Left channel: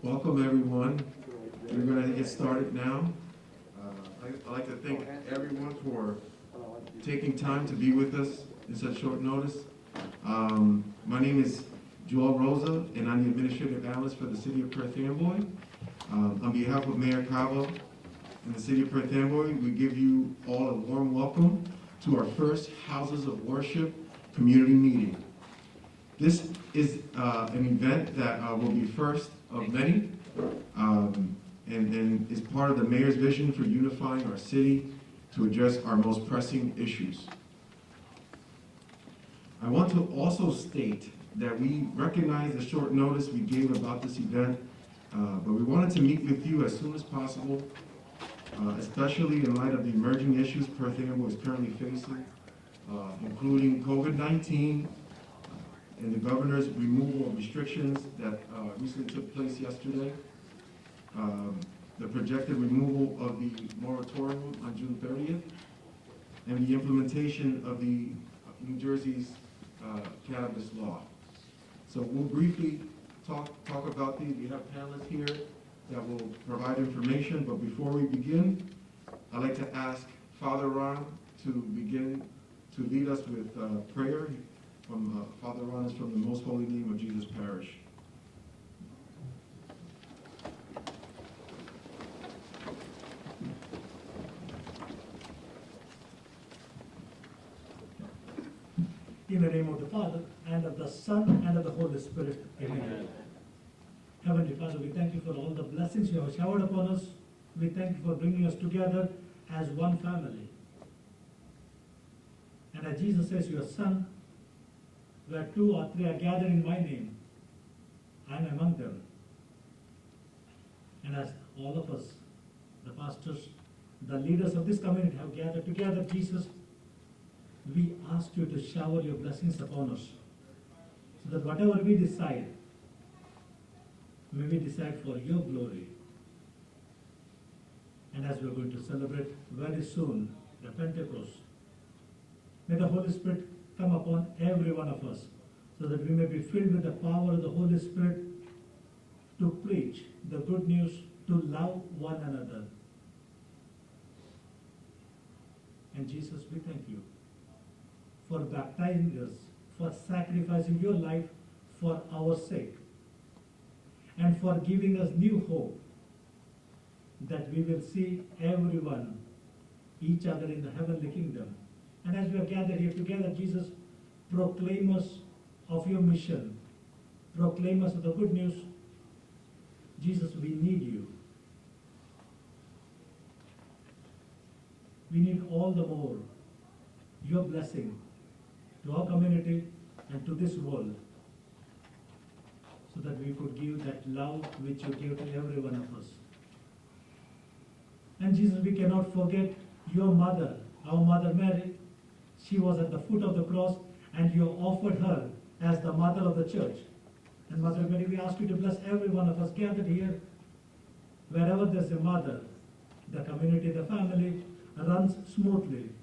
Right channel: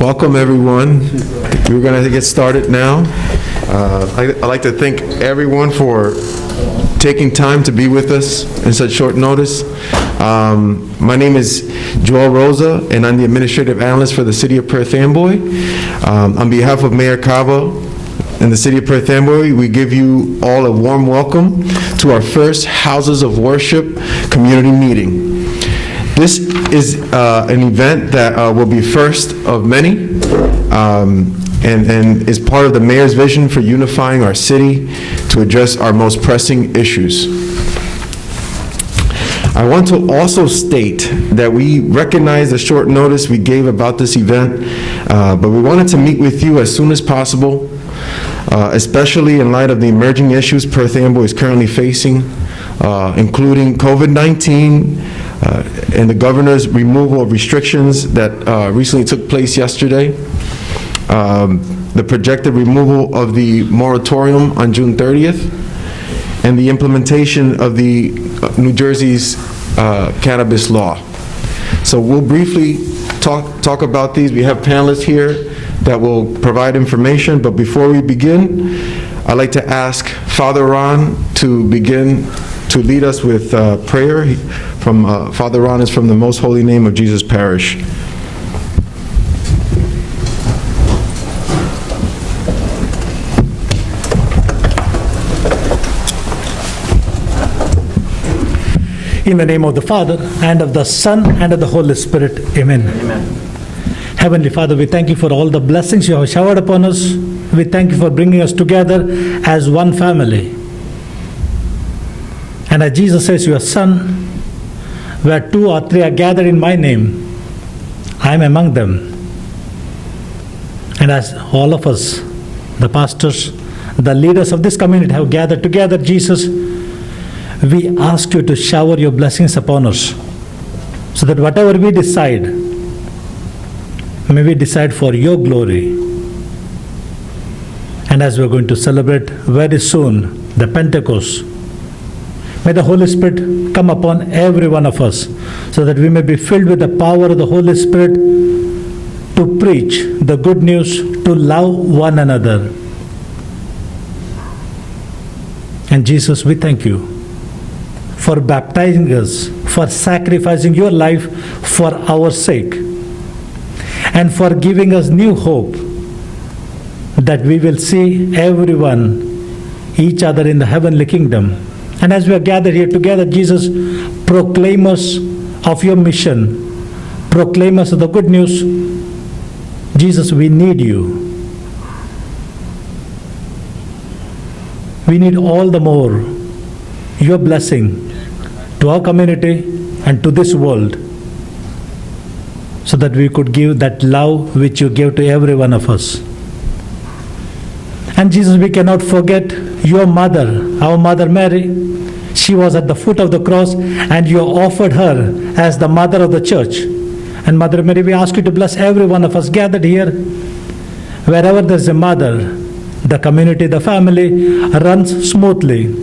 Welcome, everyone. We're going to get started now. I'd like to thank everyone for taking time to be with us in such short notice. My name is Joel Rosa, and I'm the Administrative Analyst for the City of Perth Amboy. On behalf of Mayor Cava and the City of Perth Amboy, we give you all a warm welcome to our first Houses of Worship community meeting. This is an event that will be first of many, and is part of the Mayor's vision for unifying our city to address our most pressing issues. I want to also state that we recognize the short notice we gave about this event, but we wanted to meet with you as soon as possible, especially in light of the emerging issues Perth Amboy is currently facing, including COVID-19, and the governor's removal of restrictions that recently took place yesterday, the projected removal of the moratorium on June 30th, and the implementation of the New Jersey's cannabis law. So we'll briefly talk about these. We have panelists here that will provide information, but before we begin, I'd like to ask Father Ron to begin to lead us with prayer. Father Ron is from the Most Holy Name of Jesus Parish. In the name of the Father, and of the Son, and of the Holy Spirit. Amen. Amen. Heavenly Father, we thank you for all the blessings you have showered upon us. We thank you for bringing us together as one family. And as Jesus says, your Son, where 2 or 3 are gathered in my name, I am among them. And as all of us, the pastors, the leaders of this community have gathered together, Jesus, we ask you to shower your blessings upon us, so that whatever we decide, may we decide for your glory. And as we're going to celebrate very soon the Pentecost, may the Holy Spirit come upon every one of us, so that we may be filled with the power of the Holy Spirit to preach the good news, to love one another. And Jesus, we thank you for baptizing us, for sacrificing your life for our sake, and for giving us new hope that we will see everyone, each other in the heavenly kingdom. And as we are gathered here together, Jesus, proclaim us of your mission, proclaim us of the good news. Jesus, we need you. We need all the more your blessing to our community and to this world, so that we could give that love which you gave to every one of us. And Jesus, we cannot forget your mother, our Mother Mary. She was at the foot of the cross, and you offered her as the mother of the church. And Mother Mary, we ask you to bless every one of us gathered here. Wherever there's a mother, the community, the family runs smoothly.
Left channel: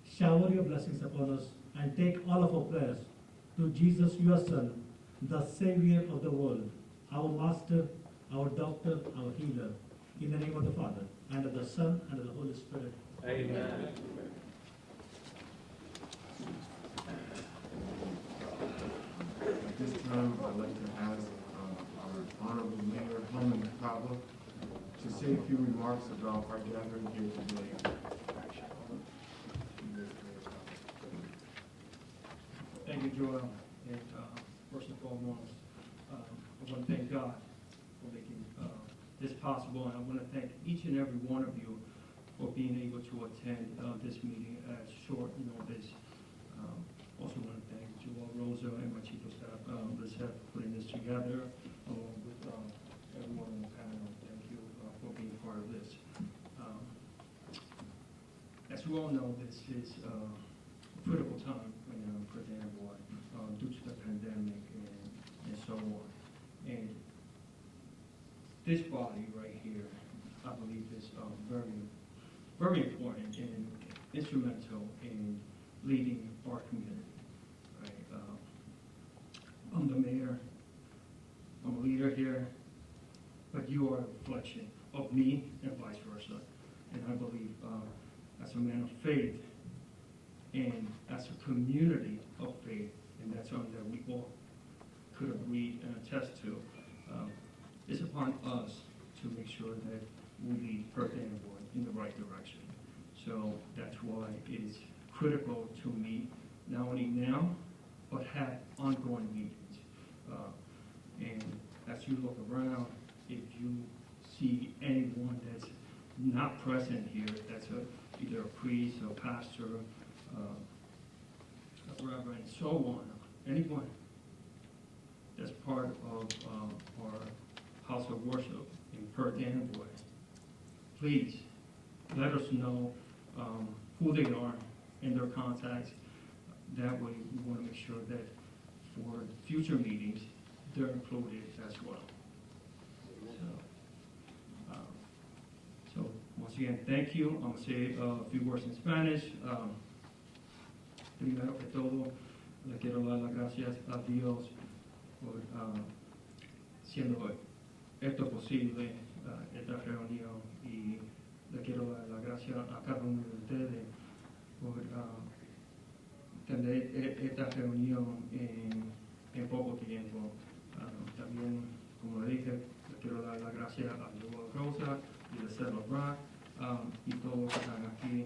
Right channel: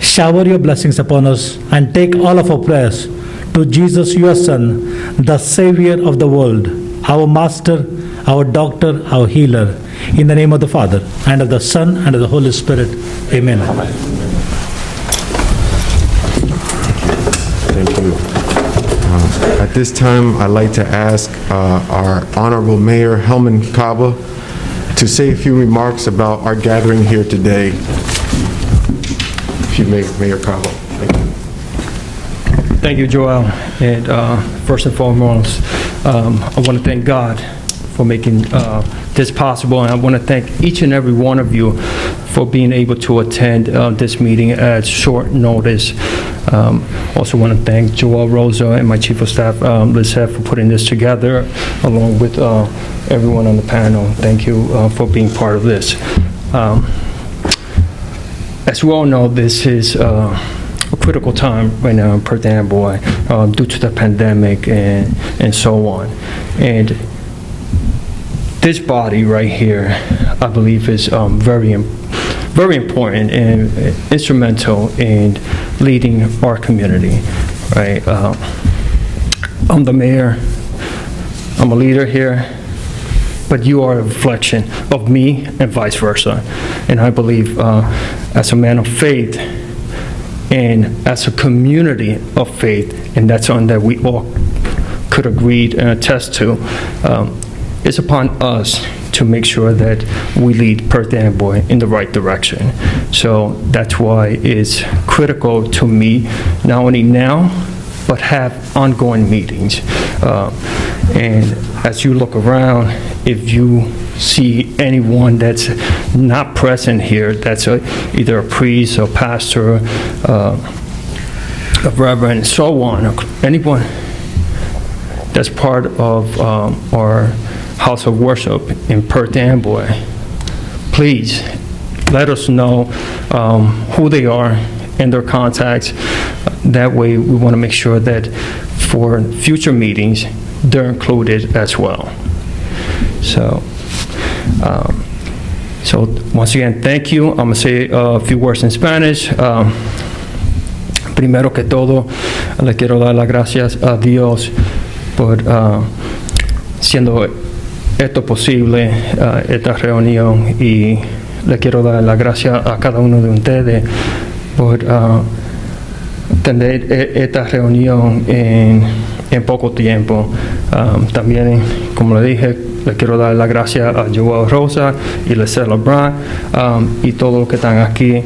Shower your blessings upon us and take all of our prayers to Jesus, your Son, the Savior of the world, our Master, our Doctor, our Healer. In the name of the Father, and of the Son, and of the Holy Spirit. Amen. Thank you. At this time, I'd like to ask our Honorable Mayor, Helman Cava, to say a few remarks about our gathering here today. If you may, Mayor Cava. Thank you. Thank you, Joel. And first and foremost, I want to thank God for making this possible, and I want to thank each and every one of you for being able to attend this meeting at short notice. Also want to thank Joel Rosa and my Chief of Staff, Liz, for putting this together, along with everyone on the panel. Thank you for being part of this. As we all know, this is a critical time right now in Perth Amboy due to the pandemic and so on. And this body right here, I believe, is very important and instrumental in leading our community, right? I'm the mayor. I'm a leader here, but you are a reflection of me and vice versa. And I believe as a man of faith and as a community of faith, and that's something that we all could agree and attest to, it's upon us to make sure that we lead Perth Amboy in the right direction. So that's why it's critical to me, not only now, but have ongoing meetings. And as you look around, if you see anyone that's not present here, that's either a priest or pastor, a reverend, so on, or anyone that's part of our house of worship in Perth Amboy, please let us know who they are and their contacts. That way we want to make sure that for future meetings, they're included as well. So once again, thank you. I'm going to say a few words in Spanish. Primero que todo, le quiero dar las gracias a Dios por siendo esto posible, esta reunión, y le quiero dar las gracias a cada uno de ustedes por tener esta reunión en poco tiempo. También, como le dije, le quiero dar las gracias a Joel Rosa y Lecela Brown y todos los que están aquí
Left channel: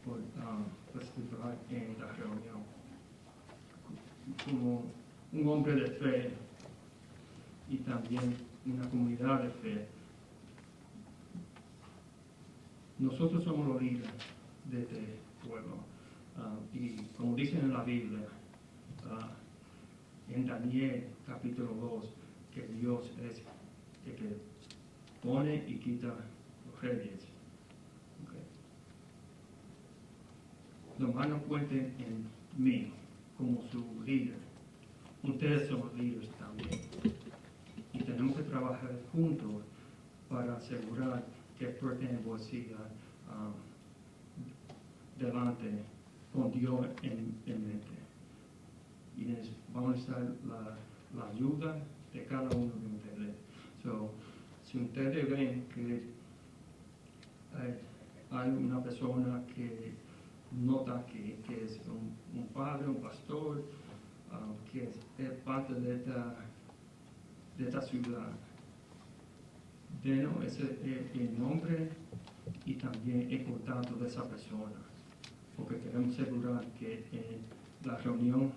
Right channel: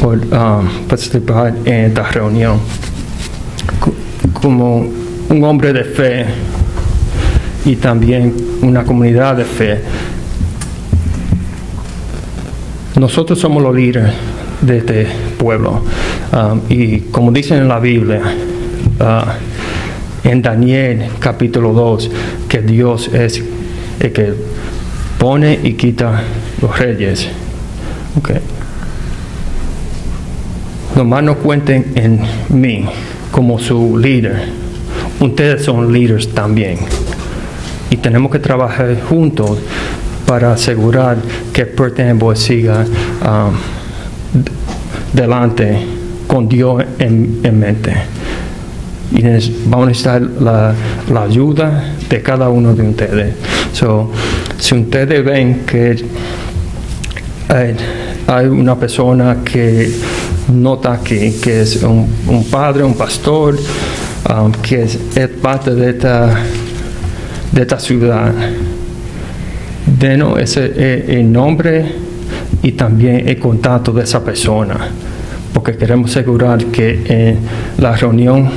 por participar en esta reunión. Como un hombre de fe y también una comunidad de fe, nosotros somos los líderes de este pueblo. Y como dicen en la Biblia, en Daniel capítulo 2, que Dios es el que pone y quita los reyes. Okay. Nomás no cuenten en mí como su líder. Ustedes son líderes también. Y tenemos que trabajar juntos para asegurar que Perth Amboy siga delante con Dios en mente. Y vamos a necesitar la ayuda de cada uno de ustedes. So, si ustedes ven que hay una persona que no está aquí, que es un padre, un pastor, que es parte de esta ciudad, denos el nombre y también el contacto de esa persona, porque queremos asegurar que en la reunión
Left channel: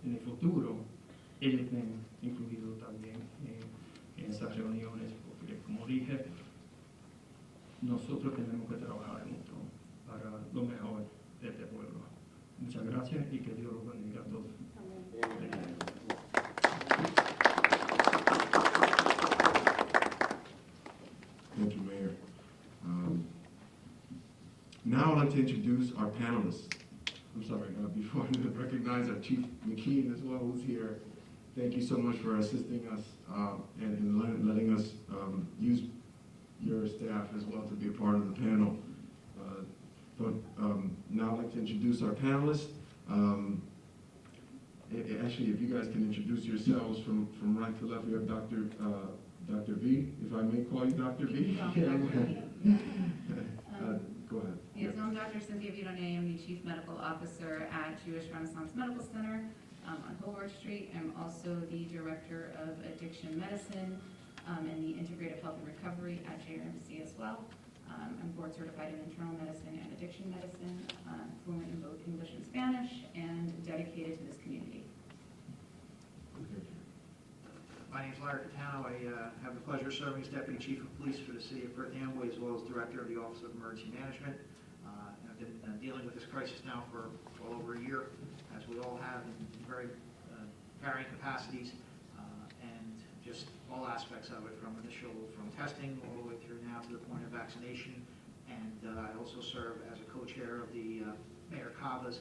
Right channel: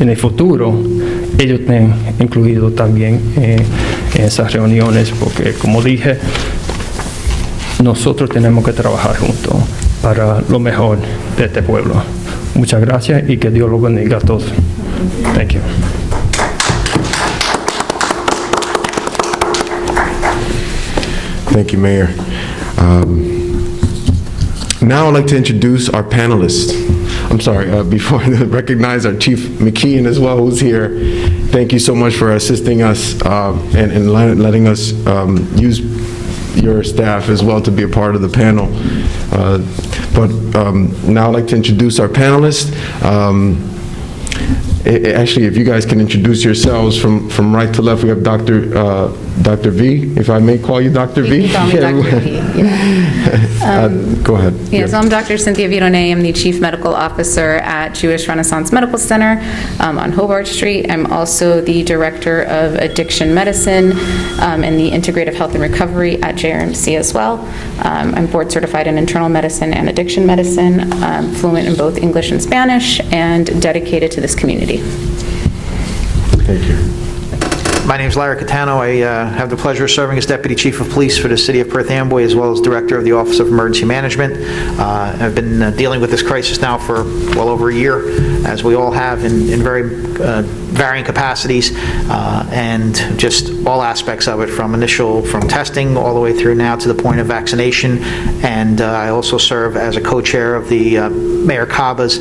en el futuro ellos estén incluidos también en esas reuniones, porque como dije, nosotros tenemos que trabajar juntos para lo mejor de este pueblo. Muchas gracias y que Dios los bendiga a todos. Thank you. Thank you, Mayor. Now I'd like to introduce our panelists. I'm sorry, before I recognize our Chief McKeon as well, who's here. Thank you so much for assisting us and letting us use your staff as well to be a part of the panel. But now I'd like to introduce our panelists. Actually, if you guys can introduce yourselves from right to left, we have Dr. V, if I may call you Dr. V. You can call me Dr. V, yeah. Go ahead. Yeah, so I'm Dr. Cynthia Vidone. I'm the Chief Medical Officer at Jewish Renaissance Medical Center on Hobart Street. I'm also the Director of Addiction Medicine and the Integrative Health and Recovery at JRMC as well. I'm board certified in internal medicine and addiction medicine, fluent in both English and Spanish, and dedicated to this community. Thank you. My name is Larry Catano. I have the pleasure of serving as Deputy Chief of Police for the City of Perth Amboy, as well as Director of the Office of Emergency Management. I've been dealing with this crisis now for well over a year, as we all have in very varying capacities, and just all aspects of it, from testing all the way through now to the point of vaccination. And I also serve as a co-chair of the Mayor Caba's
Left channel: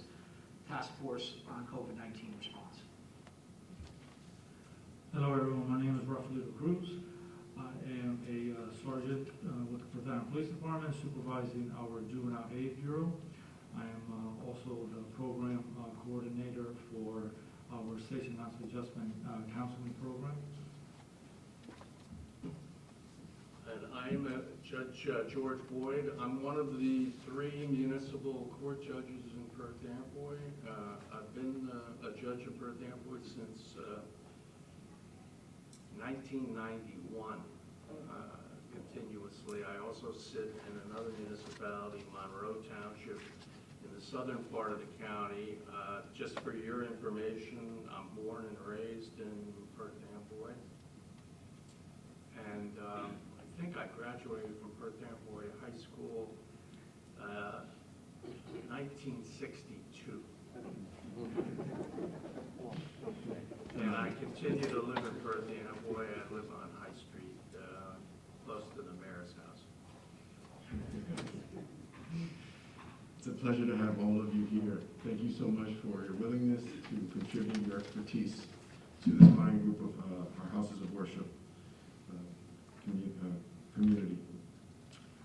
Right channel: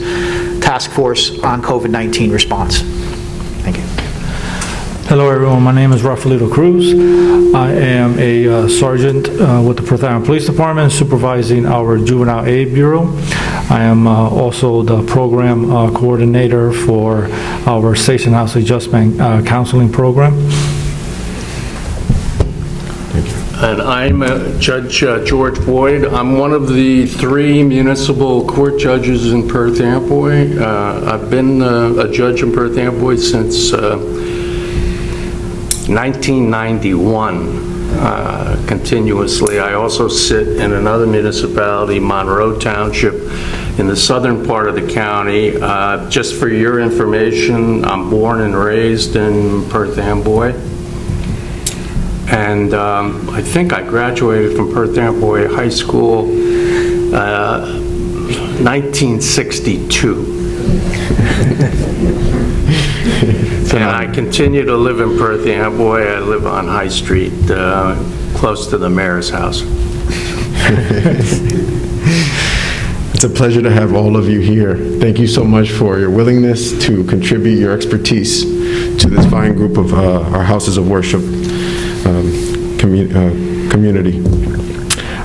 task force on COVID-19 response. Thank you. Hello everyone, my name is Rafaelito Cruz. I am a sergeant with the Perth Amboy Police Department, supervising our Juvenile Aid Bureau. I am also the program coordinator for our Station House Adjustment Counseling Program. And I'm Judge George Boyd. I'm one of the 3 municipal court judges in Perth Amboy. I've been a judge in Perth Amboy since 1991. Continuously. I also sit in another municipality, Monroe Township, in the southern part of the county. Just for your information, I'm born and raised in Perth Amboy. And I think I graduated from Perth Amboy High School 1962. And I continue to live in Perth Amboy. I live on High Street, close to the mayor's house. It's a pleasure to have all of you here. Thank you so much for your willingness to contribute your expertise to this fine group of our houses of worship community.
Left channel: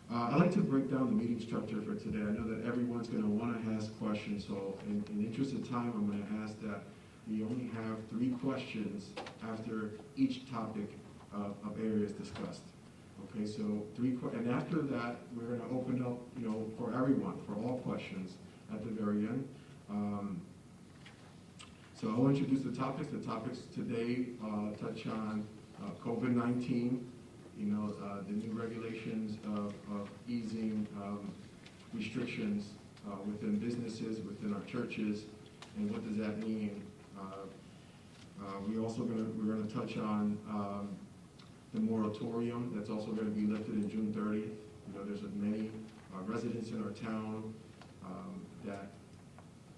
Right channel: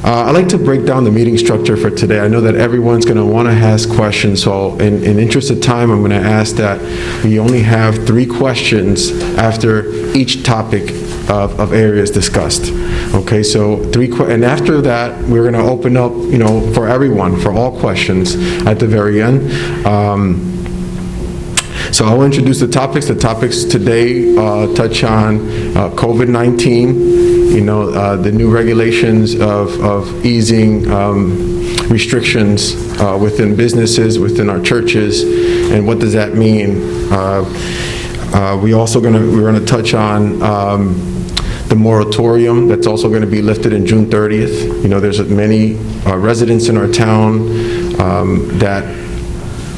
I'd like to break down the meeting structure for today. I know that everyone's going to want to ask questions, so in interest of time, I'm going to ask that we only have 3 questions after each topic of areas discussed. Okay, so and after that, we're going to open up, for everyone, for all questions at the very end. So I'll introduce the topics. The topics today touch on COVID-19, the new regulations of easing restrictions within businesses, within our churches, and what does that mean? We're going to touch on the moratorium that's also going to be lifted in June 30th. There's many residents in our town that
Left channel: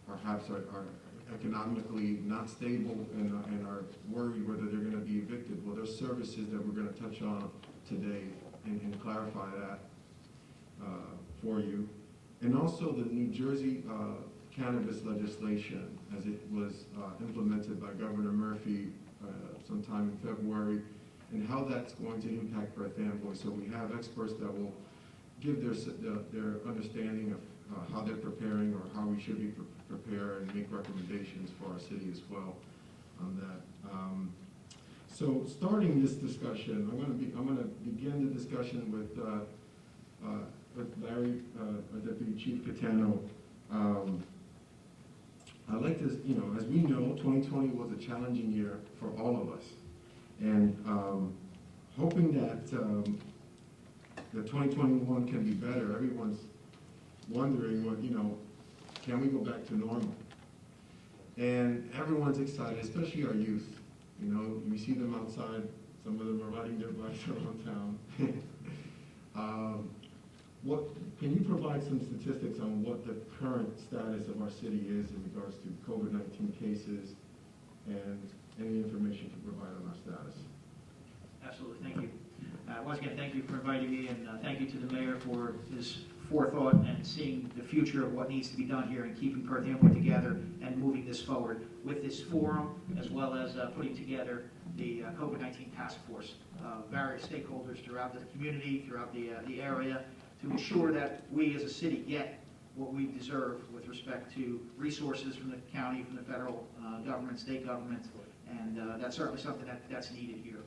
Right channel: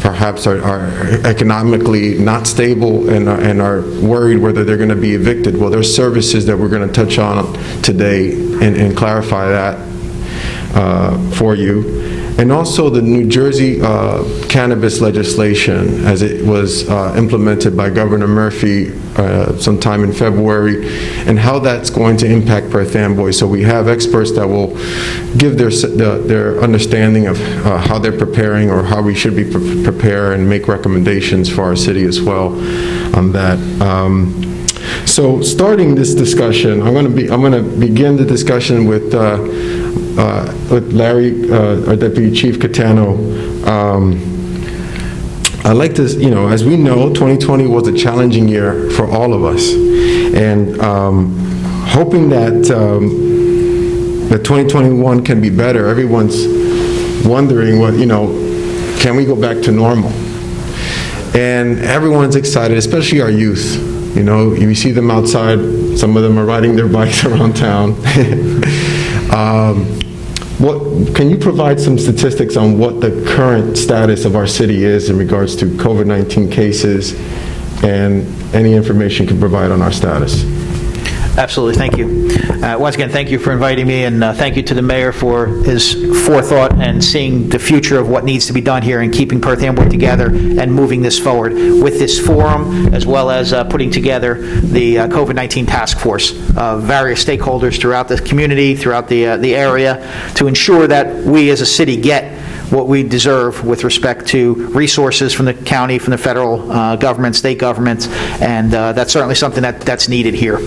perhaps are economically not stable and are worried whether they're going to be evicted. Well, there's services that we're going to touch on today and clarify that for you. And also the New Jersey Cannabis Legislation, as it was implemented by Governor Murphy sometime in February, and how that's going to impact Perth Amboy. So we have experts that will give their understanding of how they're preparing, or how we should be prepared, and make recommendations for our city as well on that. So starting this discussion, I'm going to begin the discussion with Larry, our Deputy Chief Catano. I'd like to, as we know, 2020 was a challenging year for all of us, and hoping that 2021 can be better. Everyone's wondering can we go back to normal? And everyone's excited, especially our youth. You see them outside. Some of them are riding their bikes around town. Can you provide some statistics on what the current status of our city is in regards to COVID-19 cases, and any information you can provide on our status? Absolutely, thank you. Once again, thank you for inviting me, and thank you to the mayor for his forethought and seeing the future of what needs to be done here and keeping Perth Amboy together and moving this forward with this forum, as well as putting together the COVID-19 task force of various stakeholders throughout the community, throughout the area, to ensure that we as a city get what we deserve with respect to resources from the county, from the federal government, state governments, and that's certainly something that's needed here.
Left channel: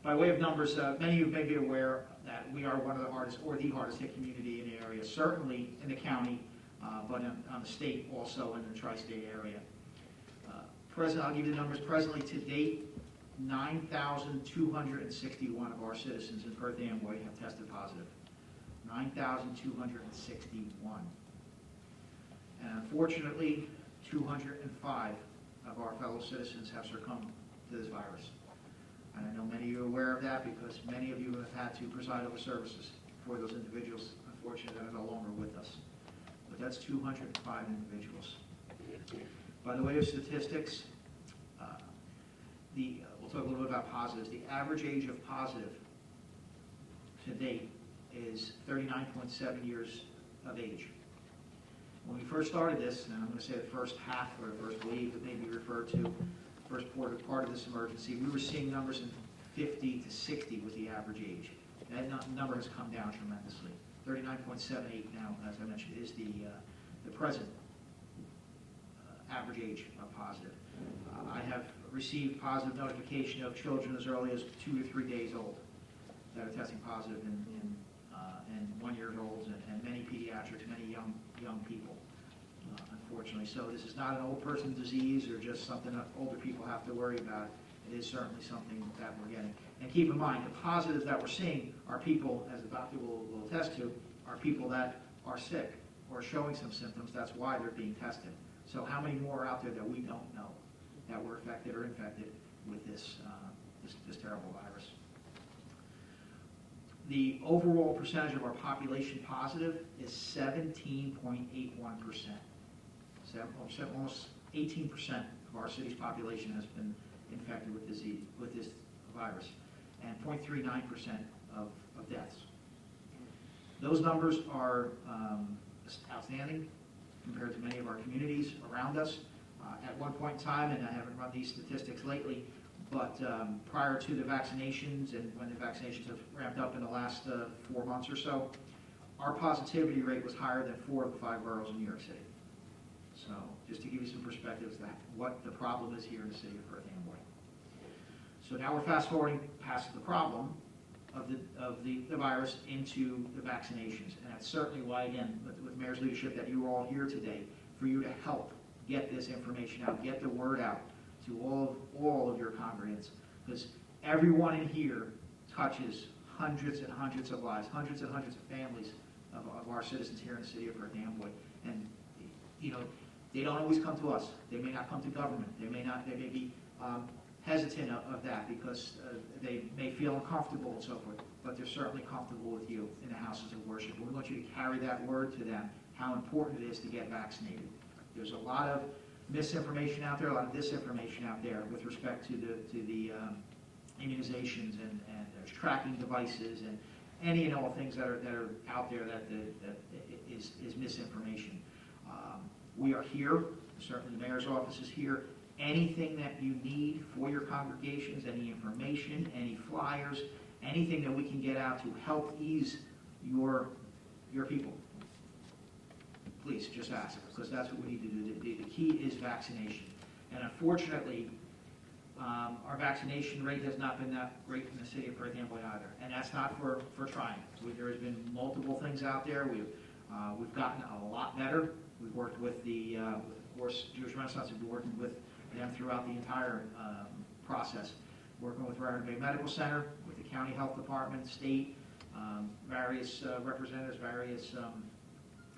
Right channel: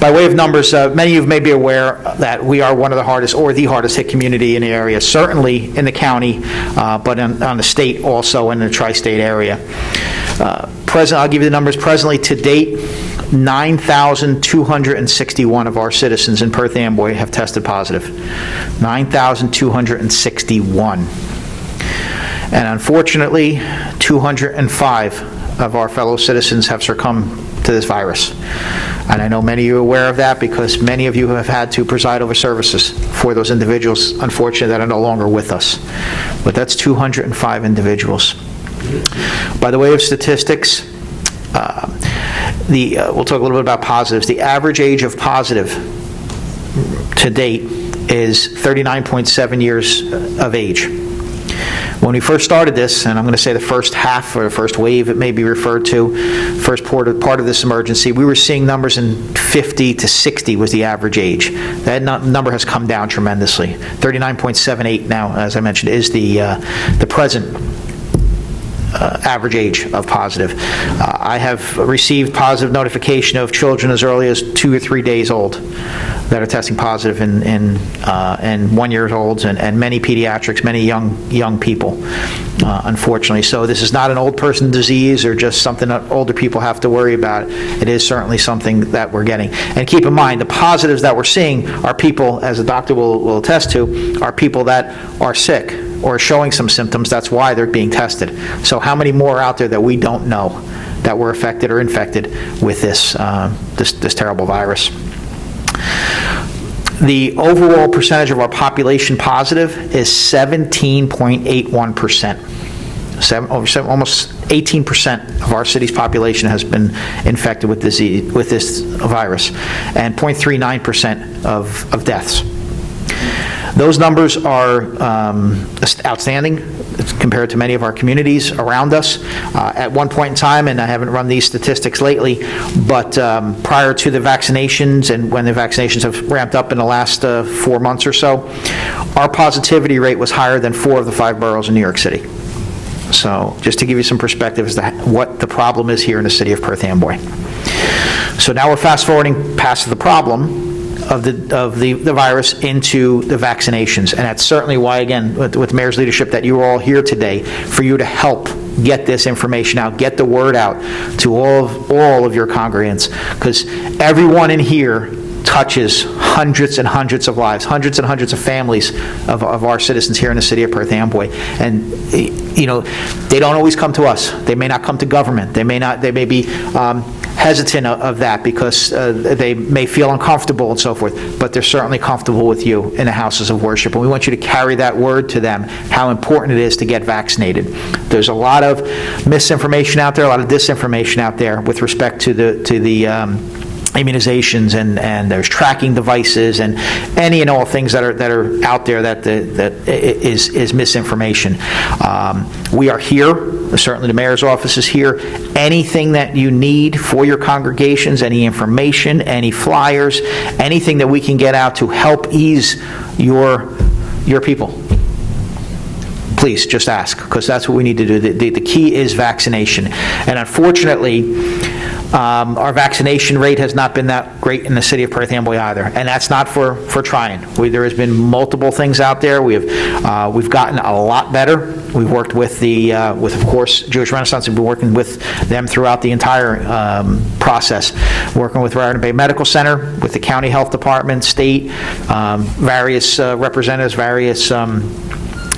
By way of numbers, many of you may be aware that we are one of the hardest, or the hardest hit community in the area, certainly in the county, but on the state also, in the tri-state area. I'll give you the numbers. Presently, to date, 9,261 of our citizens in Perth Amboy have tested positive. 9,261. And unfortunately, 205 of our fellow citizens have succumbed to this virus. And I know many of you are aware of that, because many of you have had to preside over services for those individuals, unfortunately, that are no longer with us. But that's 205 individuals. By the way of statistics, we'll talk a little bit about positives. The average age of positive to date is 39.7 years of age. When we first started this, and I'm going to say the first half, or the first wave it may be referred to, first part of this emergency, we were seeing numbers in 50 to 60 was the average age. That number has come down tremendously. 39.78 now, as I mentioned, is the present average age of positive. I have received positive notification of children as early as 2 or 3 days old. that are testing positive in 1-year-olds and many pediatrics, many young people, unfortunately. So this is not an old person disease or just something that older people have to worry about. It is certainly something that we're getting. And keep in mind, the positives that we're seeing are people, as the doctor will attest to, are people that are sick or showing some symptoms. That's why they're being tested. So how many more are out there that we don't know that were affected or infected with this terrible virus? The overall percentage of our population positive is 17.81%. Almost 18% of our city's population has been infected with this virus, and 0.39% of deaths. Those numbers are outstanding compared to many of our communities around us. At one point in time, and I haven't run these statistics lately, but prior to the vaccinations and when the vaccinations have ramped up in the last 4 months or so, our positivity rate was higher than 4 of the 5 boroughs in New York City. So just to give you some perspective as to what the problem is here in the city of Perth Amboy. So now we're fast forwarding past the problem of the virus into the vaccinations. And that's certainly why, again, with the mayor's leadership, that you are all here today, for you to help get this information out, get the word out to all of your congregants, because everyone in here touches hundreds and hundreds of lives, hundreds and hundreds of families of our citizens here in the city of Perth Amboy. And, you know, they don't always come to us. They may not come to government. They may be hesitant of that because they may feel uncomfortable and so forth, but they're certainly comfortable with you in the houses of worship. And we want you to carry that word to them, how important it is to get vaccinated. There's a lot of misinformation out there, a lot of disinformation out there with respect to the immunizations, and there's tracking devices and any and all things that are out there that is misinformation. We are here. Certainly the mayor's office is here. Anything that you need for your congregations, any information, any flyers, anything that we can get out to help ease your people, please just ask, because that's what we need to do. The key is vaccination. And unfortunately, our vaccination rate has not been that great in the city of Perth Amboy either, and that's not for trying. There has been multiple things out there. We've gotten a lot better. We've worked with of course, Jewish Renaissance. We've been working with them throughout the entire process, working with Recreation and Medical Center, with the county health department, state, various representatives, various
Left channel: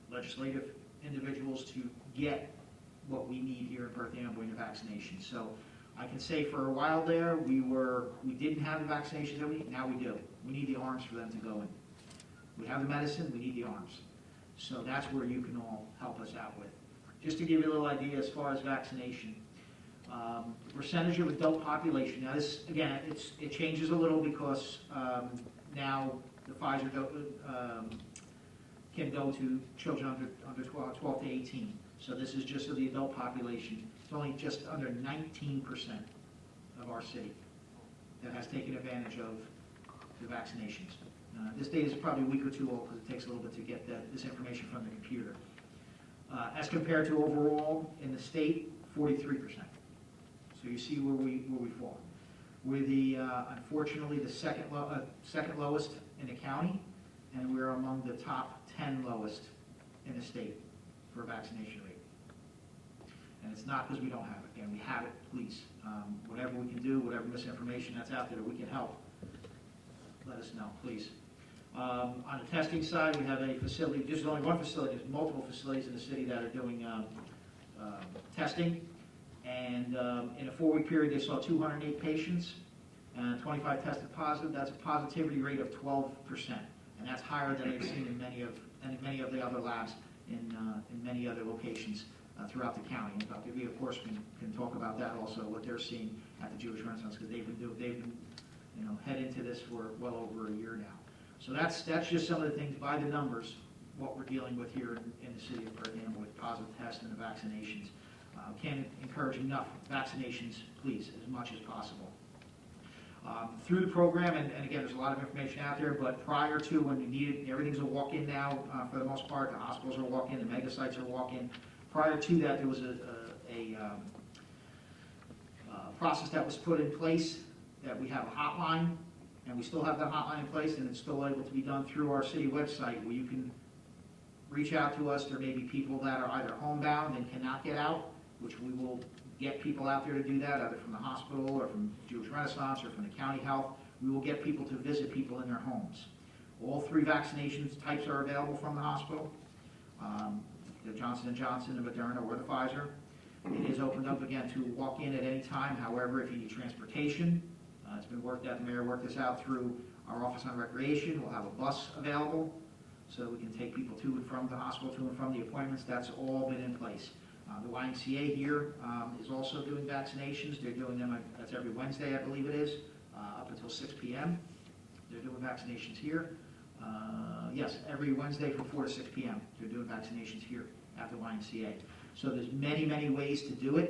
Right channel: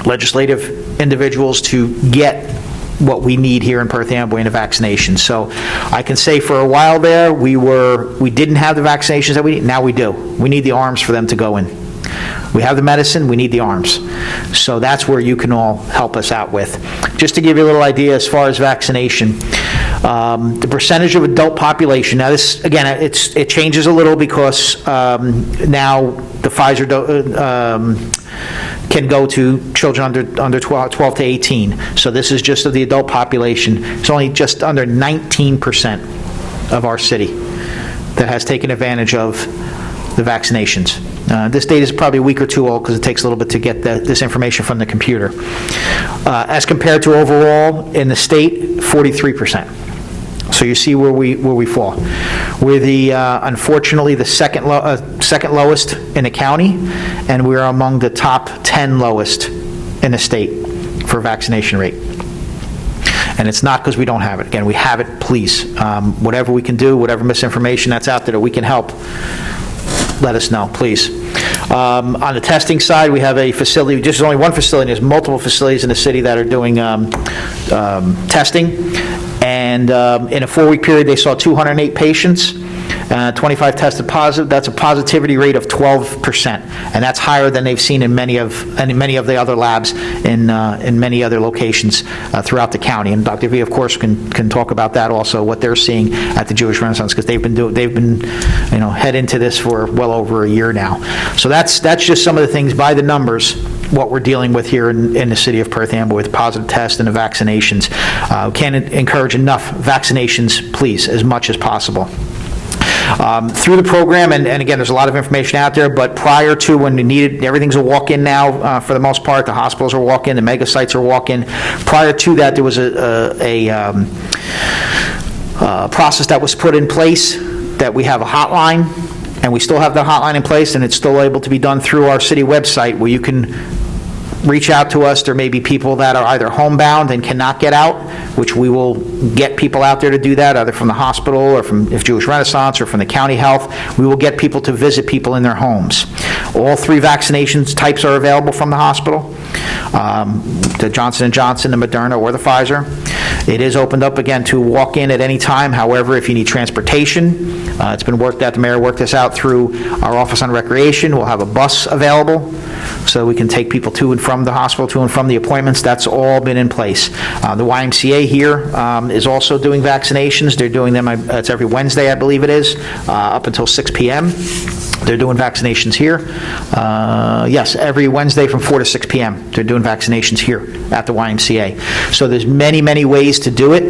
legislative individuals to get what we need here in Perth Amboy in a vaccination. So I can say for a while there, we didn't have the vaccinations that we need. Now we do. We need the arms for them to go in. We have the medicine, we need the arms. So that's where you can all help us out with. Just to give you a little idea as far as vaccination, the percentage of adult population, now this, again, it changes a little because now the Pfizer can go to children under 12 to 18. So this is just of the adult population. It's only just under 19% of our city that has taken advantage of the vaccinations. This data is probably a week or two old because it takes a little bit to get this information from the computer. As compared to overall in the state, 43%. So you see where we fall. We're unfortunately the second lowest in the county, and we're among the top 10 lowest in the state for vaccination rate. And it's not because we don't have it. Again, we have it. Please, whatever we can do, whatever misinformation that's out there that we can help, let us know, please. On the testing side, we have a facility. There's only one facility. There's multiple facilities in the city that are doing testing. And in a 4-week period, they saw 208 patients, 25 tested positive. That's a positivity rate of 12%, and that's higher than they've seen in many of the other labs in many other locations throughout the county. And Dr. V, of course, can talk about that also, what they're seeing at the Jewish Renaissance, because they've been head into this for well over a year now. So that's just some of the things by the numbers, what we're dealing with here in the city of Perth Amboy with positive tests and the vaccinations. Can't encourage enough vaccinations, please, as much as possible. Through the program, and again, there's a lot of information out there, but prior to when we needed, everything's a walk-in now for the most part. The hospitals are walk-in, the mega sites are walk-in. Prior to that, there was a process that was put in place that we have a hotline And we still have the hotline in place, and it's still able to be done through our city website, where you can reach out to us. There may be people that are either homebound and cannot get out, which we will get people out there to do that, either from the hospital or from if Jewish Renaissance or from the county health. We will get people to visit people in their homes. All 3 vaccinations types are available from the hospital, the Johnson & Johnson, the Moderna, or the Pfizer. It is opened up again to walk in at any time. However, if you need transportation, it's been worked out, the mayor worked this out through our Office on Recreation. We'll have a bus available so we can take people to and from the hospital, to and from the appointments. That's all been in place. The YMCA here is also doing vaccinations. They're doing them, it's every Wednesday, I believe it is, up until 6 p.m. They're doing vaccinations here. Yes, every Wednesday from 4 to 6 p.m. They're doing vaccinations here at the YMCA. So there's many, many ways to do it.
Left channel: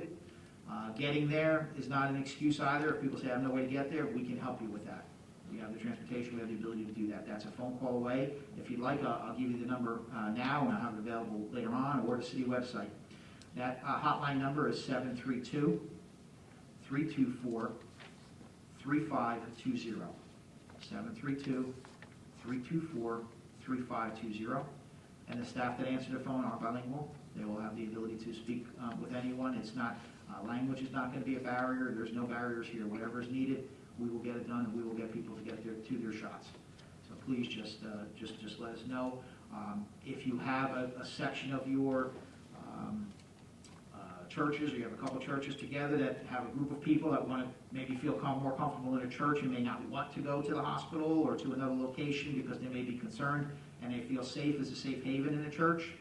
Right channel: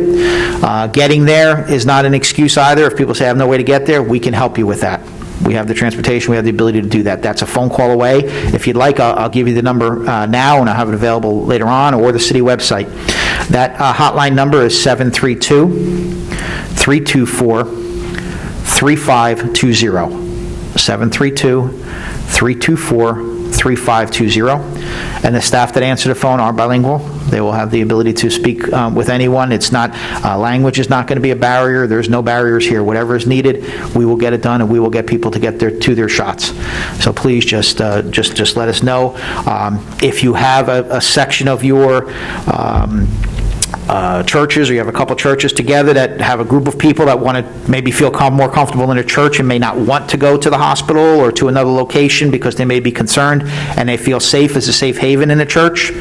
Getting there is not an excuse either. If people say, I have no way to get there, we can help you with that. We have the transportation, we have the ability to do that. That's a phone call away. If you'd like, I'll give you the number now, and I'll have it available later on, or the city website. That hotline number is 732-324-3520. 732-324-3520. And the staff that answer the phone are bilingual. They will have the ability to speak with anyone. It's not, language is not going to be a barrier. There's no barriers here. Whatever is needed, we will get it done, and we will get people to get their shots. So please just let us know. If you have a section of your churches, or you have a couple churches together that have a group of people that want to maybe feel more comfortable in a church and may not want to go to the hospital or to another location because they may be concerned and they feel safe as a safe haven in a church,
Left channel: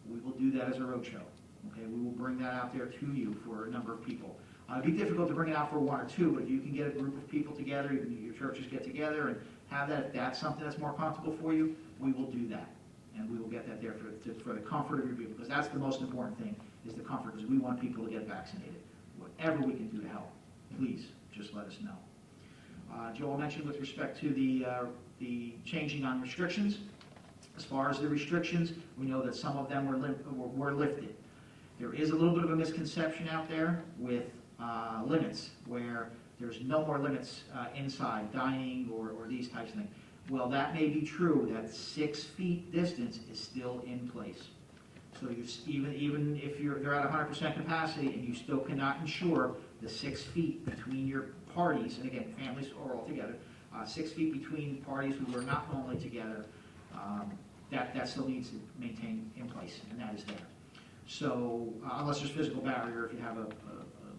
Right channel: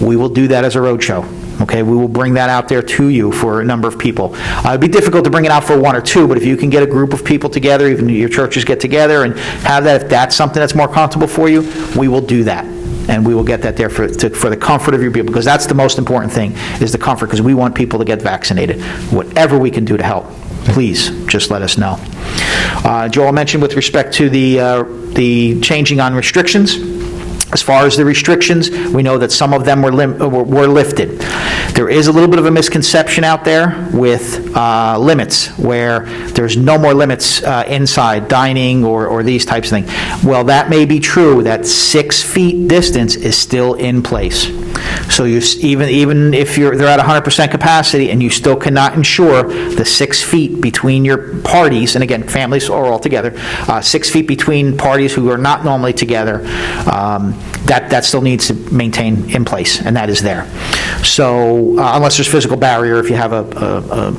we will do that as a roadshow. Okay, we will bring that out there to you for a number of people. It'd be difficult to bring it out for 1 or 2, but if you can get a group of people together, even your churches get together and have that, if that's something that's more comfortable for you, we will do that. And we will get that there for the comfort of your people, because that's the most important thing, is the comfort, because we want people to get vaccinated. Whatever we can do to help, please just let us know. Joel mentioned with respect to the changing on restrictions. As far as the restrictions, we know that some of them were lifted. There is a little bit of a misconception out there with limits, where there's no more limits inside dining or these types of things. Well, that may be true. That 6 feet distance is still in place. So you, even if they're at 100% capacity and you still cannot ensure the 6 feet between your parties, and again, families are all together, 6 feet between parties who are not normally together, that still needs to maintain in place, and that is there. So unless there's physical barrier, if you have a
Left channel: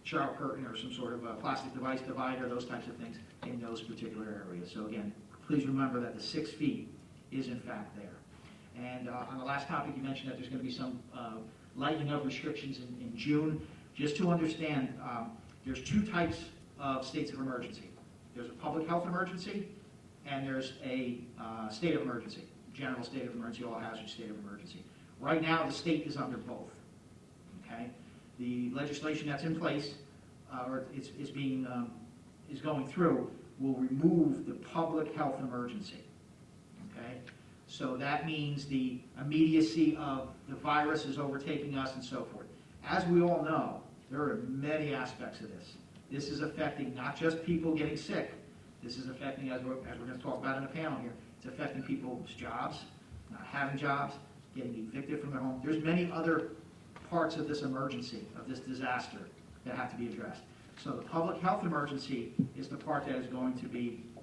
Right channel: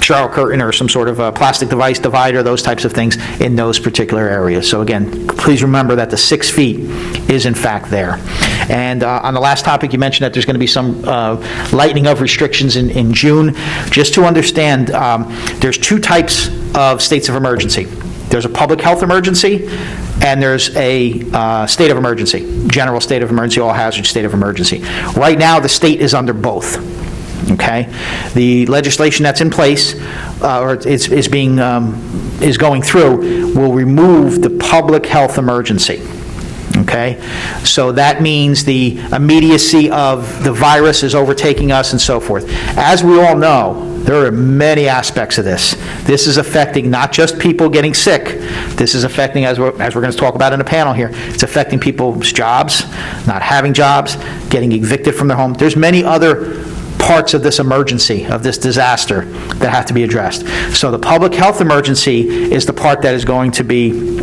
shower curtain or some sort of a plastic device divider, those types of things in those particular areas. So again, please remember that the 6 feet is in fact there. And on the last topic, you mentioned that there's going to be some lightening of restrictions in June. Just to understand, there's 2 types of states of emergency. There's a public health emergency, and there's a state of emergency, general state of emergency, all hazard state of emergency. Right now, the state is under both. Okay, the legislation that's in place, or is going through, will remove the public health emergency. Okay, so that means the immediacy of the virus is overtaking us and so forth. As we all know, there are many aspects of this. This is affecting not just people getting sick. This is affecting, as we're going to talk about in a panel here, it's affecting people's jobs, not having jobs, getting evicted from their home. There's many other parts of this emergency, of this disaster, that have to be addressed. So the public health emergency is the part that is going to be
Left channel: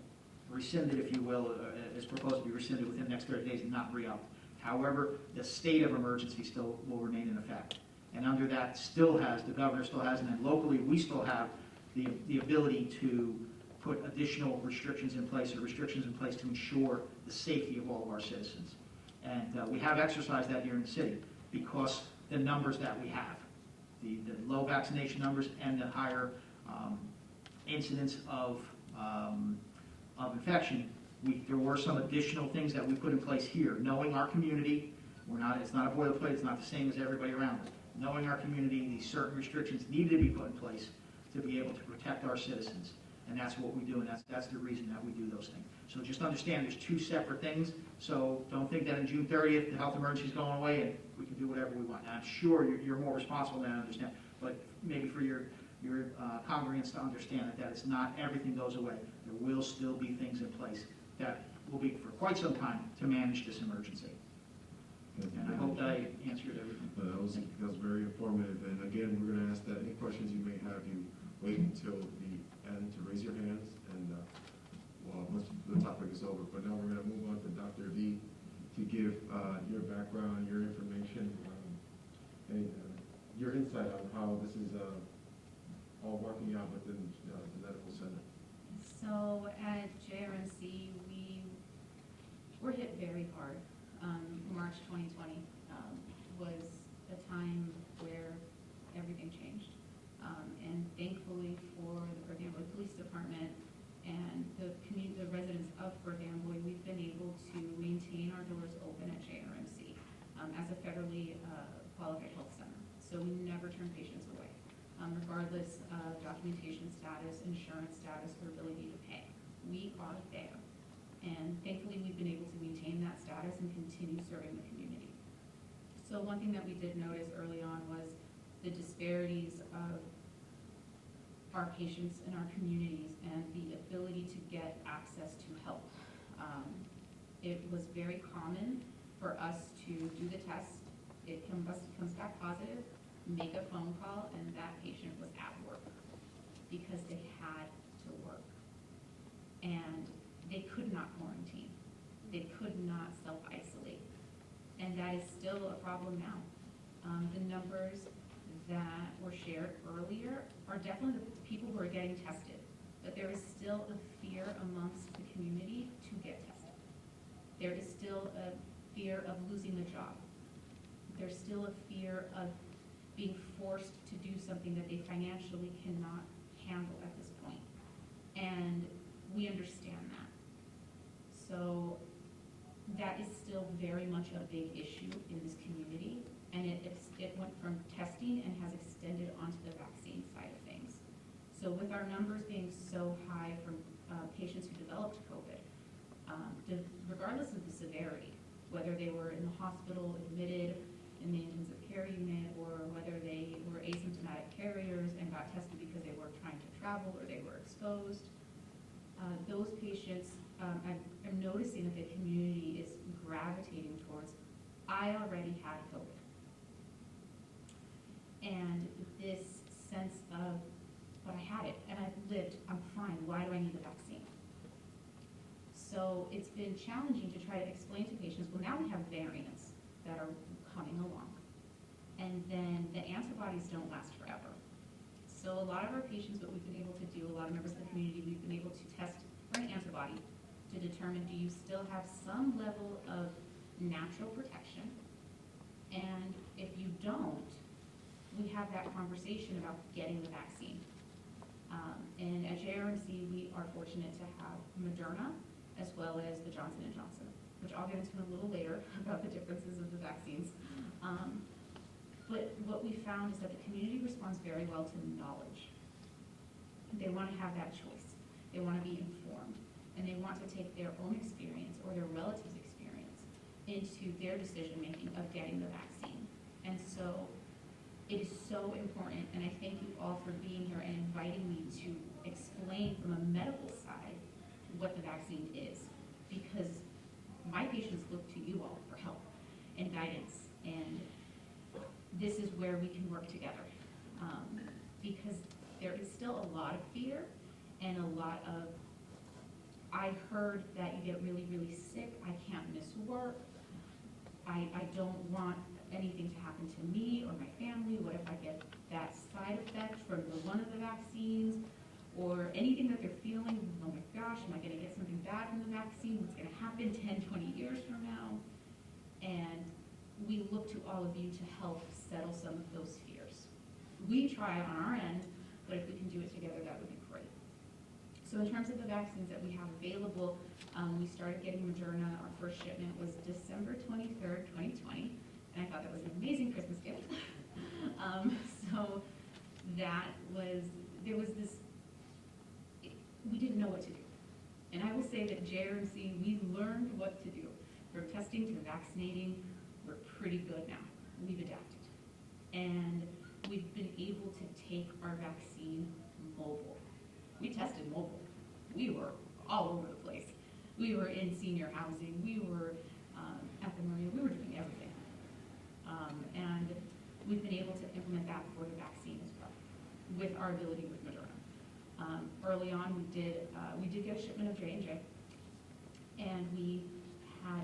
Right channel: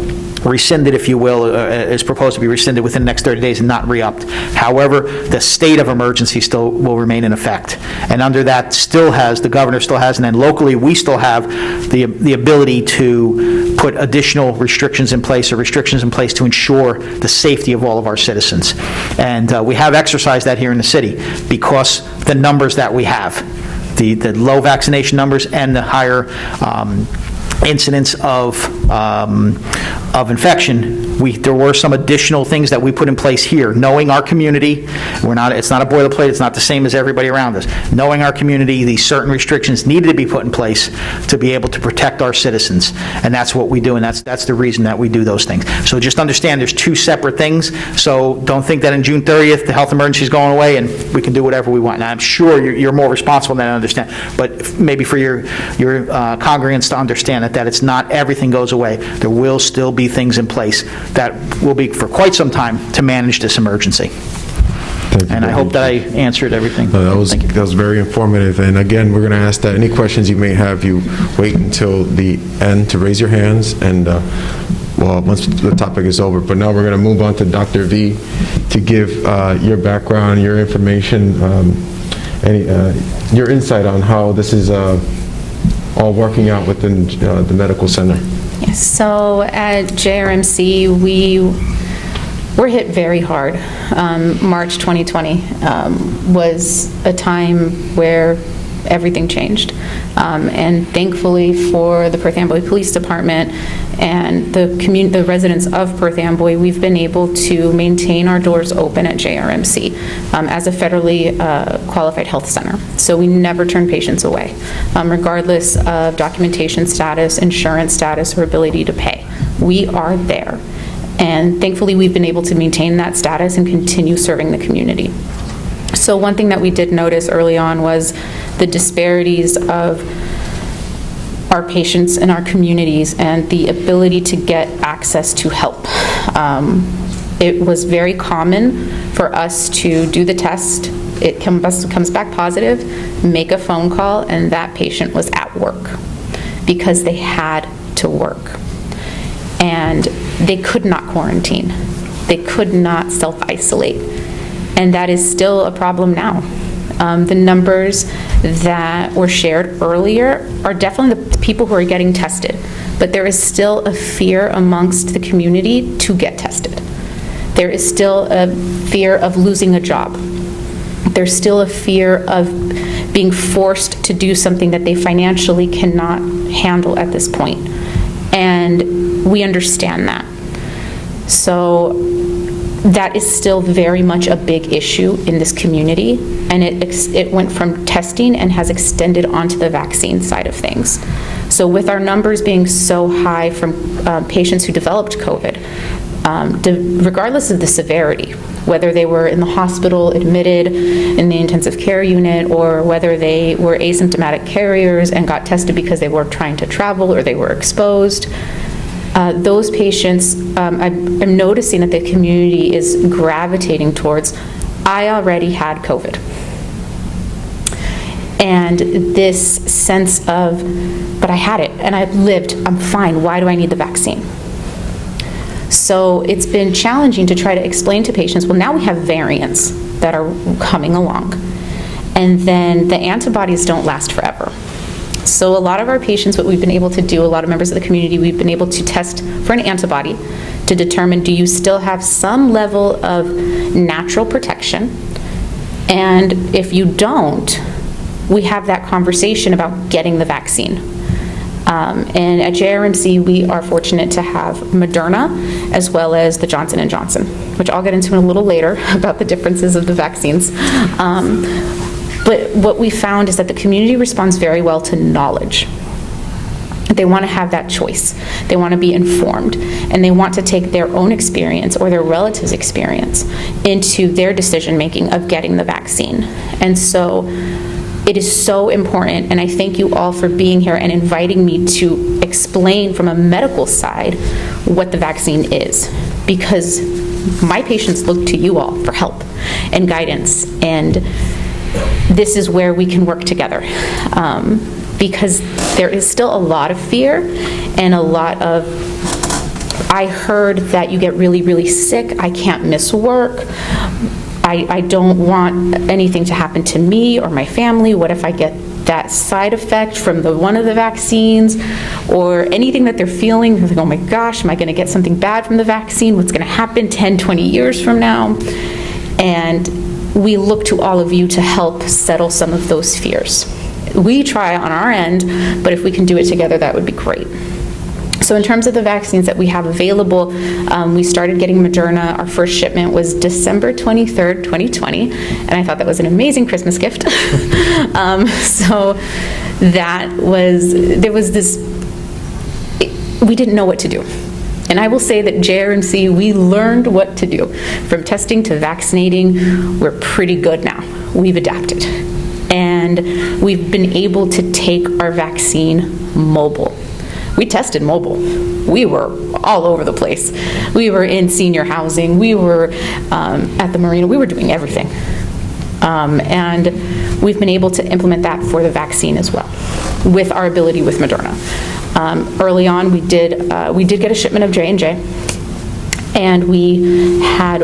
rescinded, if you will, is proposed to be rescinded within the next 30 days and not re-upped. However, the state of emergency still will remain in effect. And under that the governor still has, and then locally we still have the ability to put additional restrictions in place, or restrictions in place to ensure the safety of all of our citizens. And we have exercised that here in the city because the numbers that we have, the low vaccination numbers and the higher incidence of infection, there were some additional things that we put in place here, knowing our community. It's not a boilerplate, it's not the same as everybody around us. Knowing our community, these certain restrictions needed to be put in place to be able to protect our citizens, and that's what we do, and that's the reason that we do those things. So just understand there's 2 separate things, so don't think that in June 30th the health emergency is going away and we can do whatever we want. Now, I'm sure you're more responsible than I understand, but maybe for your congregants to understand that it's not everything goes away. There will still be things in place that will be for quite some time to manage this emergency. Thank you And I very hope much. that I answered everything. That was Thank you. very informative. And again, we're going to ask that any questions you may have, you wait until the end to raise your hands, and well, once the topic is over. But now we're going to move on to Dr. V to give your background, your information, your insight on how this is all working out within the medical center. Yes, so at JRMC, we were hit very hard. March 2020 was a time where everything changed. And thankfully for the Perth Amboy Police Department and the residents of Perth Amboy, we've been able to maintain our doors open at JRMC as a federally qualified health center. So we never turn patients away, regardless of documentation status, insurance status, or ability to pay. We are there. And thankfully, we've been able to maintain that status and continue serving the community. So one thing that we did notice early on was the disparities of our patients in our communities and the ability to get access to help. It was very common for us to do the test, it comes back positive, make a phone call, and that patient was at work because they had to work. And they could not quarantine. They could not self-isolate. And that is still a problem now. The numbers that were shared earlier are definitely the people who are getting tested, but there is still a fear amongst the community to get tested. There is still a fear of losing a job. There's still a fear of being forced to do something that they financially cannot handle at this point. And we understand that. So that is still very much a big issue in this community, and it went from testing and has extended onto the vaccine side of things. So with our numbers being so high from patients who developed COVID, regardless of the severity, whether they were in the hospital admitted in the intensive care unit, or whether they were asymptomatic carriers and got tested because they were trying to travel or they were exposed, those patients, I'm noticing that the community is gravitating towards, I already had COVID. And this sense of, but I had it and I've lived, I'm fine, why do I need the vaccine? So it's been challenging to try to explain to patients, well, now we have variants that are coming along, and then the antibodies don't last forever. So a lot of our patients, what we've been able to do, a lot of members of the community, we've been able to test for an antibody to determine, do you still have some level of natural protection? And if you don't, we have that conversation about getting the vaccine. And at JRMC, we are fortunate to have Moderna as well as the Johnson & Johnson, which I'll get into in a little later about the differences of the vaccines. But what we found is that the community responds very well to knowledge. They want to have that choice. They want to be informed, and they want to take their own experience or their relatives' experience into their decision-making of getting the vaccine. And so it is so important, and I thank you all for being here and inviting me to explain from a medical side what the vaccine is, because my patients look to you all for help and guidance, and this is where we can work together, because there is still a lot of fear and a lot of, I heard that you get really, really sick, I can't miss work, I don't want anything to happen to me or my family, what if I get that side effect from one of the vaccines, or anything that they're feeling, they're like, oh my gosh, am I going to get something bad from the vaccine, what's going to happen 10, 20 years from now? And we look to all of you to help settle some of those fears. We try on our end, but if we can do it together, that would be great. So in terms of the vaccines that we have available, we started getting Mrna. Our first shipment was December 23rd, 2020, and I thought that was an amazing Christmas gift. So that was, there was this, we didn't know what to do. And I will say that JRMC, we learned what to do. From testing to vaccinating, we're pretty good now. We've adapted. And we've been able to take our vaccine mobile. We tested mobile. we were all over the place. We were in senior housing, we were at the marina, we were doing everything. And we've been able to implement that for the vaccine as well, with our ability with Moderna. Early on, we did get a shipment of J&J, and we had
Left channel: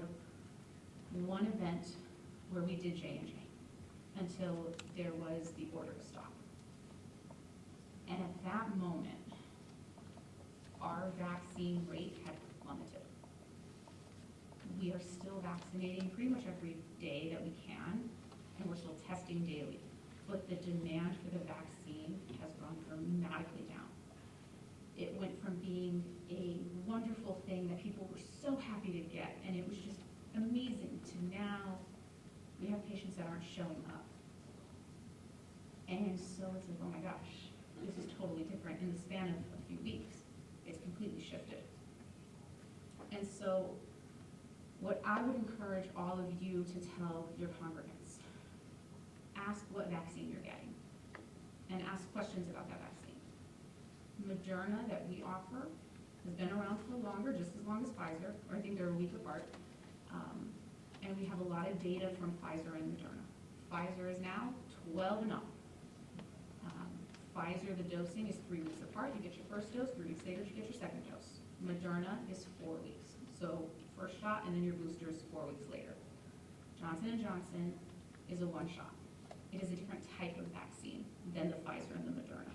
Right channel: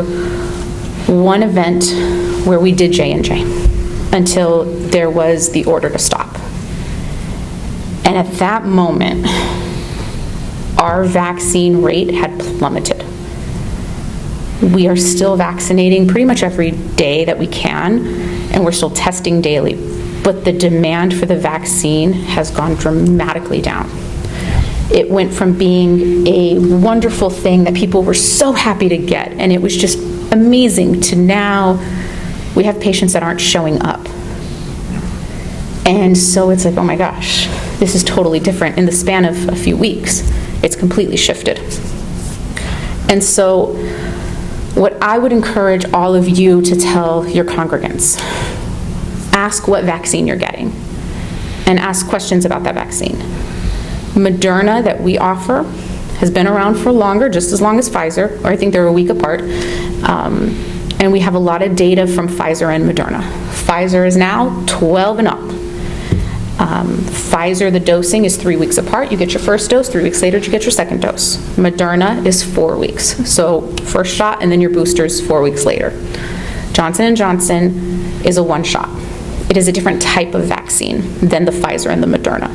one event where we did J&J until there was the order to stop. And at that moment, our vaccine rate had plummeted. We are still vaccinating pretty much every day that we can, and we're still testing daily, but the demand for the vaccine has gone dramatically down. It went from being a wonderful thing that people were so happy to get, and it was just amazing, to now we have patients that aren't showing up. And so it's like, oh my gosh, this is totally different. In the span of a few weeks, it's completely shifted. And so what I would encourage all of you to tell your congregants, ask what vaccine you're getting and ask questions about that vaccine. Moderna that we offer has been around for longer, just as long as Pfizer, or I think they're a week apart. And we have a lot of data from Pfizer and Moderna. Pfizer is now 12 and up. Pfizer, the dosing is 3 weeks apart. You get your first dose, 3 weeks later you get your second dose. Moderna is 4 weeks. So first shot and then your boosters 4 weeks later. Johnson & Johnson is a one shot. It is a different type of vaccine than the Pfizer and the Moderna.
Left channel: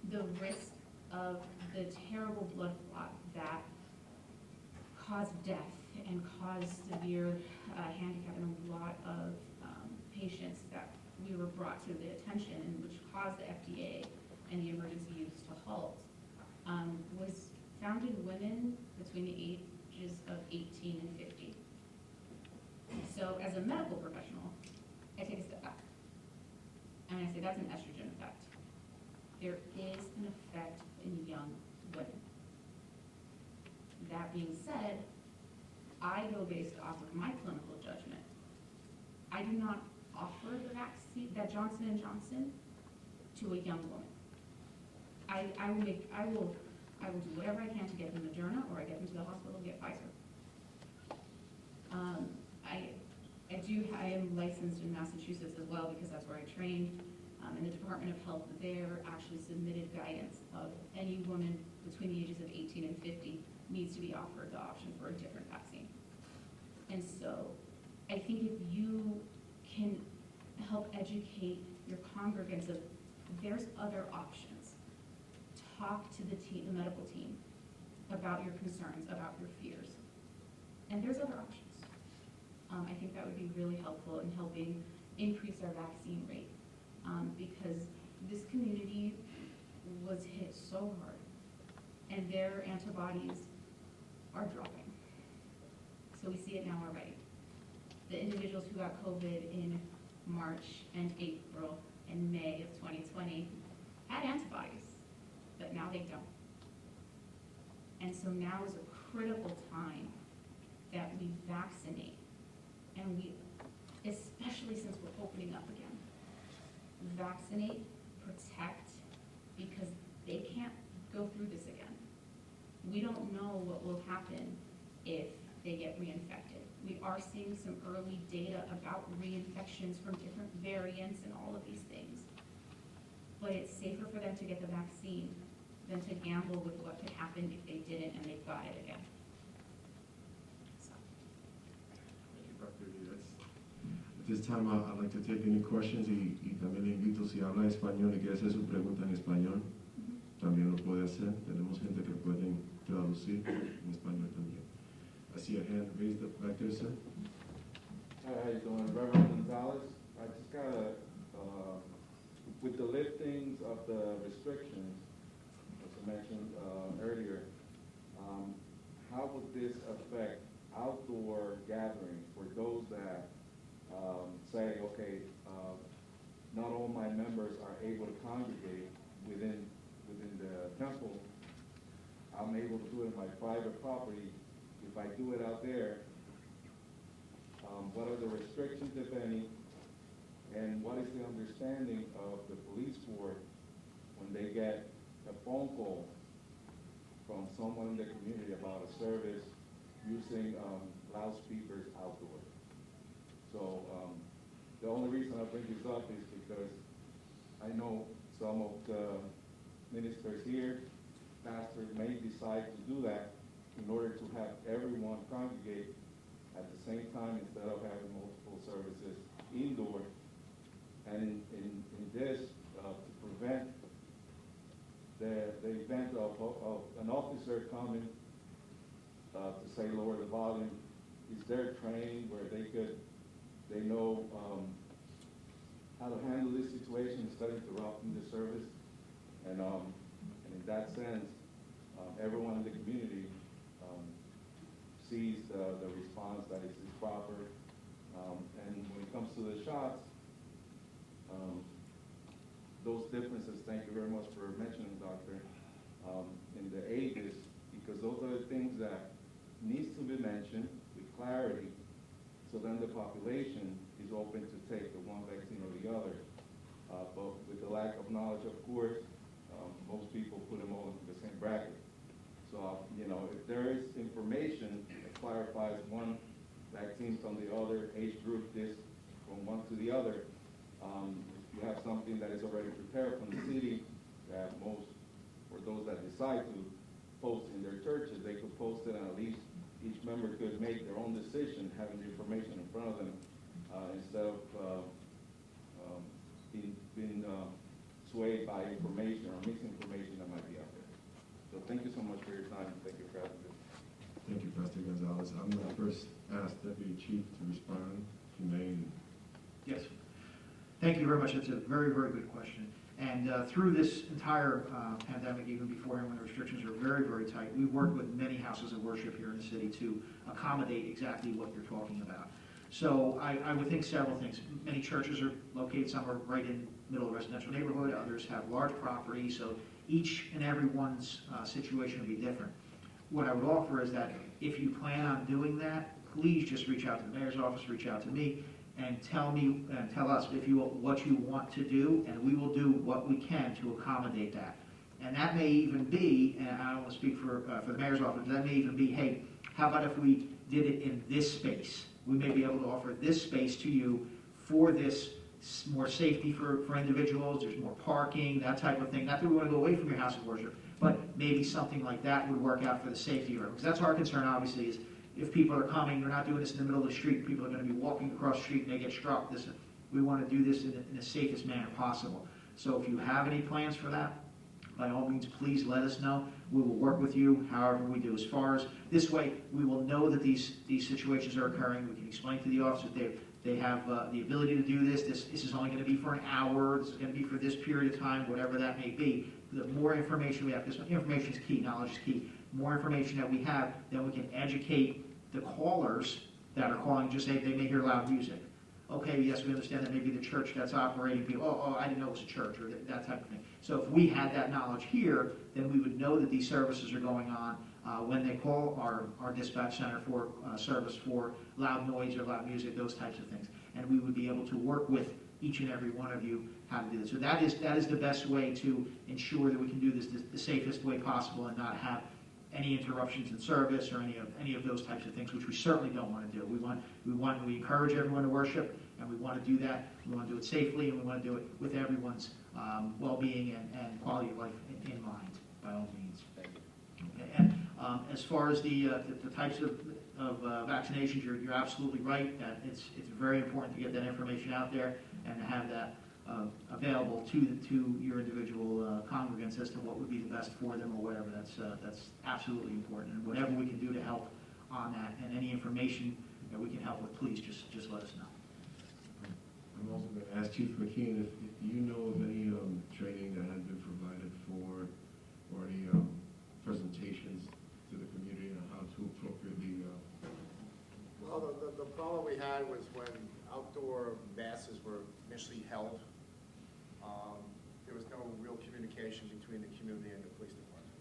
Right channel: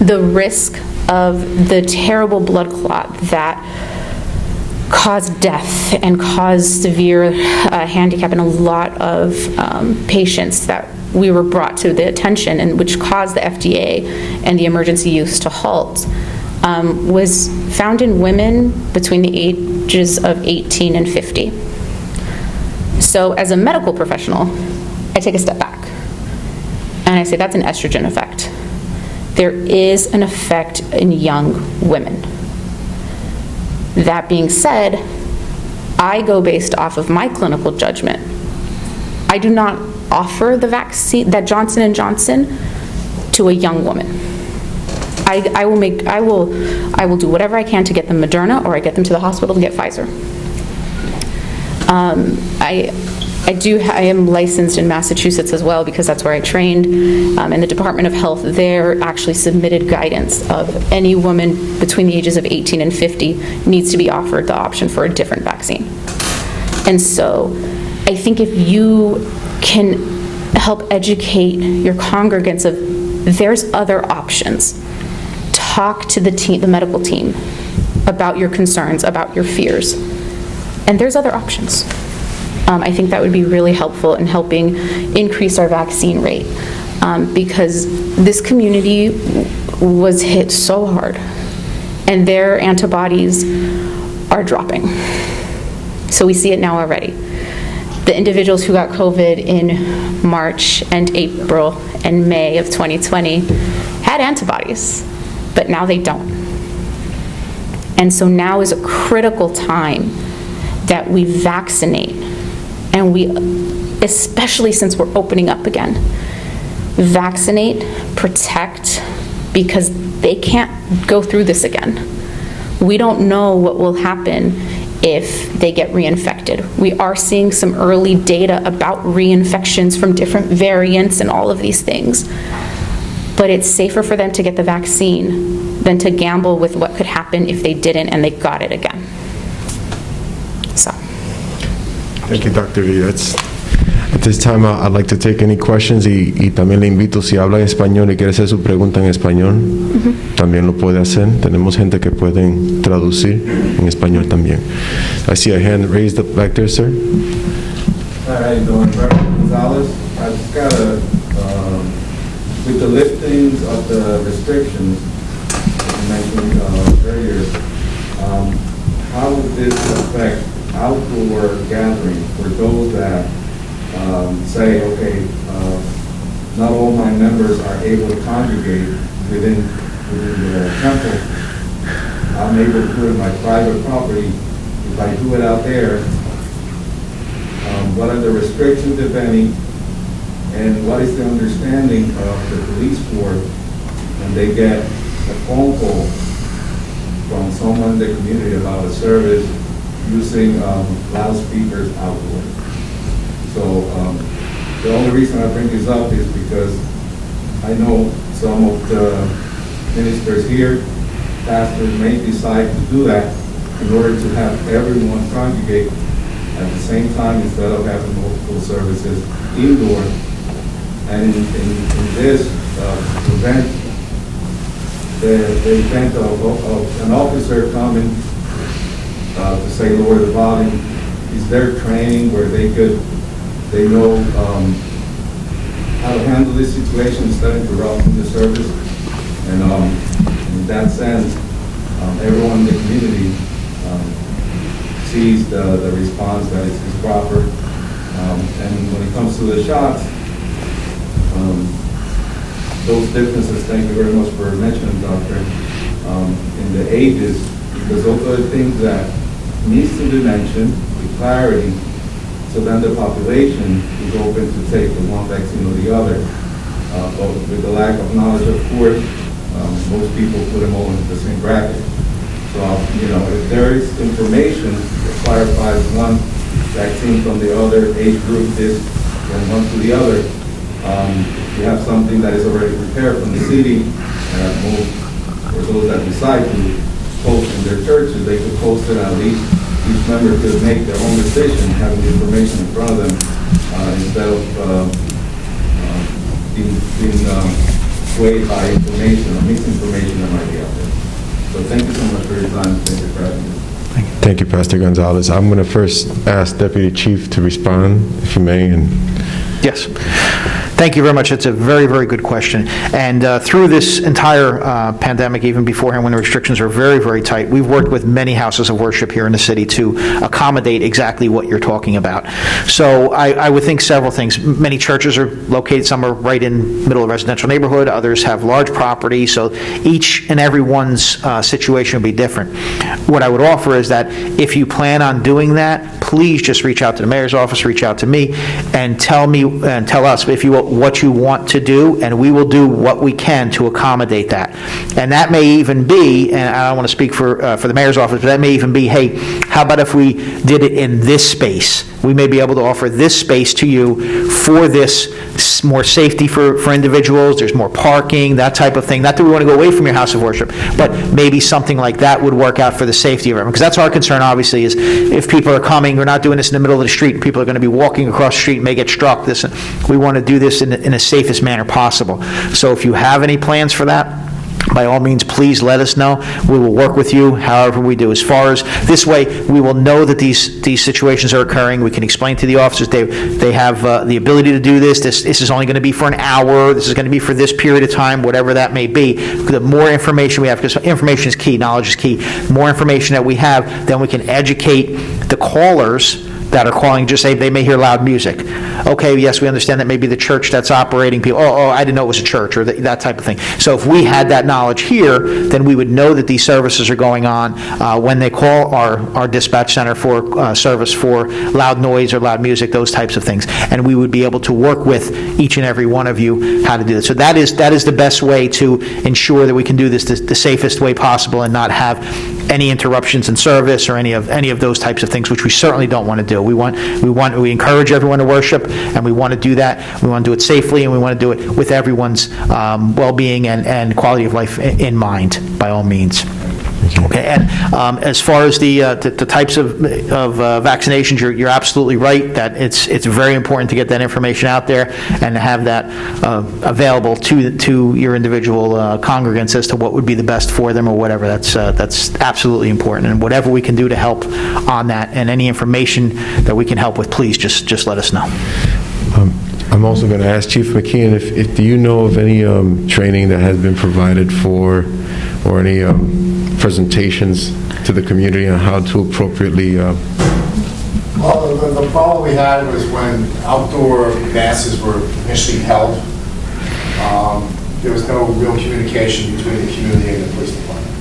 The risk of the terrible blood clot that caused death and caused severe handicap in a lot of patients that we were brought to the attention, and which caused the FDA and the emergency use to halt, was found in women between the ages of 18 and 50. So as a medical professional, I take a step back and I say that's an estrogen effect. There is an effect in young women. That being said, I go based off of my clinical judgment. I do not offer the vaccine, that Johnson & Johnson, to a young woman. I will do whatever I can to get them Moderna, or I get them to the hospital to get Pfizer. I am licensed in Massachusetts as well, because that's where I trained, and the Department of Health there actually submitted guidance of any woman between the ages of 18 and 50 needs to be offered the option for a different vaccine. And so I think if you can help educate your congregants of there's other options, talk to the team, the medical team, about your concerns, about your fears, and there's other options. I think that would be really helpful in helping increase our vaccine rate, because this community was hit so hard and their antibodies are dropping. So we see it now already. The individuals who got COVID in March and April and May of 2020 had antibodies, but now they don't. And so now is a critical time that we vaccinate, and we, especially since we're opening up again, vaccinate, protect, because they can't go through this again. We don't know what will happen if they get reinfected. We are seeing some early data about reinfections from different variants and all of these things. But it's safer for them to get the vaccine than to gamble with what could happen if they didn't and they got it again. So. Thank you, Dr. Lee. At this time, I'd like to take any questions, y también le invito, si habla en español y quiere hacer su pregunta en español, también lo puede hacer. Tenemos gente que pueden traducir en español también. I see a hand raised up back there, sir. Hi, how you doing? Reverend Gonzalez. I just got with the liftings of the restrictions you mentioned earlier, how would this affect outdoor gatherings for those that say, okay, not all my members are able to congregate within the temple. I'm able to do it in my private property. If I do it out there, what are the restrictions, if any, and what is the understanding of the police force when they get a phone call from someone in the community about a service using loudspeakers outdoors. So the only reason I bring this up is because I know some of the ministers here, pastors may decide to do that in order to have everyone congregate at the same time instead of having multiple services indoor. And in this event, the event of an officer coming to say lower the volume is their training where they know how to handle this situation instead of interrupting the service. And in that sense, everyone in the community sees the response that is proper. And when it comes to the shots, those differences, thank you very much for mentioning, Doctor, in the ages, because those are the things that needs to be mentioned with clarity, so then the population is open to take the one vaccine or the other. But with the lack of knowledge, of course, most people put them all into the same bracket. So, if there is information that clarifies one vaccine from the other, age group this, from one to the other, if you have something that is already prepared from the city, or those that decide to post in their churches, they could post it, at least each member could make their own decision, having the information in front of them, instead of being swayed by information or misinformation that might be out there. So thank you so much for your time. Thank you for having me. Thank you, Pastor Gonzalez. I'm going to first ask Deputy Chief to respond, if you may. Yes. Thank you very much. It's a very, very good question. And through this entire pandemic, even beforehand when the restrictions were very, very tight, we've worked with many houses of worship here in the city to accommodate exactly what you're talking about. So I would think several things. Many churches are located, some are right in middle of a residential neighborhood, others have large property, so each and every one's situation will be different. What I would offer is that if you plan on doing that, please just reach out to the mayor's office, reach out to me, and tell us if you what you want to do, and we will do what we can to accommodate that. And that may even be, and I don't want to speak for the mayor's office, but that may even be, hey, how about if we did it in this space? We may be able to offer this space to you for this, more safety for individuals, there's more parking, that type of thing. Not that we want to go away from your house of worship, but maybe something like that would work out for the safety of everyone. Because that's our concern, obviously, is if people are coming, we're not doing this in the middle of the street, and people are going to be walking across the street and may get struck. We want to do this in the safest manner possible. So if you have any plans for that, by all means, please let us know. We will work with you however we do. As far as this way, we will know that these situations are occurring. We can explain to the officers they have the ability to do this. This is only going to be for an hour. This is going to be for this period of time, whatever that may be. The more information we have, because information is key, knowledge is key. The more information that we have, then we can educate the callers that are calling, just say they may hear loud music. Okay, yes, we understand that maybe the church that's operating people, I didn't know it was a church, or that type of thing. So if we had that knowledge here, then we would know that these services are going on when they call our dispatch center for service for loud noise or loud music, those types of things. And we would be able to work with each and every one of you how to do this. So that is the best way to ensure that we can do this the safest way possible and not have any interruptions in service or any of those types of things, which we certainly don't want to do. We encourage everyone to worship, and we want to do that. We want to do it safely, and we want to do it with everyone's well-being and quality of life in mind, by all means. Okay, and as far as the types of vaccinations, you're absolutely right that it's very important to get that information out there and to have that available to your individual congregants as to what would be the best for them or whatever. That's absolutely important, and whatever we can do to help on that, and any information that we can help with, please just let us know. I'm also going to ask Chief McKeon if do you know of any training that has been provided for, or any presentations to the community on how to appropriately... Well, the problem we had was when outdoor masses were initially held, there was no real communication between the community and the police department.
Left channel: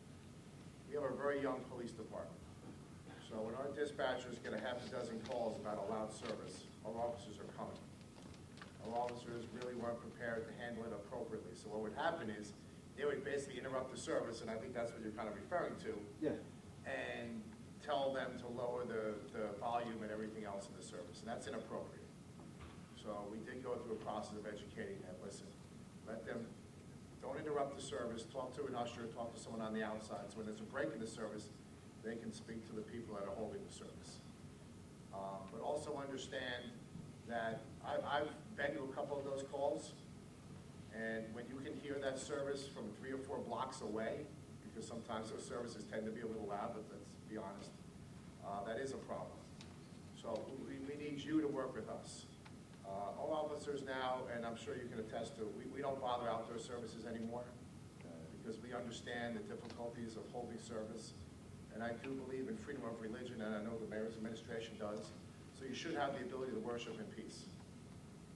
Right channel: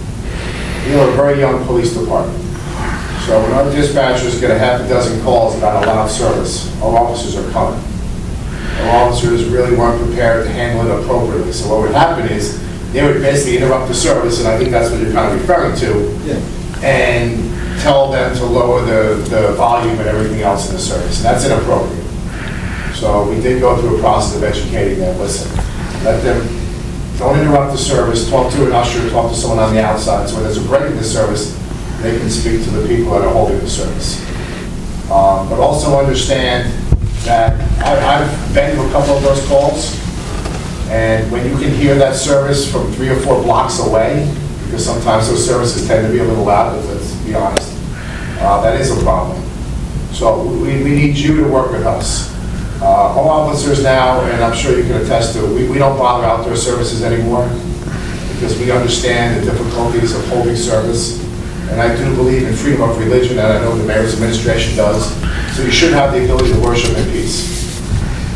We are a very young police department. So when our dispatchers get a half a dozen calls about a loud service, our officers are coming. Our officers really weren't prepared to handle it appropriately. So what would happen is they would basically interrupt the service, and I think that's what you're kind of referring to, Yeah. and tell them to lower the volume and everything else in the service. And that's inappropriate. So we did go through a process of educating them. Listen, let them, don't interrupt the service, talk to an usher, talk to someone on the outside. So when there's a break in the service, they can speak to the people that are holding the service. But also understand that I've been to a couple of those calls, and when you can hear that service from 3 or 4 blocks away, because sometimes those services tend to be a little loud, let's be honest, that is a problem. So we need you to work with us. All officers now, and I'm sure you can attest to, we don't bother outdoor services anymore because we understand the difficulties of holding service. And I do believe in freedom of religion, and I know the mayor's administration does. So you should have the ability to worship in peace.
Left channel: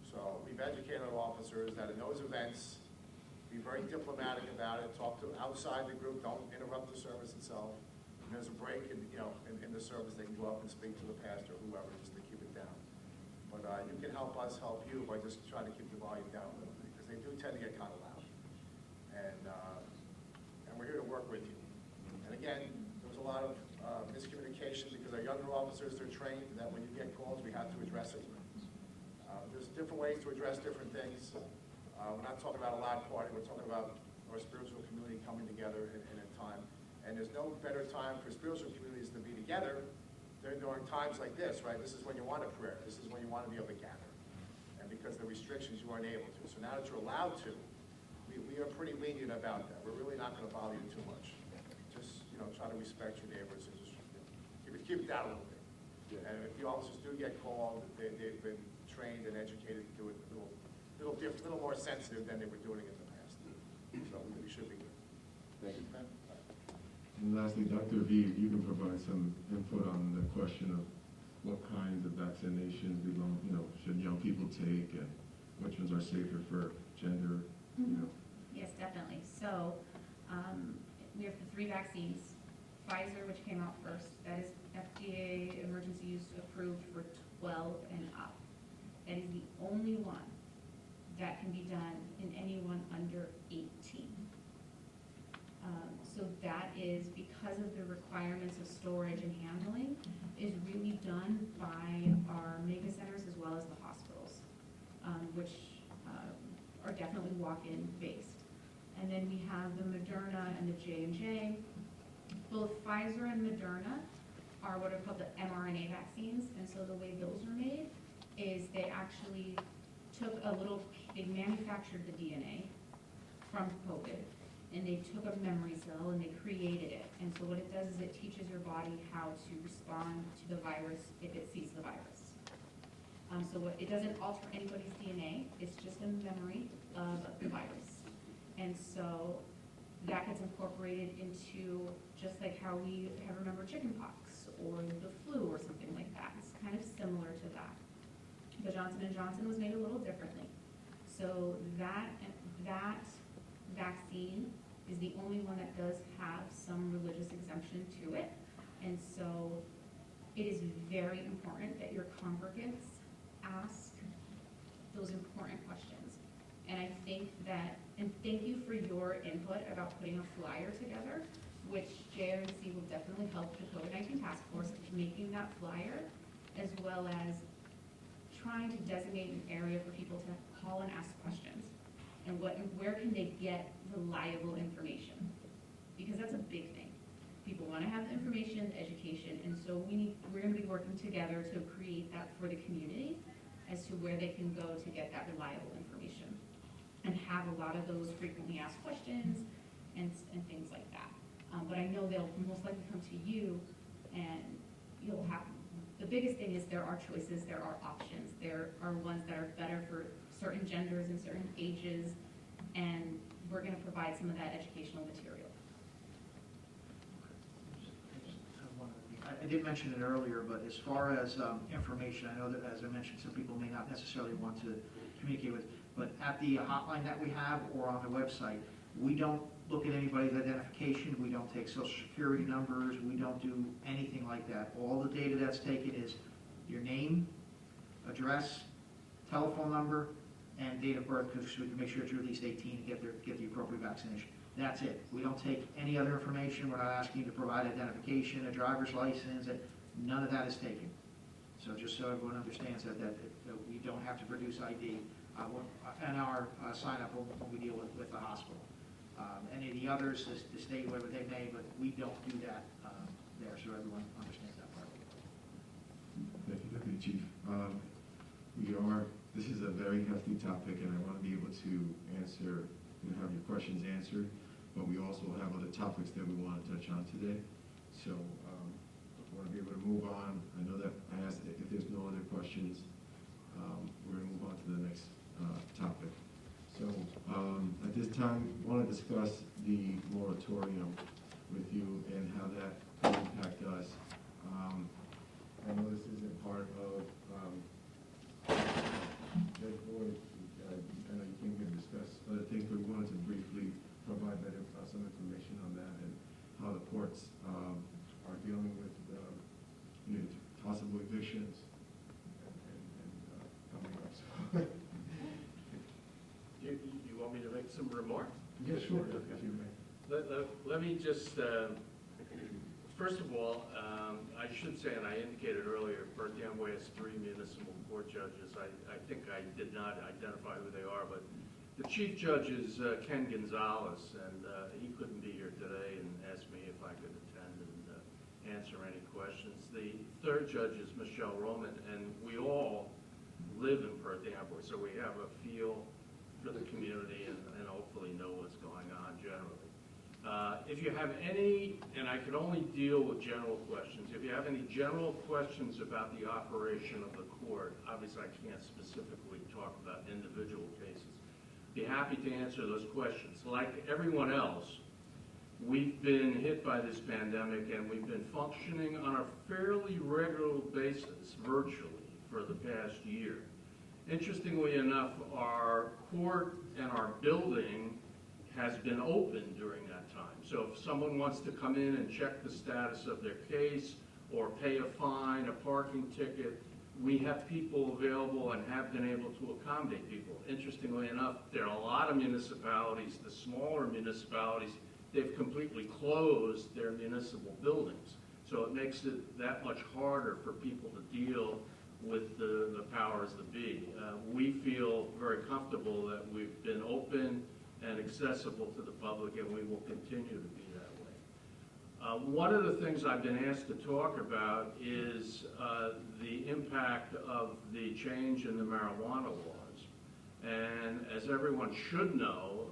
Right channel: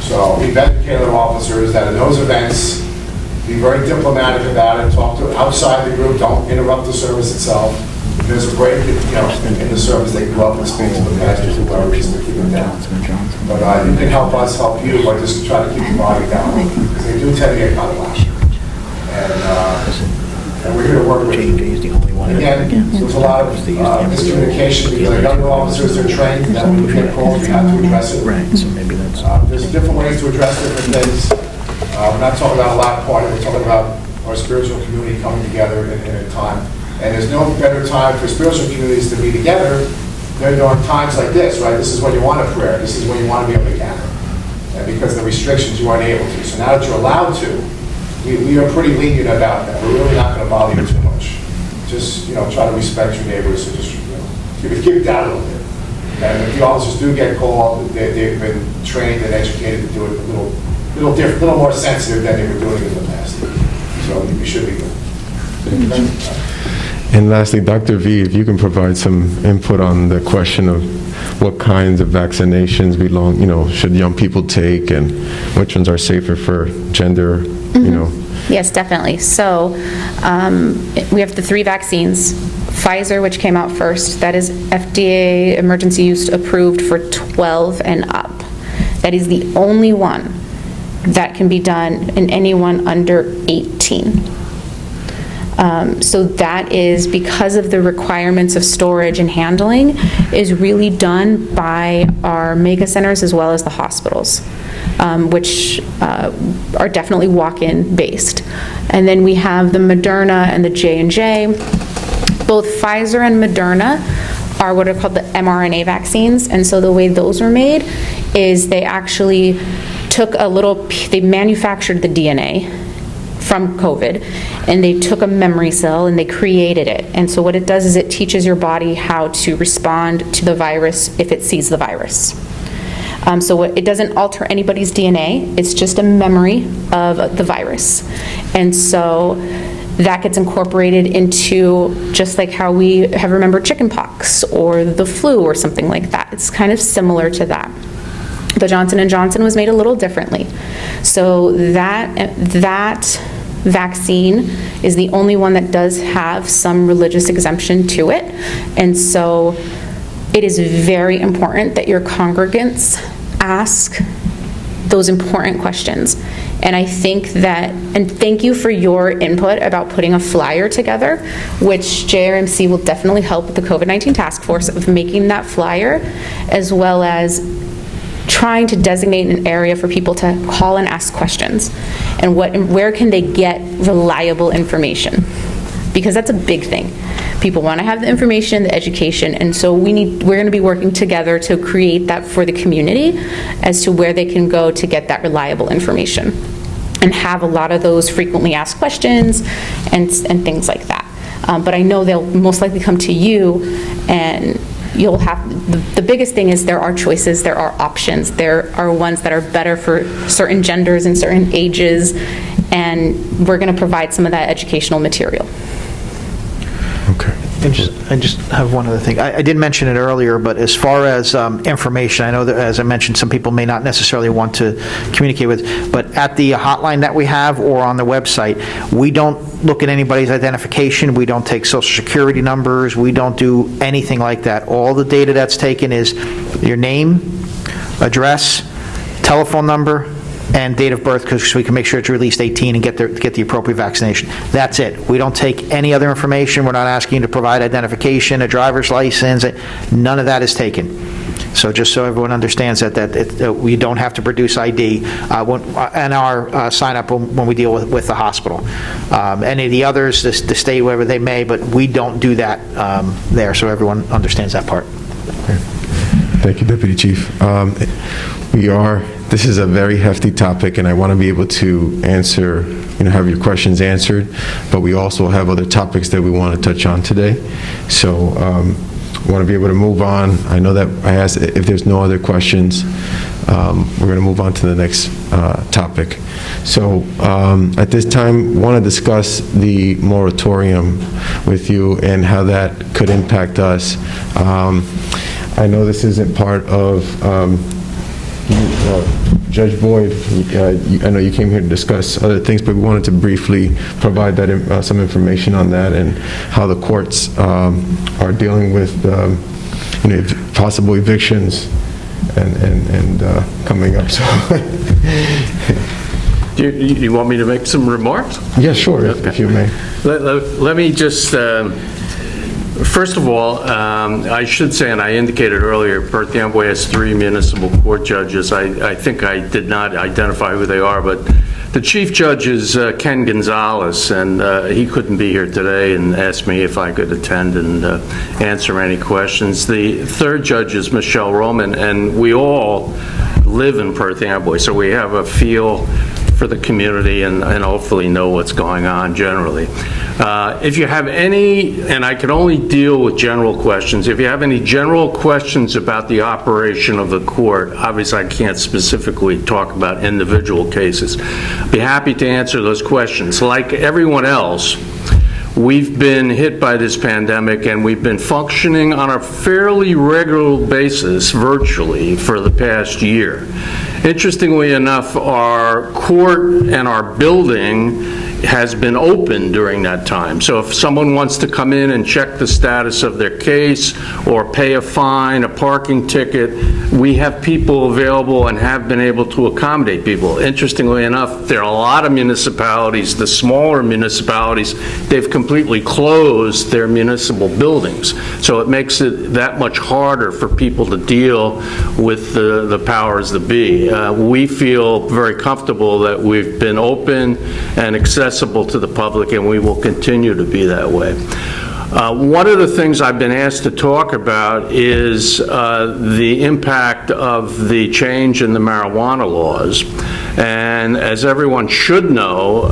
So we've educated our officers that in those events, be very diplomatic about it, talk to outside the group, don't interrupt the service itself. If there's a break, in the service, they go up and speak to the pastors and clergy to keep it down. But you can help us help you by just trying to keep the volume down, because they do tend to get kind of loud. And we're here to work with you. Again, there's a lot of miscommunication because our younger officers, they're trained that when we get calls, we have to address it. There's different ways to address different things. We're not talking about a loud party, we're talking about our spiritual community coming together in a time. And there's no better time for spiritual communities to be together than during times like this, right? This is when you want a prayer. This is when you want to be able to gather. And because of the restrictions, you aren't able to. So now that you're allowed to, we are pretty lenient about that. We're really not going to bother you too much. Just, try to respect your neighbors and just, keep it down a little bit. And if the officers do get called, they've been trained and educated to do it a little different, a little more sensitive than they were doing in the past. So you should be good. And lastly, Dr. V, if you can provide some input on the question of what kinds of vaccinations should young people take, and which ones are safer for gender, Yes, definitely. So we have the 3 vaccines. Pfizer, which came out first, that is FDA emergency use approved for 12 and up. That is the only one that can be done in anyone under 18. So that is because of the requirements of storage and handling is really done by our mega centers as well as the hospitals, which are definitely walk-in based. And then we have the Mrna and the J&J. Both Pfizer and Moderna are what are called the mRNA vaccines. And so the way those are made is they actually took they manufactured the DNA from COVID, and they took a memory cell and they created it. And so what it does is it teaches your body how to respond to the virus if it sees the virus. So it doesn't alter anybody's DNA, it's just a memory of the virus. And so that gets incorporated into just like how we have remembered chickenpox or the flu or something like that. It's kind of similar to that. The Johnson & Johnson was made a little differently. So that vaccine is the only one that does have some religious exemption to it. And so it is very important that your congregants ask those important questions. And I think that, and thank you for your input about putting a flyer together, which JRMC will definitely help with the COVID-19 task force of making that flyer, as well as trying to designate an area for people to call and ask questions, and where can they get reliable information, because that's a big thing. People want to have the information, the education, and so we're going to be working together to create that for the community as to where they can go to get that reliable information and have a lot of those frequently asked questions and things like that. But I know they'll most likely come to you, and you'll have, the biggest thing is there are choices, there are options, there are ones that are better for certain genders and certain ages, and we're going to provide some of that educational material. Okay. I just have one other thing. I did mention it earlier, but as far as information, I know that, as I mentioned, some people may not necessarily want to communicate with, but at the hotline that we have or on the website, we don't look at anybody's identification. We don't take social security numbers. We don't do anything like that. All the data that's taken is your name, address, telephone number, and date of birth, because we can make sure it's at least 18 and get the appropriate vaccination. That's it. We don't take any other information. We're not asking you to provide identification, a driver's license. None of that is taken. So just so everyone understands that we don't have to produce ID and our sign-up when we deal with the hospital. Any of the others, the state, wherever they may, but we don't do that there, so everyone understands that part. Thank you, Deputy Chief. This is a very hefty topic, and I want to be able to answer, have your questions answered, but we also have other topics that we want to touch on today. So I want to be able to move on. I know that I asked if there's no other questions, we're going to move on to the next topic. So at this time, want to discuss the moratorium with you and how that could impact us. I know this isn't part of Judge Boyd. I know you came here to discuss other things, but we wanted to briefly provide that some information on that and how the courts are dealing with possible evictions and coming up. So, you want me to make some remarks? Yeah, sure, if you may. Let me just. First of all, I should say, and I indicated earlier, Perth Amboy has 3 municipal court judges. I think I did not identify who they are, but the chief judge is Ken Gonzalez, and he couldn't be here today and asked me if I could attend and answer any questions. The 3rd judge is Michelle Roman, and we all live in Perth Amboy, so we have a feel for the community and hopefully know what's going on generally. If you have any, and I can only deal with general questions, if you have any general questions about the operation of the court, obviously I can't specifically talk about individual cases. I'd be happy to answer those questions. Like everyone else, we've been hit by this pandemic, and we've been functioning on a fairly regular basis virtually for the past year. Interestingly enough, our court and our building has been open during that time. So if someone wants to come in and check the status of their case or pay a fine, a parking ticket, we have people available and have been able to accommodate people. Interestingly enough, there are a lot of municipalities, the smaller municipalities, they've completely closed their municipal buildings. So it makes it that much harder for people to deal with the powers that be. We feel very comfortable that we've been open and accessible to the public, and we will continue to be that way. One of the things I've been asked to talk about is the impact of the change in the marijuana laws. And as everyone should know,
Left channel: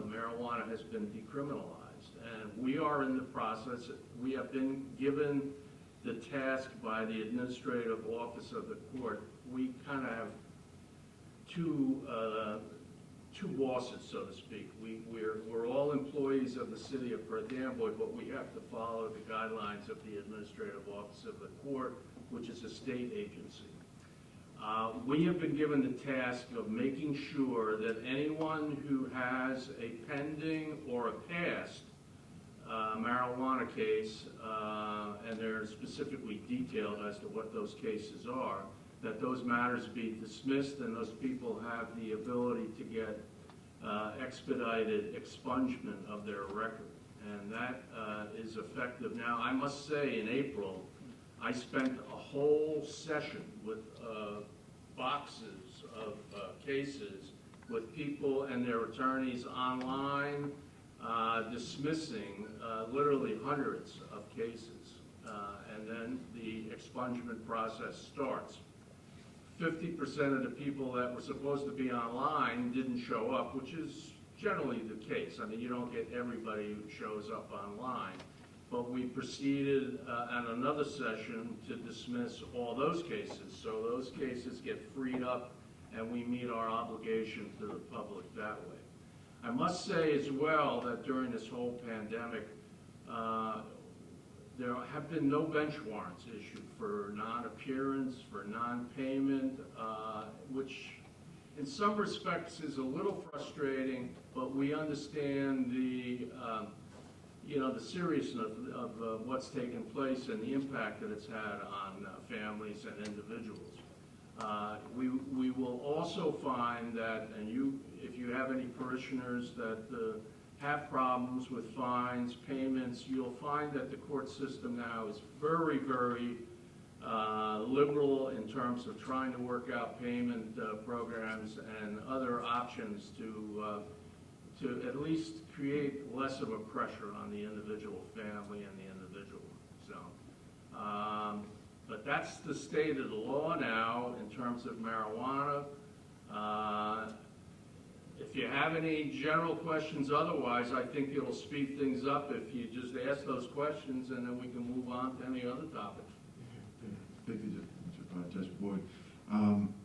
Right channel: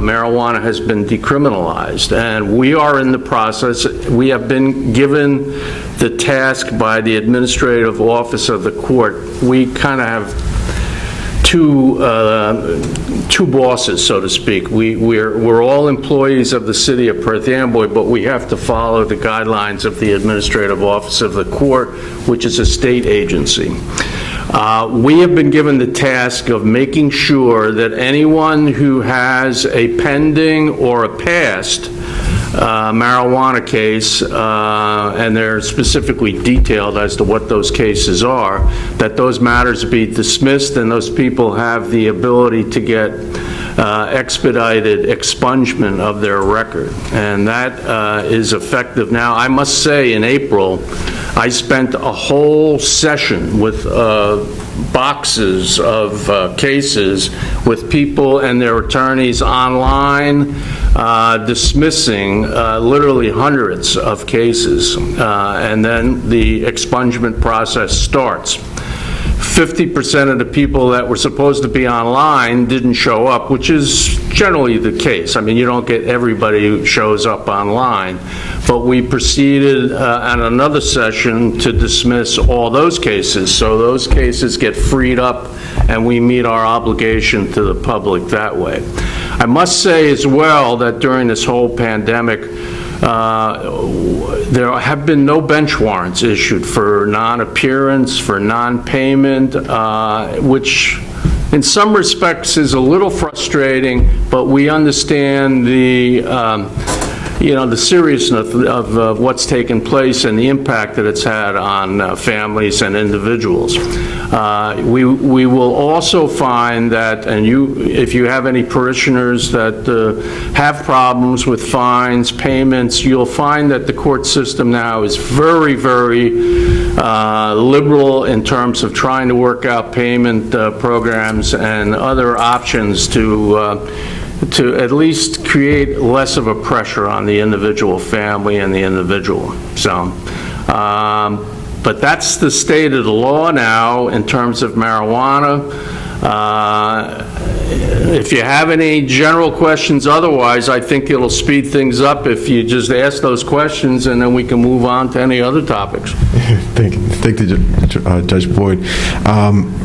marijuana has been decriminalized, and we are in the process. We have been given the task by the administrative office of the court. We kind of have two bosses, so to speak. We're all employees of the city of Perth Amboy, but we have to follow the guidelines of the administrative office of the court, which is a state agency. We have been given the task of making sure that anyone who has a pending or a past marijuana case, and they're specifically detailed as to what those cases are, that those matters be dismissed and those people have the ability to get expedited expungement of their record. And that is effective now. I must say, in April, I spent a whole session with boxes of cases with people and their attorneys online, dismissing literally hundreds of cases, and then the expungement process starts. 50% of the people that were supposed to be online didn't show up, which is generally the case. I mean, you don't get everybody who shows up online. But we proceeded at another session to dismiss all those cases, so those cases get freed up and we meet our obligation to the public that way. I must say as well that during this whole pandemic, there have been no bench warrants issued for non-appearance, for non-payment, which in some respects is a little frustrating, but we understand the the seriousness of what's taken place and the impact that it's had on families and individuals. We will also find that, and if you have any parishioners that have problems with fines, payments, you'll find that the court system now is very, very liberal in terms of trying to work out payment programs and other options to at least create less of a pressure on the individual family and the individual. So, but that's the state of the law now in terms of marijuana. If you have any general questions otherwise, I think it'll speed things up if you just ask those questions, and then we can move on to any other topics. Thank you, Judge Boyd.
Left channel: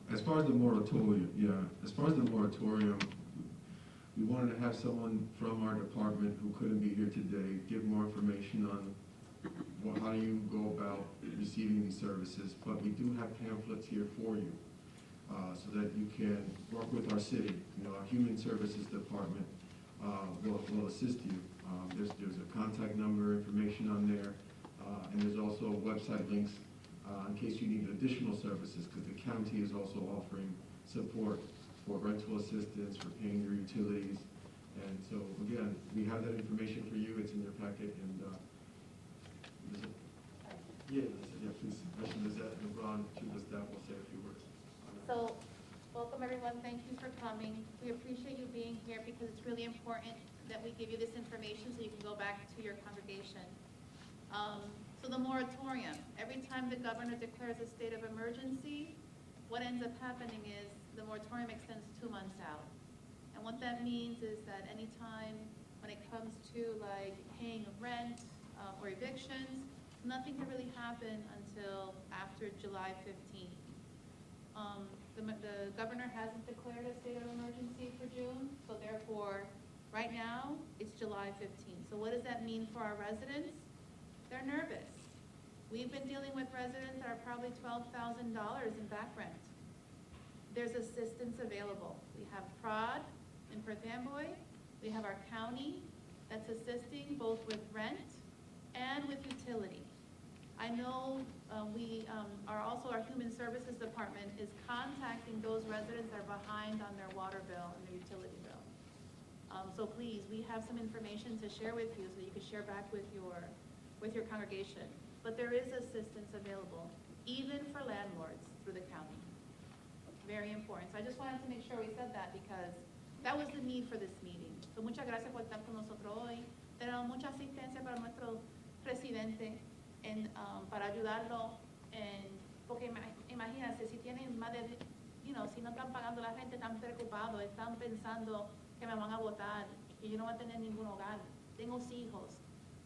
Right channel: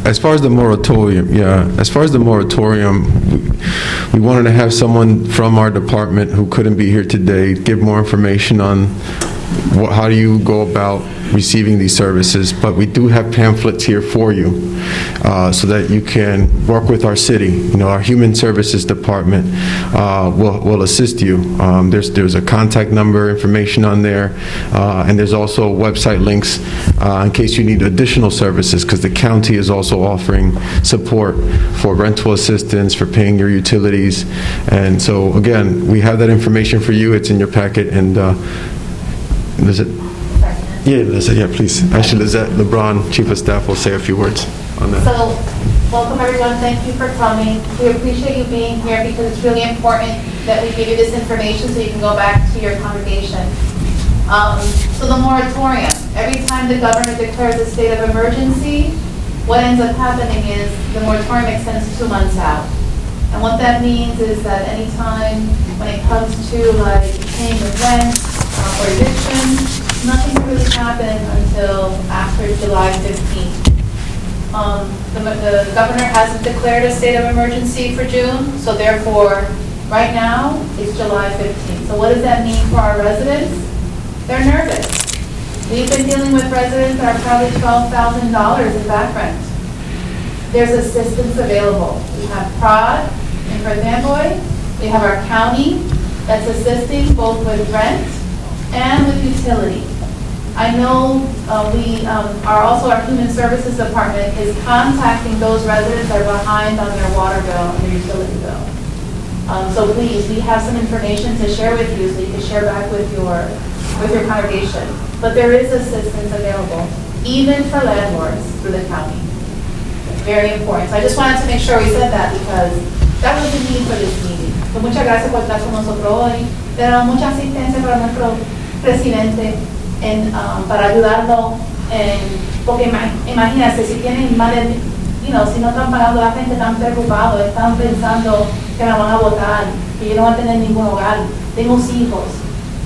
As far as the moratorium, we wanted to have someone from our department who couldn't be here today give more information on how do you go about receiving these services, but we do have pamphlets here for you so that you can work with our city. Our Human Services Department will assist you. There's a contact number information on there, and there's also website links in case you need additional services, because the county is also offering support for rental assistance, for paying your utilities. And so, again, we have that information for you. It's in your packet, and is it? Yeah, Lizette, yeah, please. Actually, Lizette LeBron, Chief of Staff, will say a few words on that. So, welcome everyone. Thank you for coming. We appreciate you being here because it's really important that we give you this information so you can go back to your congregation. So the moratorium, every time the governor declares a state of emergency, what ends up happening is the moratorium extends 2 months out. And what that means is that anytime when it comes to like paying the rent or eviction, nothing really happened until after July 15th. The governor hasn't declared a state of emergency for June, so therefore, right now, it's July 15th. So what does that mean for our residents? They're nervous. We've been dealing with residents that are probably $12,000 in back rent. There's assistance available. We have PROD in Perth Amboy. We have our county that's assisting both with rent and with utility. I know we are also, our Human Services Department is contacting those residents that are behind on their water bill and their utility bill. So please, we have some information to share with you so you can share back with your congregation. But there is assistance available, even for landlords through the county. Very important. So I just wanted to make sure we said that because that was the need for this meeting. So muchas gracias por estar con nosotros hoy. Tenemos mucha asistencia para nuestro presidente para ayudarlo, porque imagínense, si tienen más de, si no están pagando, la gente están preocupados, están pensando que me van a votar, que yo no voy a tener ningún hogar, tengo hijos,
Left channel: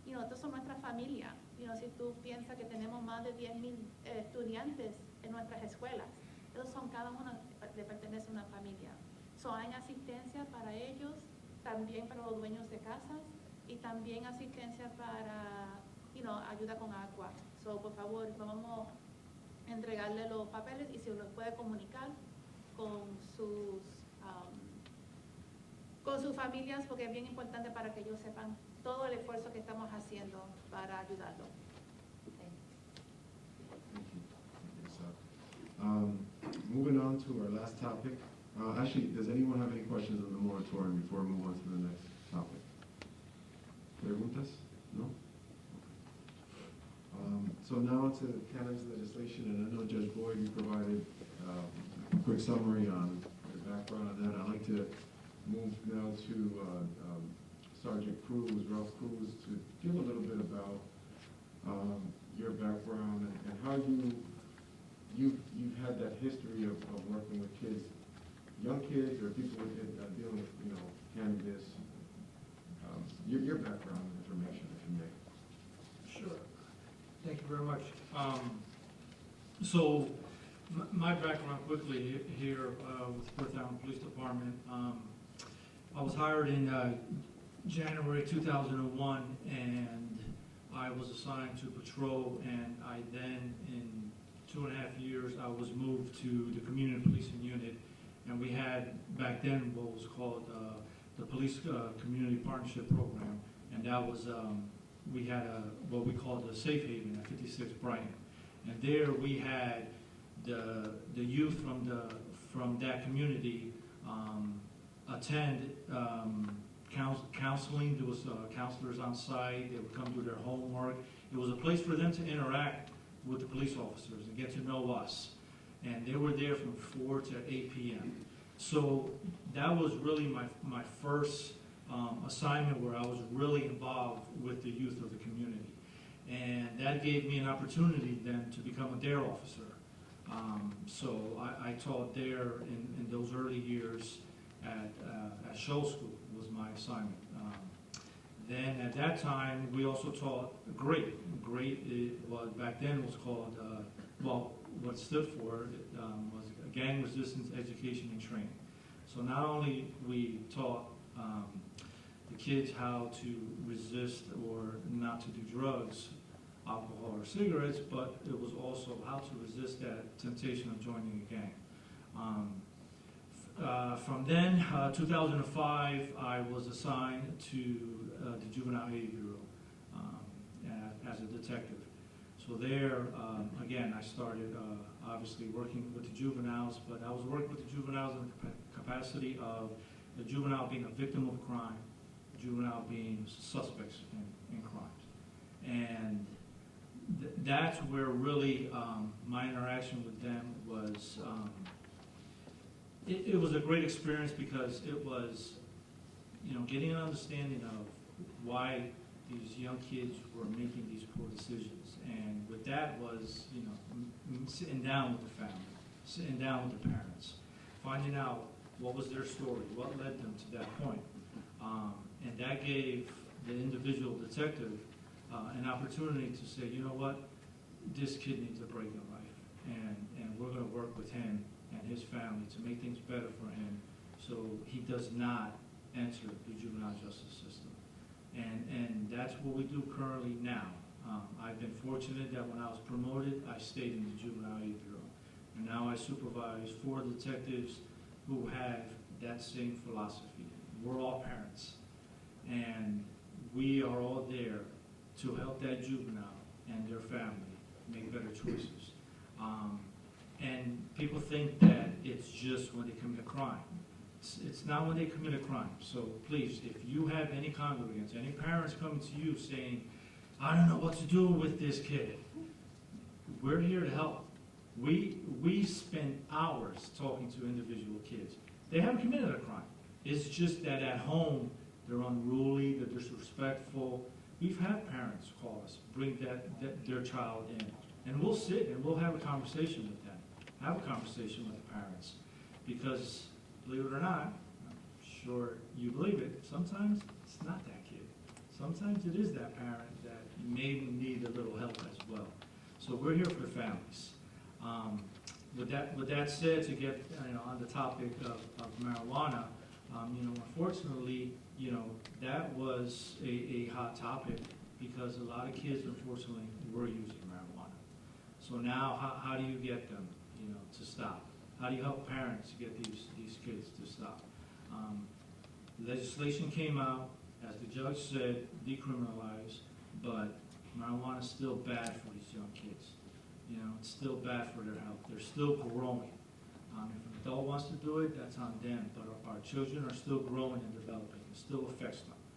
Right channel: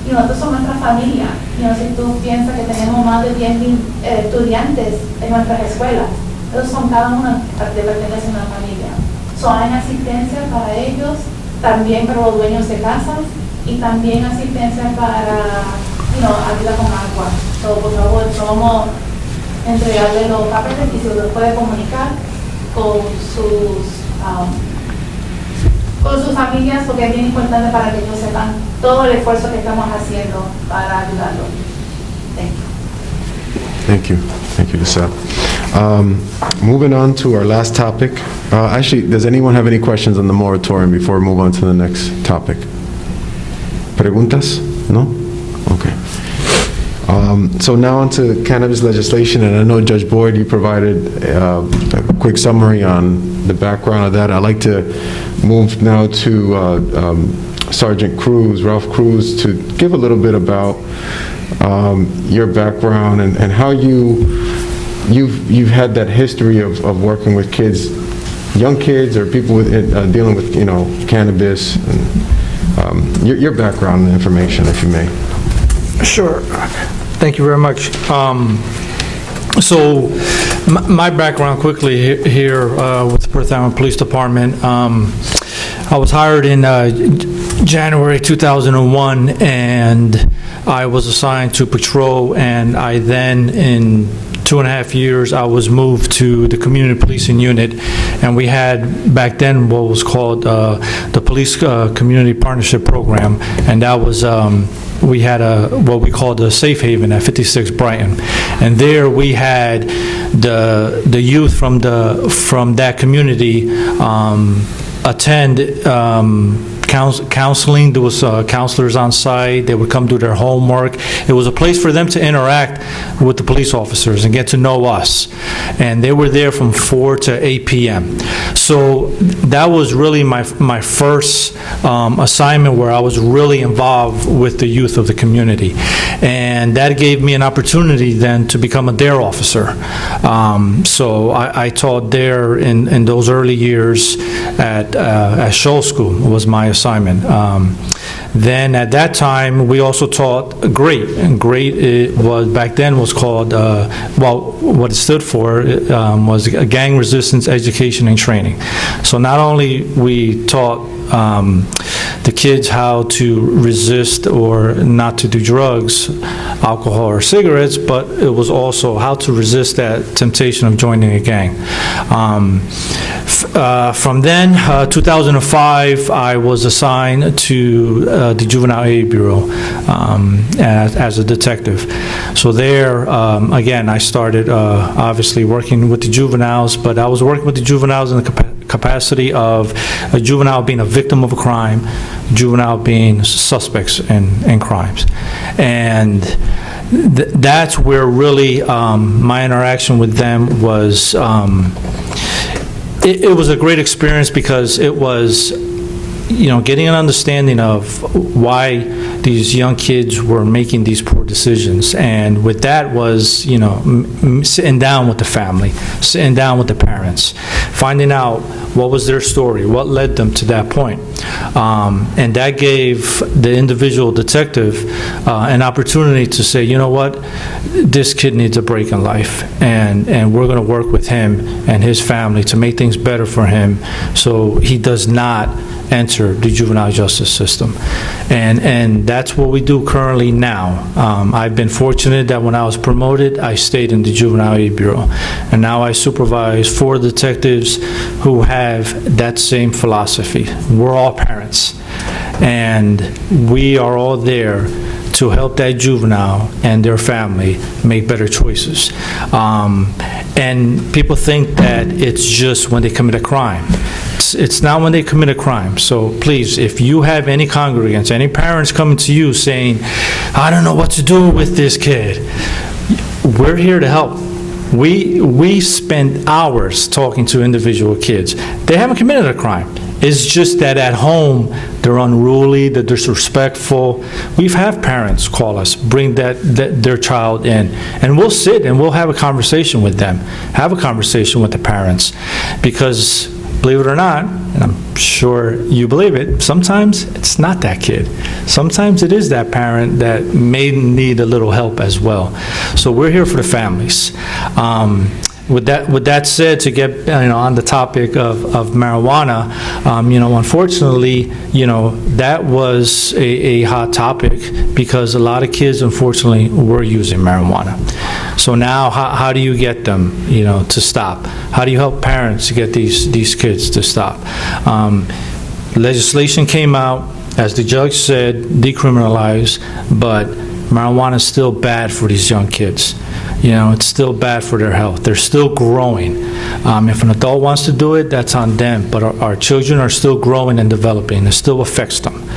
nosotros somos nuestra familia. Si tú piensas que tenemos más de 10,000 estudiantes en nuestras escuelas, ellos son cada uno pertenece a una familia. Hay asistencia para ellos, también para los dueños de casas y también asistencia para ayuda con agua. Por favor, vamos a entregarle los papeles y se los puede comunicar con sus familias, porque es bien importante para que ellos sepan todo el esfuerzo que estamos haciendo para ayudarlos. Thank you. Thank you, Lisa. Moving on to our last topic. Actually, does anyone have any questions on the moratorium before we move on to the next topic? Preguntas? No? Okay. So now on to cannabis legislation, and I know Judge Boyd, you provided a quick summary on the background of that. I'd like to move now to Sergeant Cruz, Ralph Cruz, to give a little bit about your background and how you've had that history of working with kids, young kids or people with dealing with cannabis, and your background and information, if you may. Sure. Thank you very much. So my background quickly here with the Perth Amboy Police Department. I was hired in January 2001, and I was assigned to patrol, and I then in 2.5 years, I was moved to the community policing unit, and we had back then what was called the Police Community Partnership Program, and that was we had what we called a safe haven at 56 Brighton, and there we had the youth from that community attend counseling. There was counselors on site. They would come do their homework. It was a place for them to interact with the police officers and get to know us. And they were there from 4 to 8 p.m. So that was really my first assignment where I was really involved with the youth of the community. And that gave me an opportunity then to become a DARE officer. So I taught DARE in those early years at Shoal School was my assignment. Then at that time, we also taught GREAT, and GREAT was back then was called, what it stood for was Gang Resistance Education and Training. So not only we taught the kids how to resist or not to do drugs, alcohol or cigarettes, but it was also how to resist that temptation of joining a gang. From then, 2005, I was assigned to the Juvenile Aid Bureau as a detective. So there, again, I started obviously working with the juveniles, but I was working with the juveniles in the capacity of a juvenile being a victim of a crime, juvenile being suspects in crimes. And that's where really my interaction with them was, it was a great experience because it was, getting an understanding of why these young kids were making these poor decisions. And with that was, sitting down with the family, sitting down with the parents, finding out what was their story, what led them to that point. And that gave the individual detective an opportunity to say, you know what, this kid needs a break in life, and we're going to work with him and his family to make things better for him so he does not enter the juvenile justice system. And that's what we do currently now. I've been fortunate that when I was promoted, I stayed in the Juvenile Aid Bureau. And now I supervise 4 detectives who have that same philosophy. We're all parents. And we are all there to help that juvenile and their family make better choices. And people think that it's just when they commit a crime. It's not when they commit a crime. So please, if you have any congregants, any parents coming to you saying, I don't know what to do with this kid, we're here to help. We spend hours talking to individual kids. They haven't committed a crime. It's just that at home, they're unruly, they're disrespectful. We've had parents call us, bring their child in, and we'll sit and we'll have a conversation with them, have a conversation with the parents, because believe it or not, and I'm sure you believe it, sometimes it's not that kid. Sometimes it is that parent that may need a little help as well. So we're here for the families. With that said, to get on the topic of marijuana, unfortunately, that was a hot topic because a lot of kids, unfortunately, were using marijuana. So now, how do you get them, to stop? How do you help parents to get these kids to stop? Legislation came out, as the judge said, decriminalize, but marijuana is still bad for these young kids. It's still bad for their health. They're still growing. If an adult wants to do it, that's on them. But our children are still growing and developing. It still affects them.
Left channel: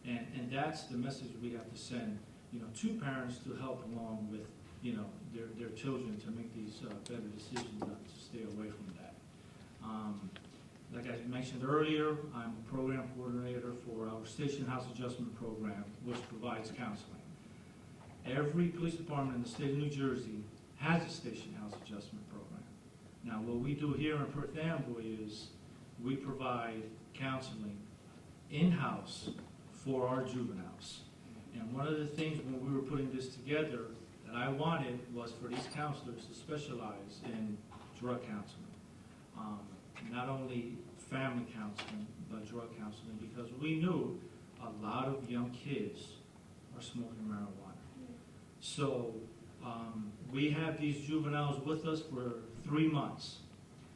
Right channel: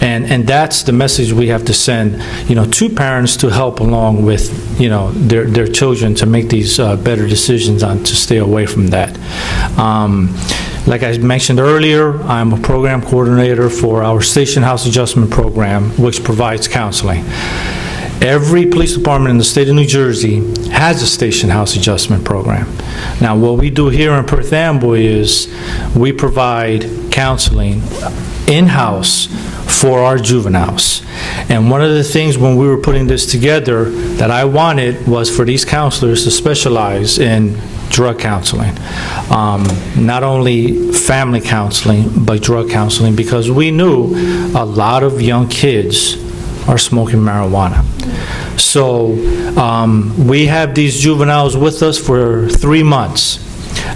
And that's the message we have to send, to parents to help along with, their children to make these better decisions on to stay away from that. Like I mentioned earlier, I'm a program coordinator for our Station House Adjustment Program, which provides counseling. Every police department in the state of New Jersey has a Station House Adjustment Program. Now, what we do here in Perth Amboy is we provide counseling in-house for our juveniles. And one of the things when we were putting this together that I wanted was for these counselors to specialize in drug counseling. Not only family counseling, but drug counseling, because we knew a lot of young kids are smoking marijuana. So we have these juveniles with us for 3 months.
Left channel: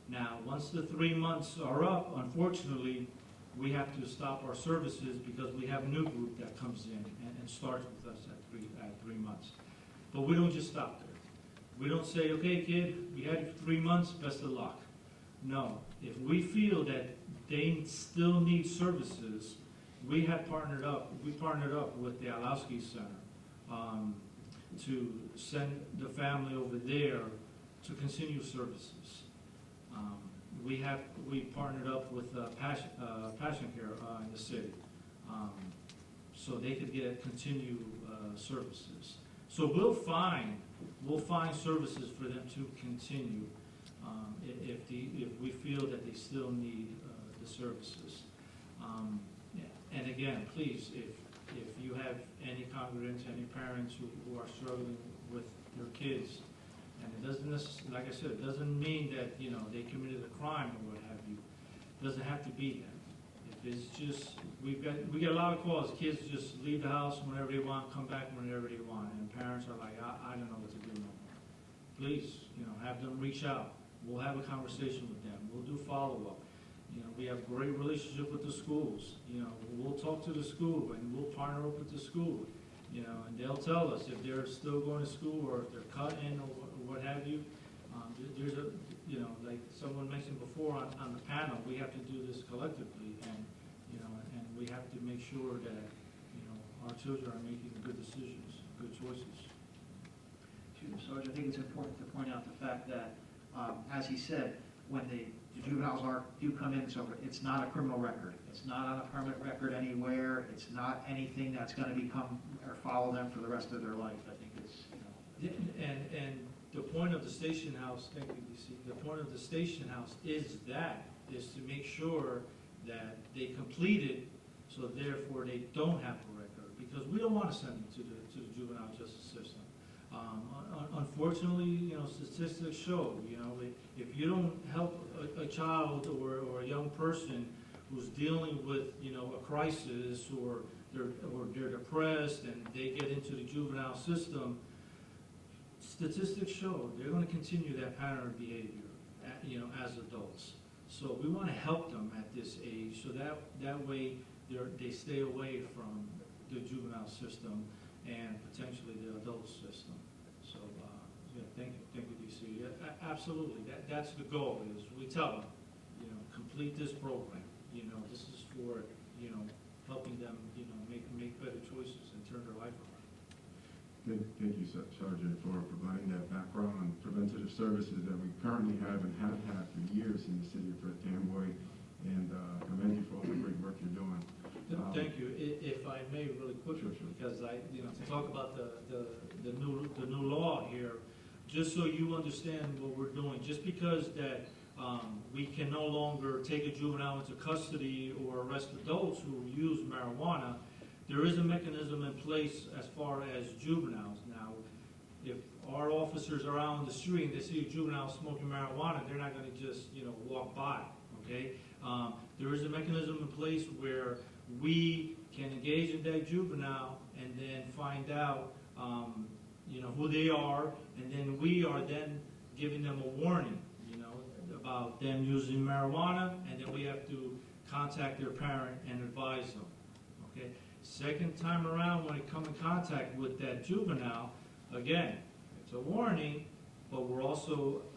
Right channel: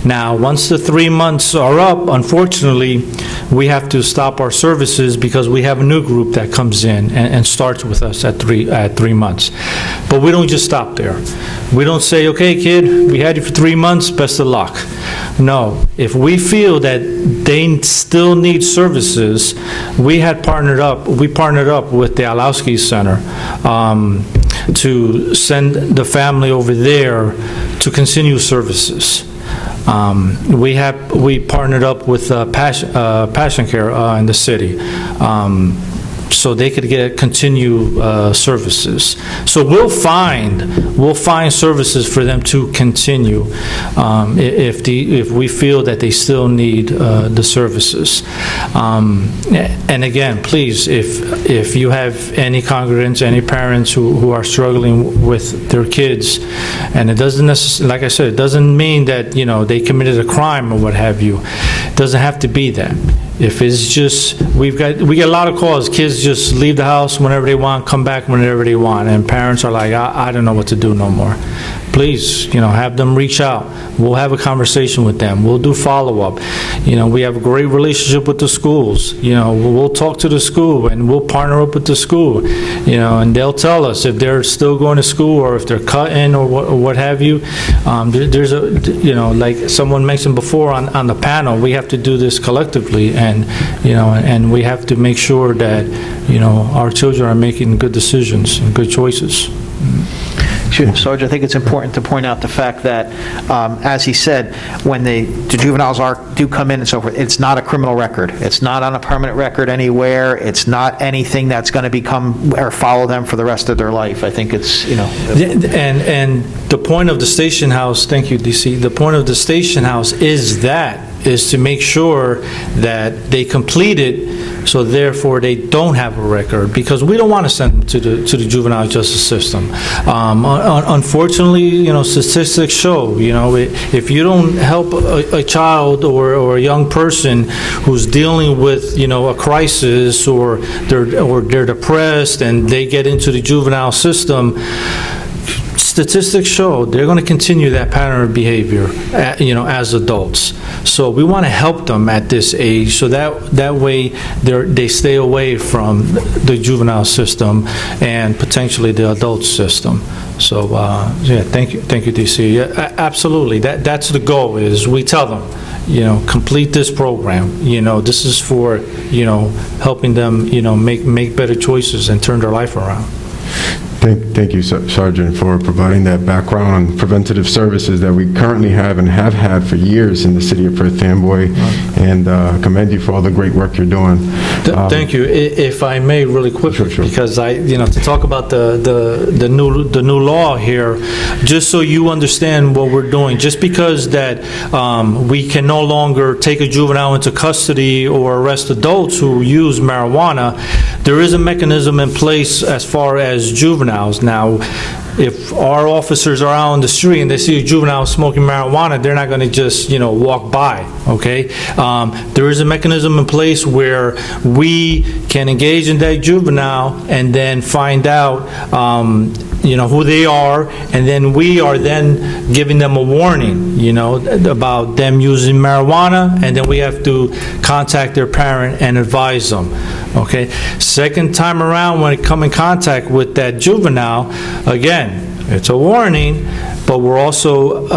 Now, once the 3 months are up, unfortunately, we have to stop our services because we have a new group that comes in and starts with us at 3 months. But we don't just stop there. We don't say, okay, kid, we had you for 3 months, best of luck. No, if we feel that they still need services, we partnered up with the Alowski Center to send the family over there to continue services. We partnered up with Passion Care in the city, so they could continue services. So we'll find services for them to continue if we feel that they still need the services. And again, please, if you have any congregants, any parents who are struggling with their kids, and it doesn't necessarily, like I said, it doesn't mean that they committed a crime or what have you. It doesn't have to be that. If it's just, we get a lot of calls. Kids just leave the house whenever they want, come back whenever they want, and parents are like, I don't know what to do no more. Please, have them reach out. We'll have a conversation with them. We'll do follow-up. We have a great relationship with the schools. We'll talk to the school, and we'll partner up with the school. And they'll tell us if they're still going to school or if they're cutting or what have you. There's like someone mentioned before on the panel, we have to do this collectively, and we have to make sure that our children are making good decisions and good choices. Sarge, I think it's important to point out the fact that, as he said, when the juveniles do come in and so forth, it's not a criminal record. It's not on a permanent record anywhere. It's not anything that's going to become or follow them for the rest of their life. I think it's, And the point of the station house, thank you, DC, the point of the station house is to make sure that they complete it, so therefore they don't have a record, because we don't want to send them to the juvenile justice system. Unfortunately, statistics show, if you don't help a child or a young person who's dealing with, a crisis, or they're depressed and they get into the juvenile system, statistics show they're going to continue that pattern of behavior, as adults. So we want to help them at this age, so that way they stay away from the juvenile system and potentially the adult system. So thank you, DC. Yeah, absolutely, that's the goal. Is we tell them, complete this program. This is for helping them make better choices and turn their life around. Thank you, Sergeant, for providing that background on preventative services that we currently have and have had for years in the city of Perth Amboy, and commend you for all the great work you're doing. Thank you. If I may, really quickly, sure. Because to talk about the new law here, just so you understand what we're doing. Just because that we can no longer take a juvenile into custody or arrest adults who use marijuana, there is a mechanism in place as far as juveniles. Now, if our officers are out on the street and they see a juvenile smoking marijuana, they're not going to just, walk by, okay? There is a mechanism in place where we can engage in that juvenile and then find out, who they are, and then we are then giving them a warning, about them using marijuana, and then we have to contact their parent and advise them. Okay. Second time around, when it come in contact with that juvenile, again, it's a warning, but we're also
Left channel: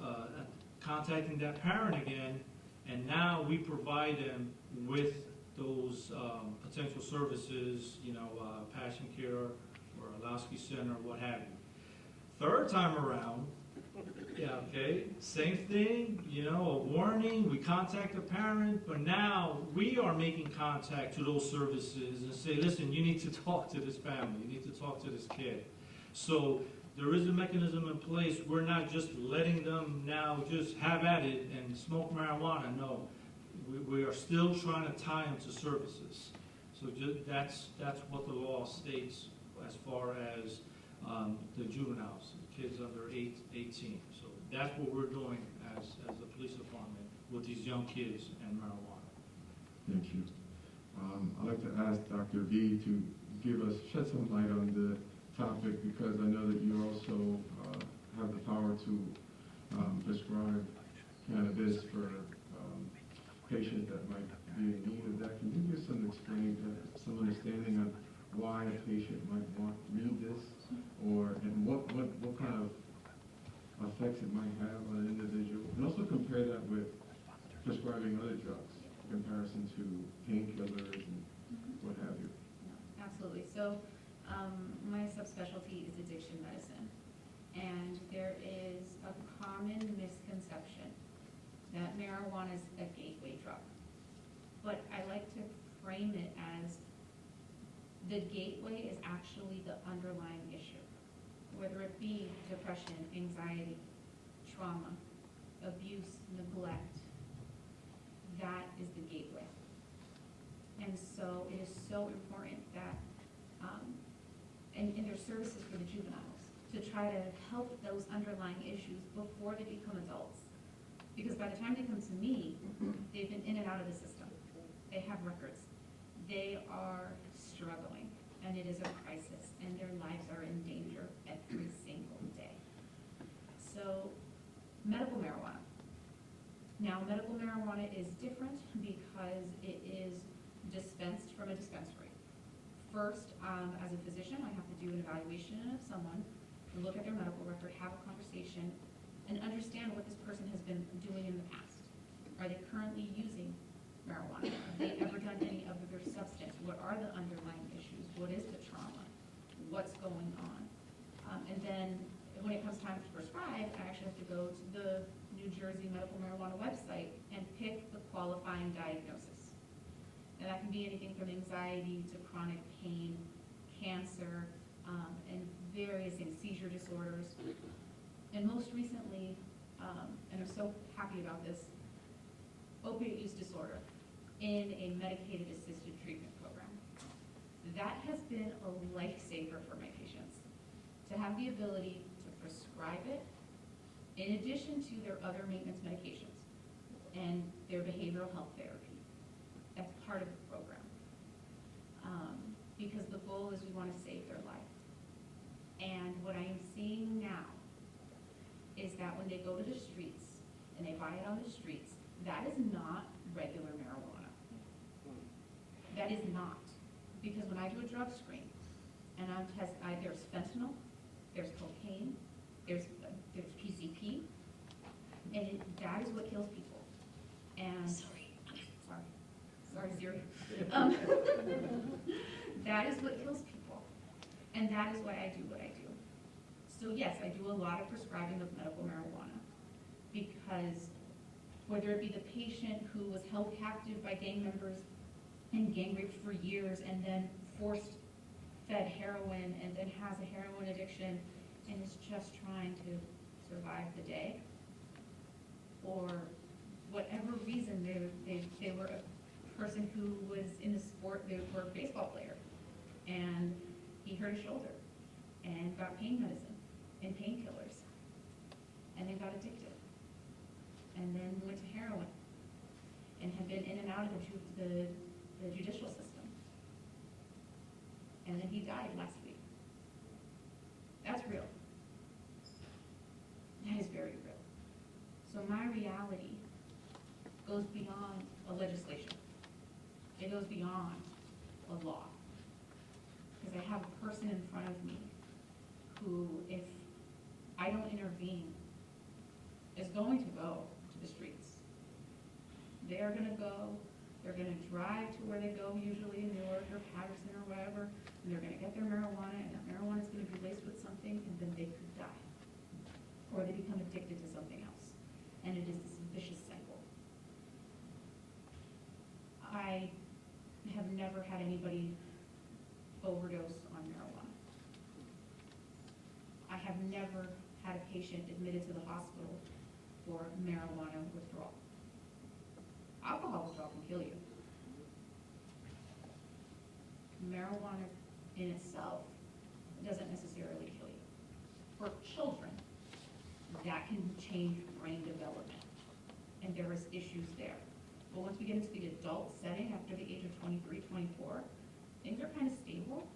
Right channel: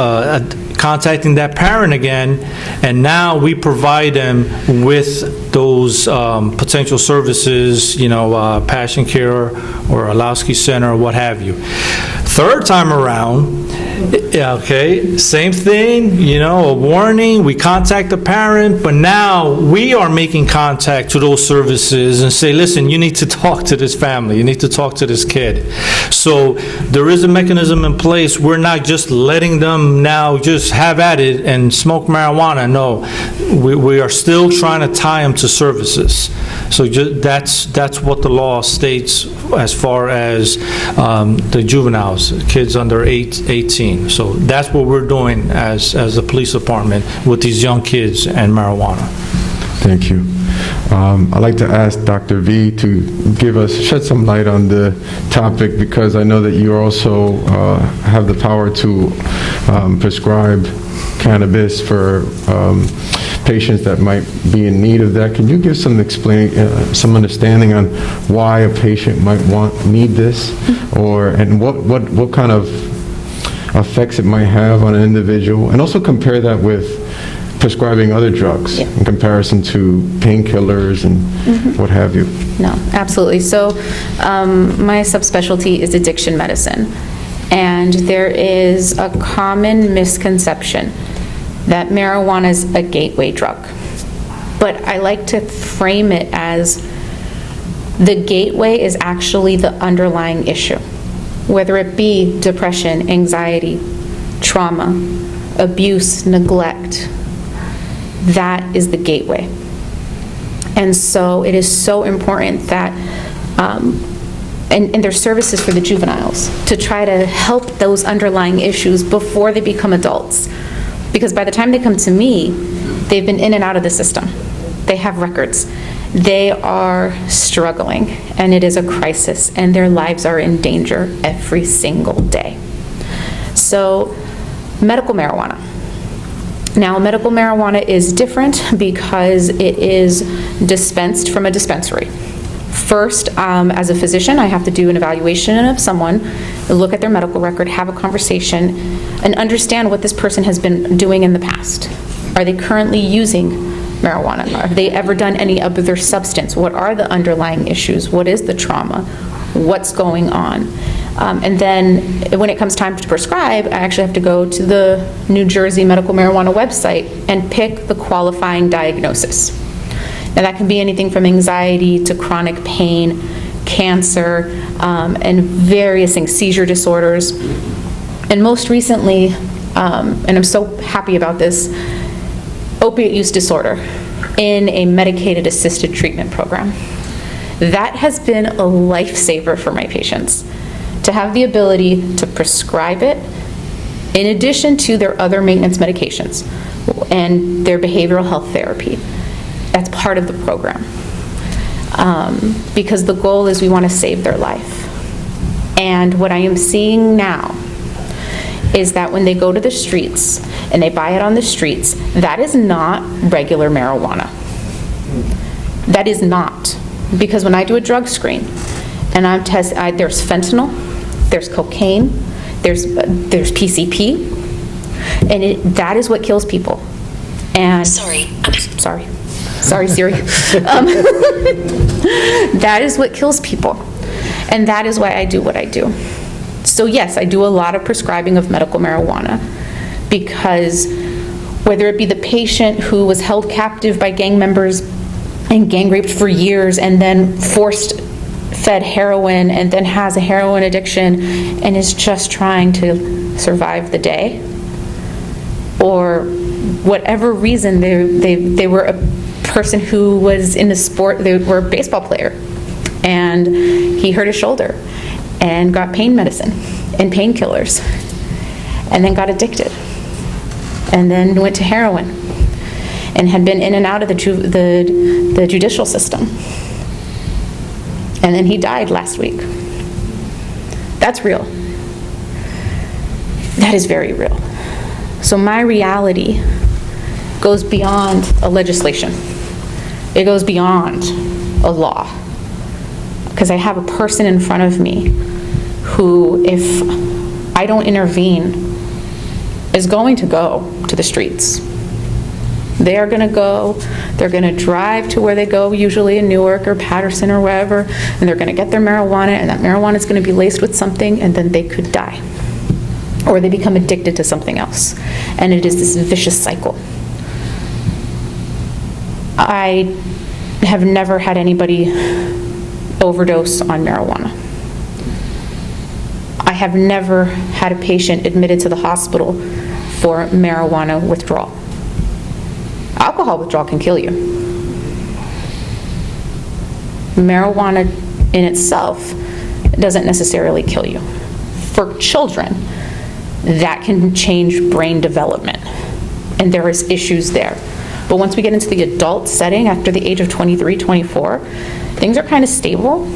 contacting that parent again, and now we provide them with those potential services, Passion Care or Alowski Center or what have you. Third time around, okay, same thing, a warning, we contact the parent, but now we are making contact to those services and say, listen, you need to talk to this family, you need to talk to this kid. So there is a mechanism in place. We're not just letting them now just have at it and smoke marijuana. No, we are still trying to tie them to services. So that's what the law states as far as the juveniles, kids under 18. So that's what we're doing as the police department with these young kids and marijuana. Thank you. I'd like to ask Dr. V to shed some light on the topic, because I know that you also have the power to prescribe cannabis for patients that might be in need of that. Can you give some understanding on why a patient might need this, and what kind of effects it might have on an individual, and also compare that with prescribing other drugs in comparison to painkillers and what have you? No, absolutely. So my subspecialty is addiction medicine, and there is a common misconception that marijuana is a gateway drug. But I like to frame it as the gateway is actually the underlying issue, whether it be depression, anxiety, trauma, abuse, neglect. That is the gateway. And so it is so important that, and there's services for the juveniles to try to help those underlying issues before they become adults. Because by the time they come to me, they've been in and out of the system. They have records. They are struggling, and it is a crisis, and their lives are in danger every single day. So, medical marijuana. Now, medical marijuana is different because it is dispensed from a dispensary. First, as a physician, I have to do an evaluation of someone, look at their medical record, have a conversation, and understand what this person has been doing in the past. Are they currently using marijuana? Have they ever done any other substance? What are the underlying issues? What is the trauma? What's going on? And then when it comes time to prescribe, I actually have to go to the New Jersey medical marijuana website and pick the qualifying diagnosis. Now that can be anything from anxiety to chronic pain, cancer, and various things, seizure disorders. And most recently, and I'm so happy about this, opiate use disorder in a medicated assisted treatment program. That has been a lifesaver for my patients, to have the ability to prescribe it in addition to their other maintenance medications and their behavioral health therapy. That's part of the program. Because the goal is we want to save their life. And what I am seeing now is that when they go to the streets and they buy it on the streets, that is not regular marijuana. That is not. Because when I do a drug screen and I'm there's fentanyl, there's cocaine, there's PCP, and that is what kills people. And sorry Siri. That is what kills people, and that is why I do what I do. So yes, I do a lot of prescribing of medical marijuana, because whether it be the patient who was held captive by gang members and gang raped for years and then forced fed heroin and then has a heroin addiction and is just trying to survive the day, or whatever reason they were a person who was in the sport, they were a baseball player and he hurt his shoulder and got pain medicine and painkillers and then got addicted and then went to heroin and had been in and out of the judicial system. And then he died last week. That's real. That is very real. So my reality goes beyond a legislation. It goes beyond a law. Because I have a person in front of me who, if I don't intervene, is going to go to the streets. They are going to go, they're going to drive to where they go, usually in Newark or Patterson or wherever, and they're going to get their marijuana, and that marijuana is going to be laced with something, and then they could die. Or they become addicted to something else. And it is this vicious cycle. I have never had anybody overdose on marijuana. I have never had a patient admitted to the hospital for marijuana withdrawal. Alcohol withdrawal can kill you. Marijuana in itself doesn't necessarily kill you. For children, that can change brain development, and there is issues there. But once we get into the adult setting, after the age of 23, 24, things are kind of stable.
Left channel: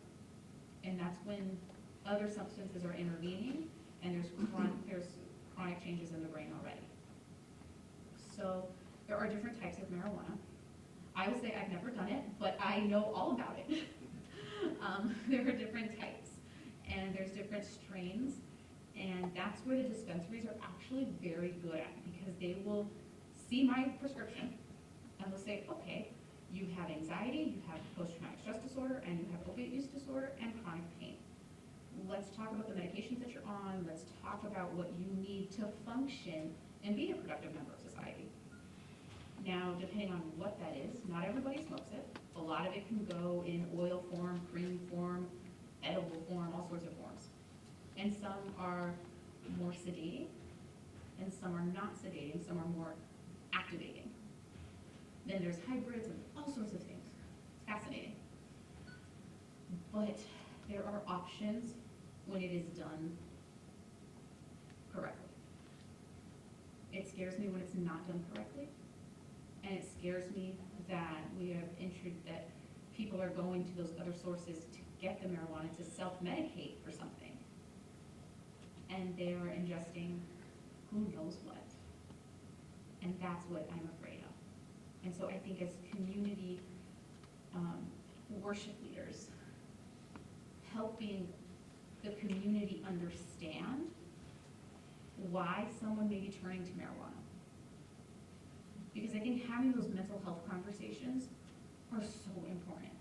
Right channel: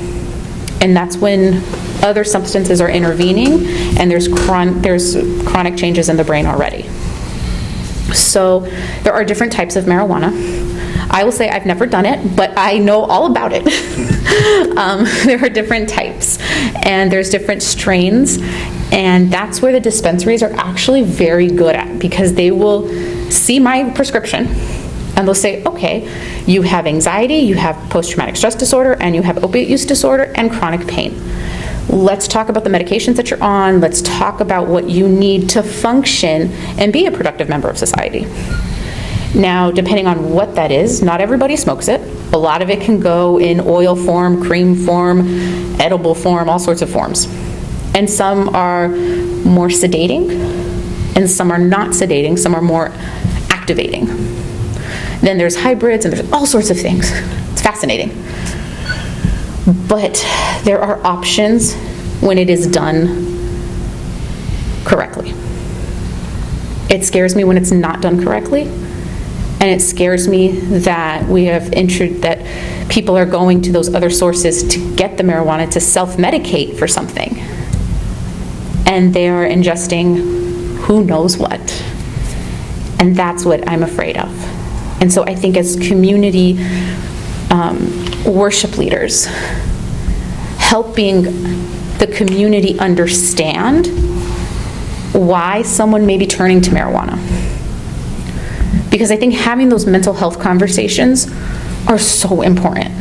And that's when other substances are intervening, and there's chronic changes in the brain already. So there are different types of marijuana. I will say I've never done it, but I know all about it. There are different types, and there's different strains, and that's where the dispensaries are actually very good at, because they will see my prescription, and they'll say, okay, you have anxiety, you have post-traumatic stress disorder, and you have opiate use disorder and chronic pain. Let's talk about the medications that you're on. Let's talk about what you need to function and be a productive member of society. Now, depending on what that is, not everybody smokes it. A lot of it can go in oil form, cream form, edible form, all sorts of forms. And some are more sedating, and some are not sedating, some are more activating. Then there's hybrids, and there's all sorts of things. It's fascinating. But there are options when it is done correctly. It scares me when it's not done correctly, and it scares me that that people are going to those other sources to get the marijuana to self-medicate for something, and they are ingesting who knows what, and that's what I'm afraid of. And so I think as community worship leaders, helping the community understand why someone may be turning to marijuana. Because I think having those mental health conversations are so important.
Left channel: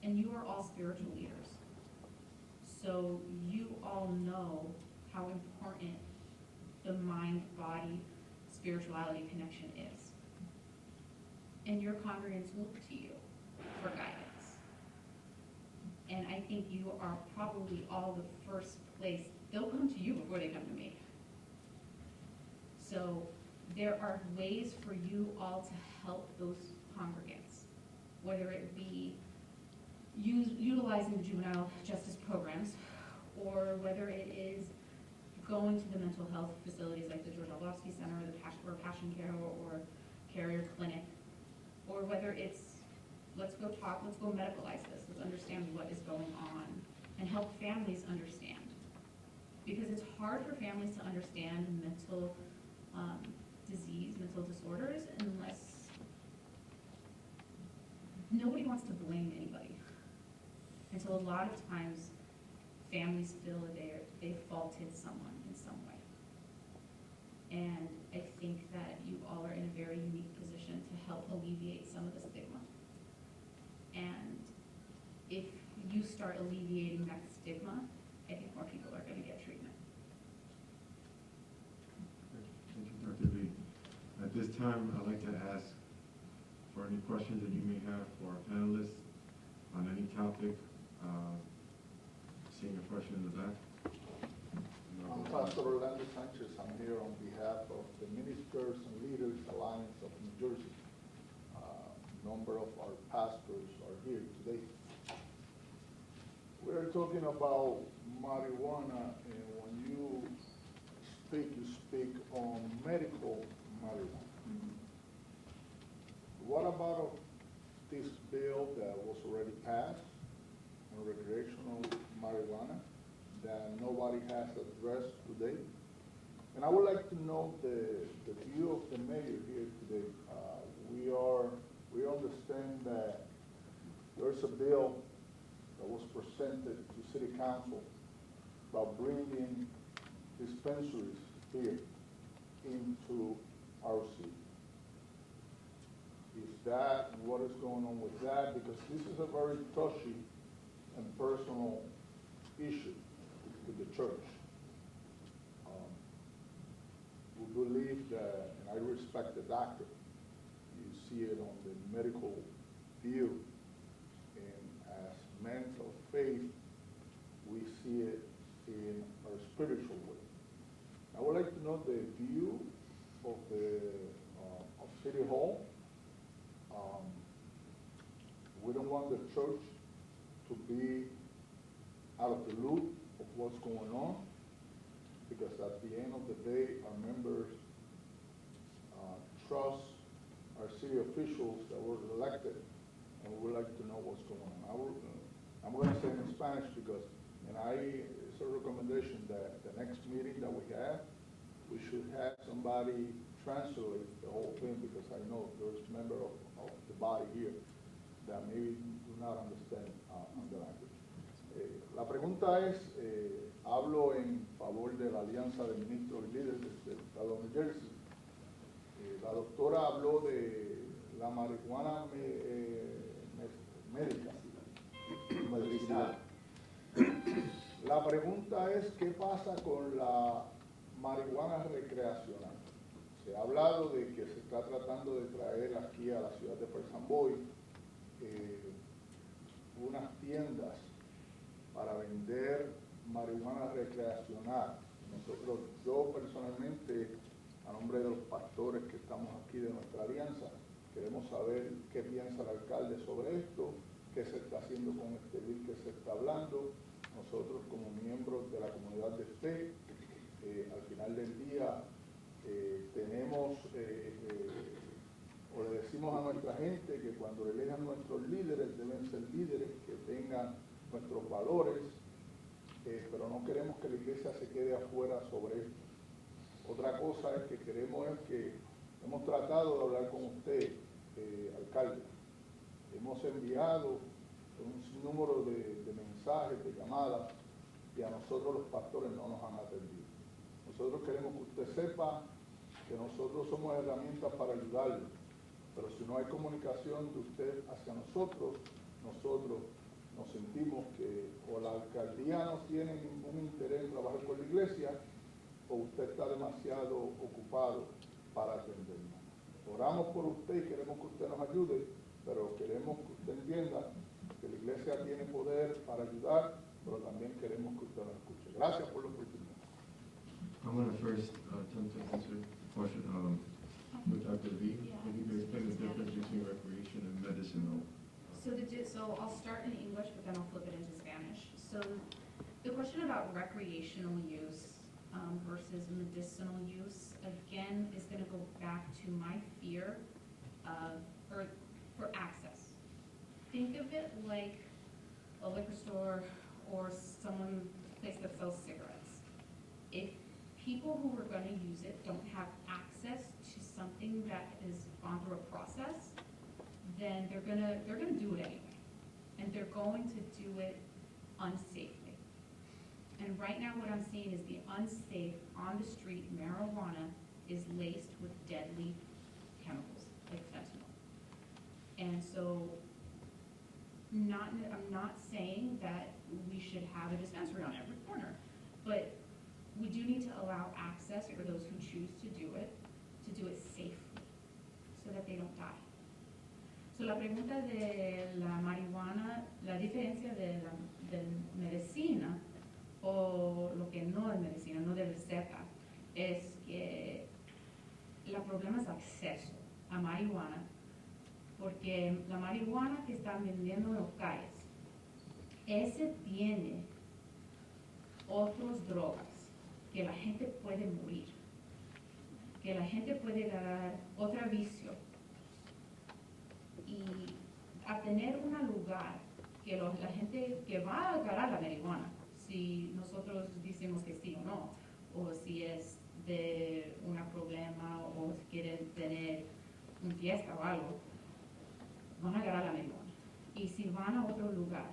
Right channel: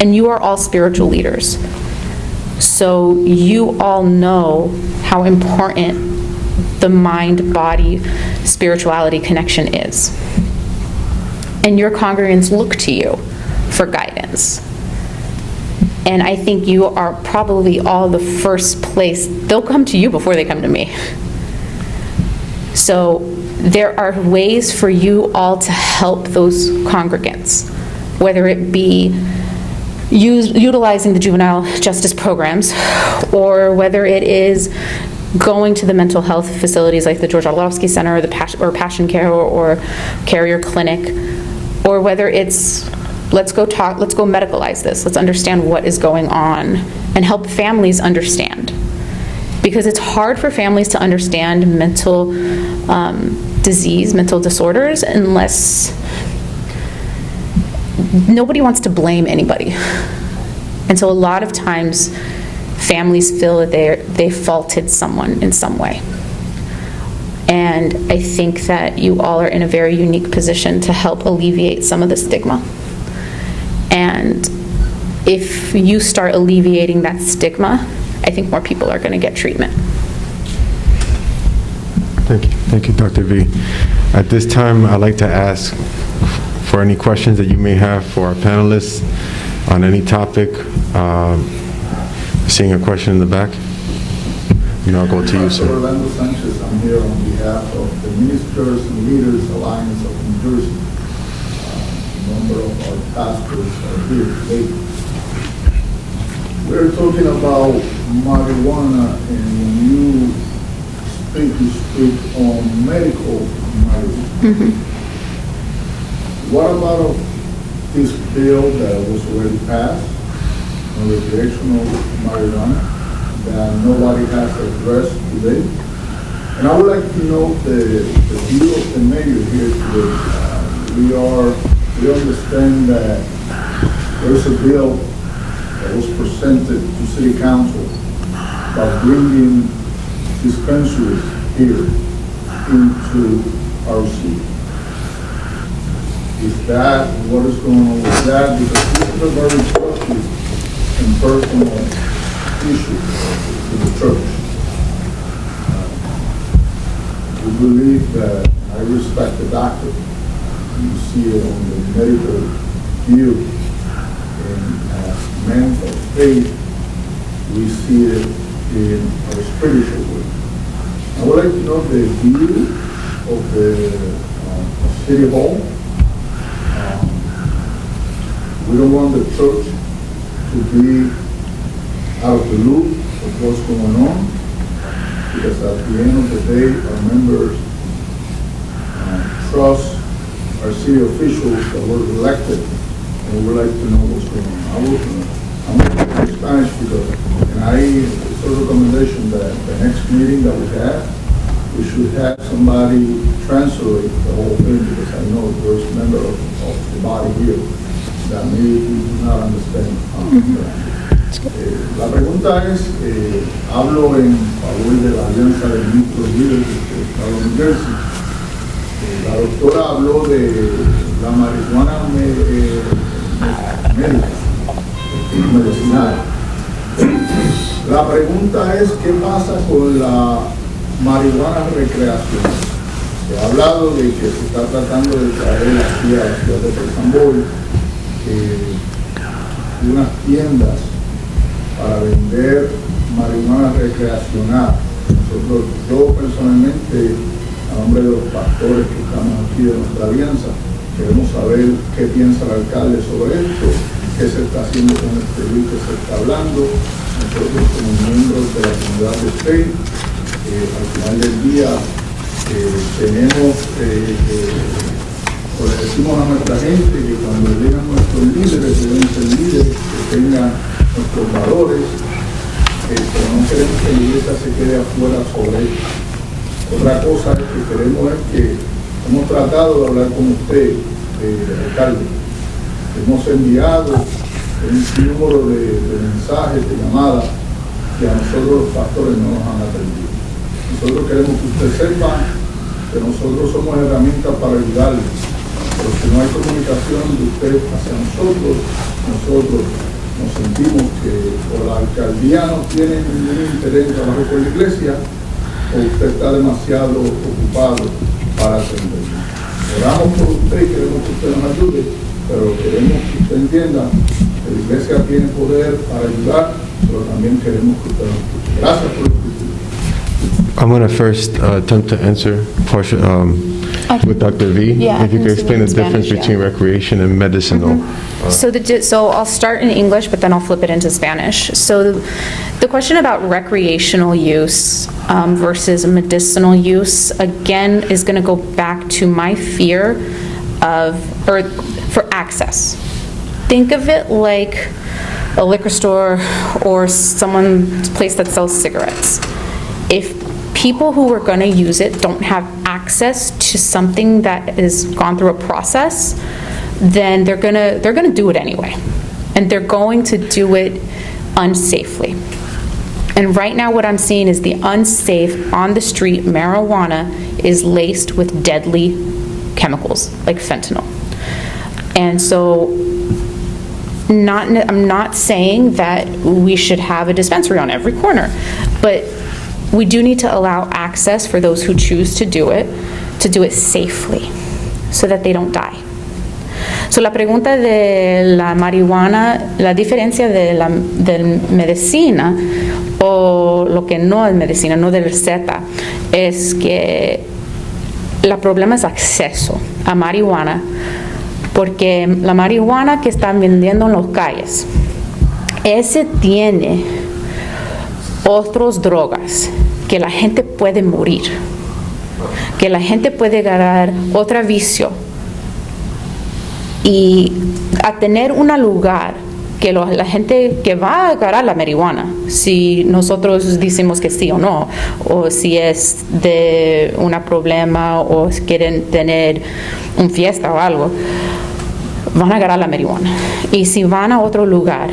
And you are all spiritual leaders. So you all know how important the mind-body spirituality connection is. And your congregants look to you for guidance. And I think you are probably all the first place. They'll come to you before they come to me. So there are ways for you all to help those congregants, whether it be utilizing the juvenile justice programs, or whether it is going to the mental health facilities like the George Orlovsky Center or the Passion Care or Carrier Clinic, or whether it's let's go medicalize this, let's understand what is going on and help families understand. Because it's hard for families to understand mental disease, mental disorders, unless nobody wants to blame anybody. And so a lot of times families feel that they faulted someone in some way. And I think that you all are in a very unique position to help alleviate some of the stigma. And if you start alleviating that stigma, I think more people are going to get treatment. Thank you, Dr. V. At this time, I'd like to ask for any questions that you may have for our panelists on any topic. Seeing a question in the back. I'll go to you, sir. Orlando Sanchez, I'm here on behalf of the Ministers and Leaders Alliance of New Jersey. A number of our pastors are here today. We're talking about marijuana, and when you speak on medical marijuana. Mm-hmm. What about this bill that was already passed on recreational marijuana that nobody has addressed today? And I would like to know the view of the mayor here today. We understand that there's a bill that was presented to City Council about bringing dispensaries here into our city. Is that what is going on with that? Because this is a very touchy and personal issue to the church. We believe that I respect the doctor. You see it on the medical view, and as men of faith, we see it in our spiritual way. I would like to know the view of the City Hall. We don't want the church to be out of the loop of what's going on, because at the end of the day, our members trust our our city officials that were elected, and we would like to know what's going on. I'm going to speak in Spanish because, and it's a recommendation that the next meeting that we have, we should have somebody translate the whole thing, because I know there's a member of the body here that maybe do not understand. La pregunta es, hablo en favor de la Alianza de Ministros Líderes del Estado de New Jersey. La doctora habló de la marihuana médica, medicinal. La pregunta es, ¿qué pasa con la marihuana recreacional? Se ha hablado de que se está tratando de traer aquí a la ciudad de Perth Amboy unas tiendas para vender marihuana recreacional. Yo personalmente, a nombre de los pastores que estamos aquí de nuestra alianza, queremos saber qué piensa el alcalde sobre esto, qué se está haciendo con este bill que se está hablando. Nosotros como miembros de la comunidad de Spain, al final del día tenemos, o le decimos a nuestra gente que cuando llegan nuestros líderes, deben ser líderes que tengan nuestros valores, pero no queremos que la iglesia se quede afuera sobre esto. Otra cosa que queremos es que hemos tratado de hablar con usted, alcalde. Hemos enviado un número de mensajes, de llamadas, que a nosotros los pastores no nos han atendido. Nosotros queremos que usted sepa que nosotros somos herramientas para ayudarle, pero si no hay comunicación de usted hacia nosotros nos sentimos que o la alcaldía no tiene ningún interés en trabajar con la iglesia, o usted está demasiado ocupado para atendernos. Oramos por usted y queremos que usted nos ayude, pero queremos que usted entienda que la iglesia tiene poder para ayudar, pero también queremos que usted nos escuche. Gracias por escuchar. I'm going to first attempt to answer with Dr. V. Yeah, If you could explain the in difference Spanish, between recreation and medicinal. So I'll start in English, but then I'll flip it into Spanish. So the question about recreational use versus medicinal use, again, is going to go back to my fear for access. Think of it like a liquor store or someone's place that sells cigarettes. If people who are going to use it don't have access to something that has gone through a process, then they're going to do it anyway. And they're going to do it unsafely. And right now what I'm seeing is the unsafe, on the street marijuana is laced with deadly chemicals like fentanyl. And so I'm not saying that we should have a dispensary on every corner, but we do need to allow access for those who choose to do it safely so that they don't die. So la pregunta de la marihuana, la diferencia de la medicina o lo que no es medicina, no de receta, es que el problema es acceso a marihuana, porque la marihuana que están vendiendo en las calles, ese tiene otras drogas que la gente puede morir, que la gente puede ganar otro vicio, y a tener un lugar que la gente que va a agarrar la marihuana, si nosotros decimos que sí o no, o si es de un problema o quieren tener una fiesta o algo, van a agarrar la marihuana. Y si van a otro lugar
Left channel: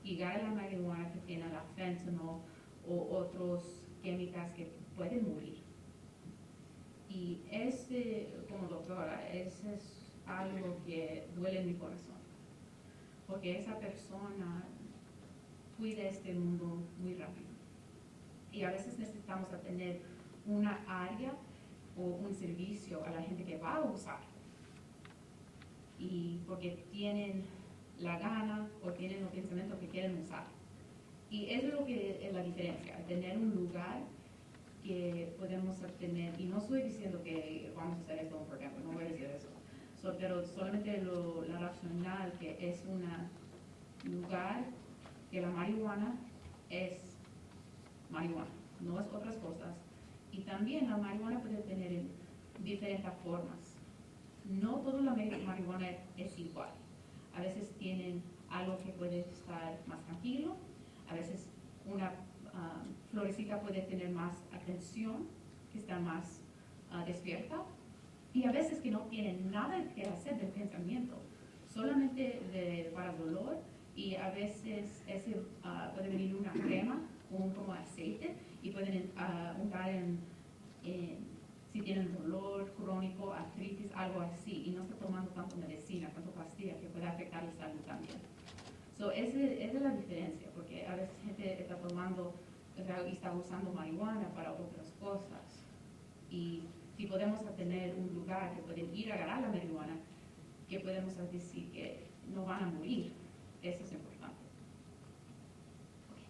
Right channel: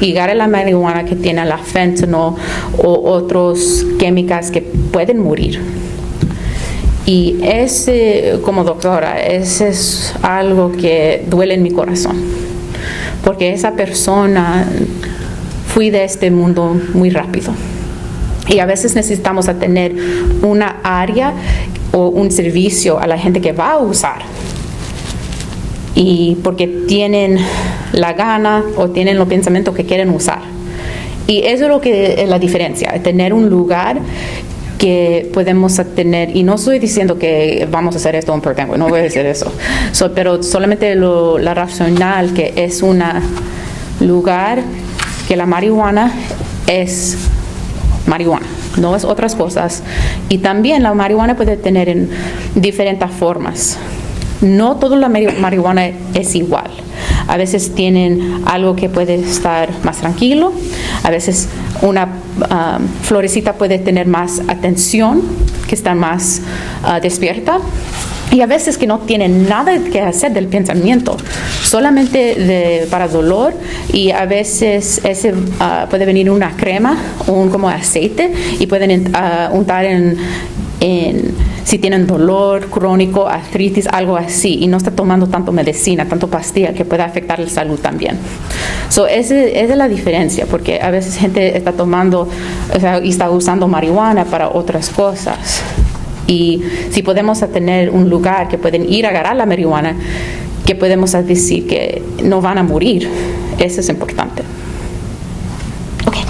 y agarran la marihuana que tiene la fentanyl o otros químicos que pueden morir. Y como doctora, ese es algo que duele en mi corazón, porque esa persona fui de este mundo muy rápido. Y a veces necesitamos tener una área o un servicio a la gente que va a usar, y porque tienen la gana o tienen los pensamientos que quieren usar. Y eso es lo que es la diferencia, tener un lugar que podemos tener, y no estoy diciendo que vamos a hacer esto en Perth Amboy, no voy a decir eso, pero solamente la racional que es un lugar que la marihuana es marihuana, no es otras cosas. Y también la marihuana puede tener en diferentes formas. no toda la marihuana es igual. A veces tienen algo que puede estar más tranquilo, a veces una florecita puede tener más atención, que está más despierta, y a veces que no tienen nada que hacer del pensamiento, solamente para dolor, y a veces puede venir una crema, como aceite, y pueden untar si tienen dolor crónico, artritis, algo así, y no está tomando tanto medicina, tanto pastilla, que puede afectar la salud también. Esa es la diferencia, porque a veces gente está tomando, y está usando marihuana para otras cosas. Y si podemos tener un lugar que pueden ir a agarrar la marihuana, que podemos decir que no van a morir, eso es importante. Okay.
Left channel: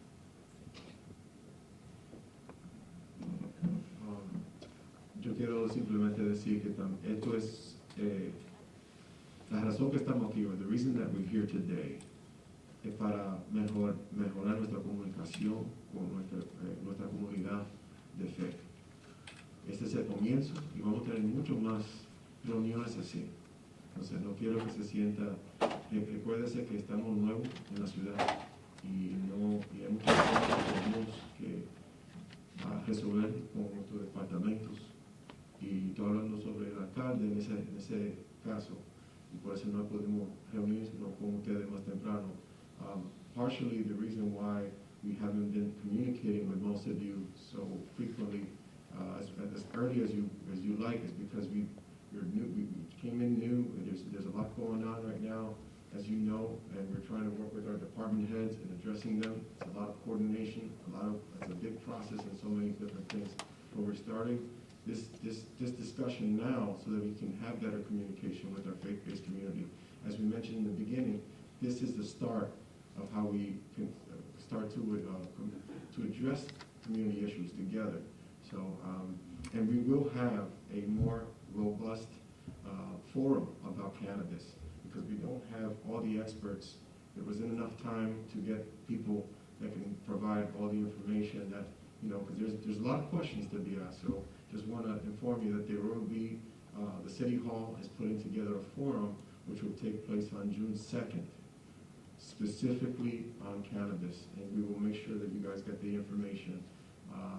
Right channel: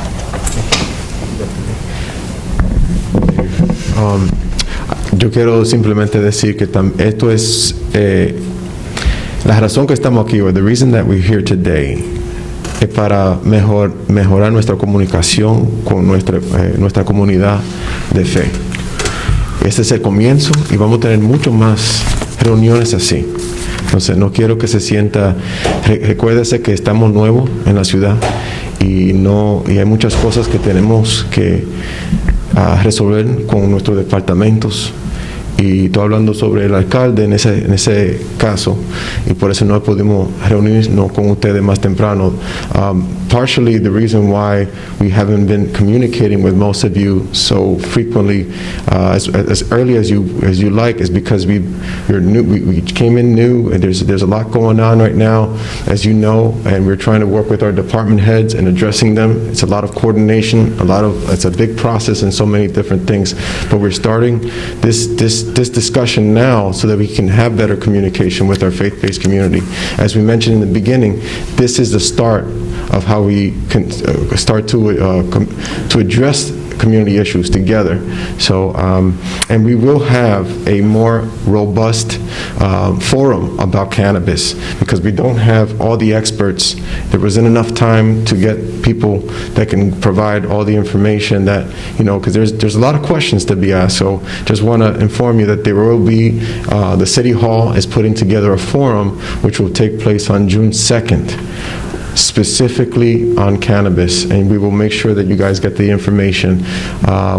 Yo quiero simplemente decir que esto es la razón que estamos aquí, or the reason that we're here today, es para mejorar nuestra comunicación con nuestra comunidad de fe. Este es el comienzo y vamos a tener mucho más reuniones así. Entonces, no quiero que se sienta, recuérdese que estamos nuevos en la ciudad y hay muchas cosas que tenemos que resolver con nuestros departamentos. Y estoy hablando sobre el alcalde en ese caso, y por eso no pudimos reunirnos con ustedes más temprano. Partially the reason why we haven't been communicating with most of you so frequently as early as you like is because you're new. We came in new, and there's a lot going on right now, as you know, and we're trying to work with our department heads and addressing them. It's a lot of coordination, it's a big process and so many different things. But we're starting this discussion now so that we can have better communication with our faith-based community. As we mentioned in the beginning, this is the start of how we can start to address community issues together. So, and we will have a more robust forum about cannabis, because we don't have all the experts. There wasn't enough time to get people that can provide all the information that, because there's a lot of questions to be asked. So just want to inform you that there will be, the City Hall is putting together a forum which will take place on June 2nd. Specifically on cannabis, and we will make sure that you guys get the information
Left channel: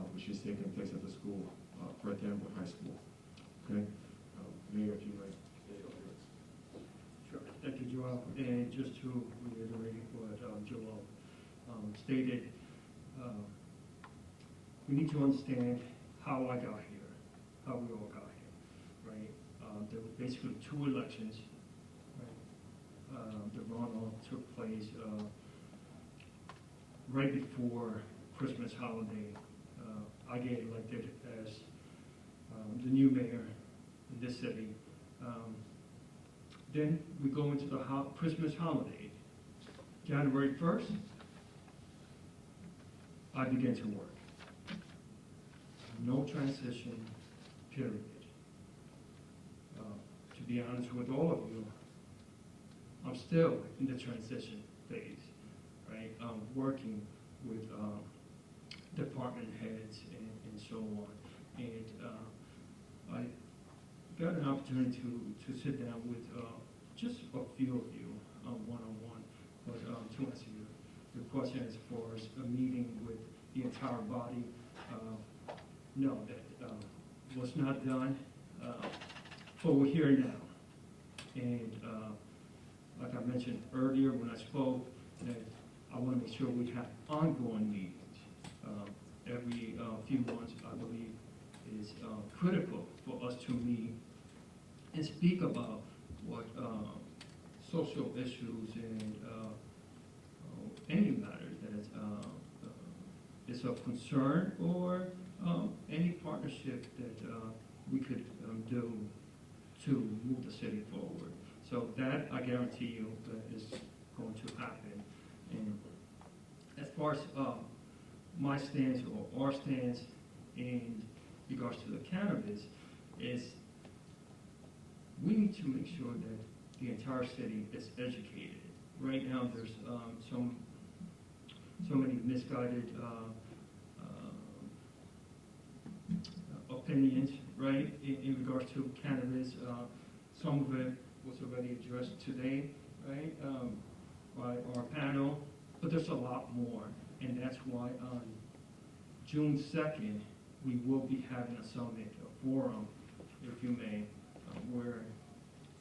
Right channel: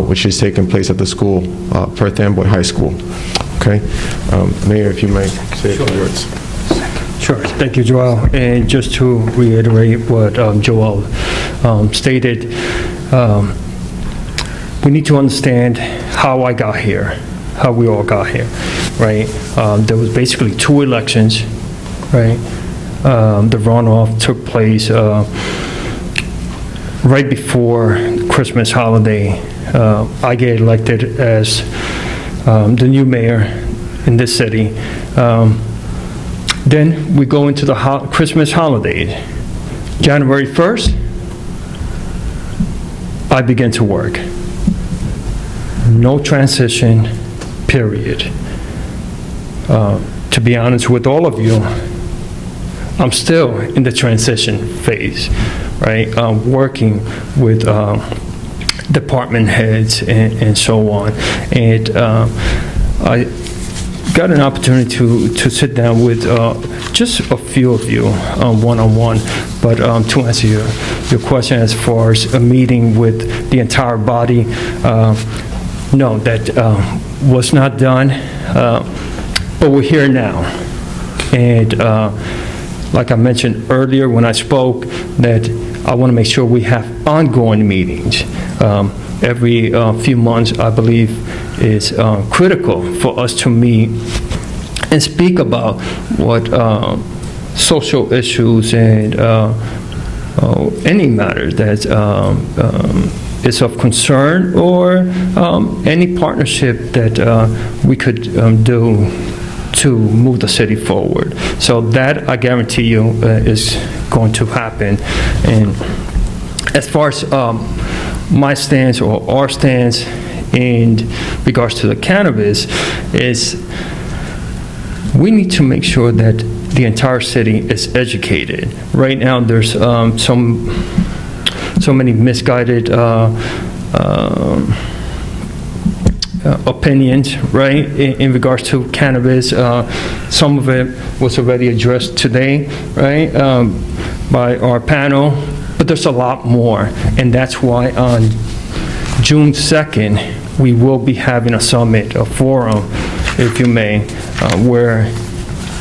which is taking place at the school, Perth Amboy High School. Okay? Mayor, if you may say a few words. Sure. Thank you, Joel. And just to reiterate what Joel stated, we need to understand how I got here, how we all got here, right? There was basically 2 elections, right? The runoff took place right before Christmas holiday. I get elected as the new mayor in this city. Then we go into the Christmas holidays. January 1st, I begin to work. No transition, period. To be honest with all of you, I'm still in the transition phase, right? Working with department heads and so on. And I got an opportunity to sit down with just a few of you one-on-one. But to answer your question as far as a meeting with the entire body, no, that was not done. But we're here now. And like I mentioned earlier when I spoke, that I want to make sure we have ongoing meetings. Every few months, I believe, is critical for us to meet and speak about what social issues and any matter that is of concern, or any partnership that we could do to move the city forward. So that, I guarantee you, is going to happen. And as far as my stance or our stance in regards to the cannabis, is we need to make sure that the entire city is educated. Right now, there's so many misguided opinions, right, in regards to cannabis. Some of it was already addressed today, right, by our panel, but there's a lot more, and that's why on June 2nd, we will be having a summit, a forum, if you may, where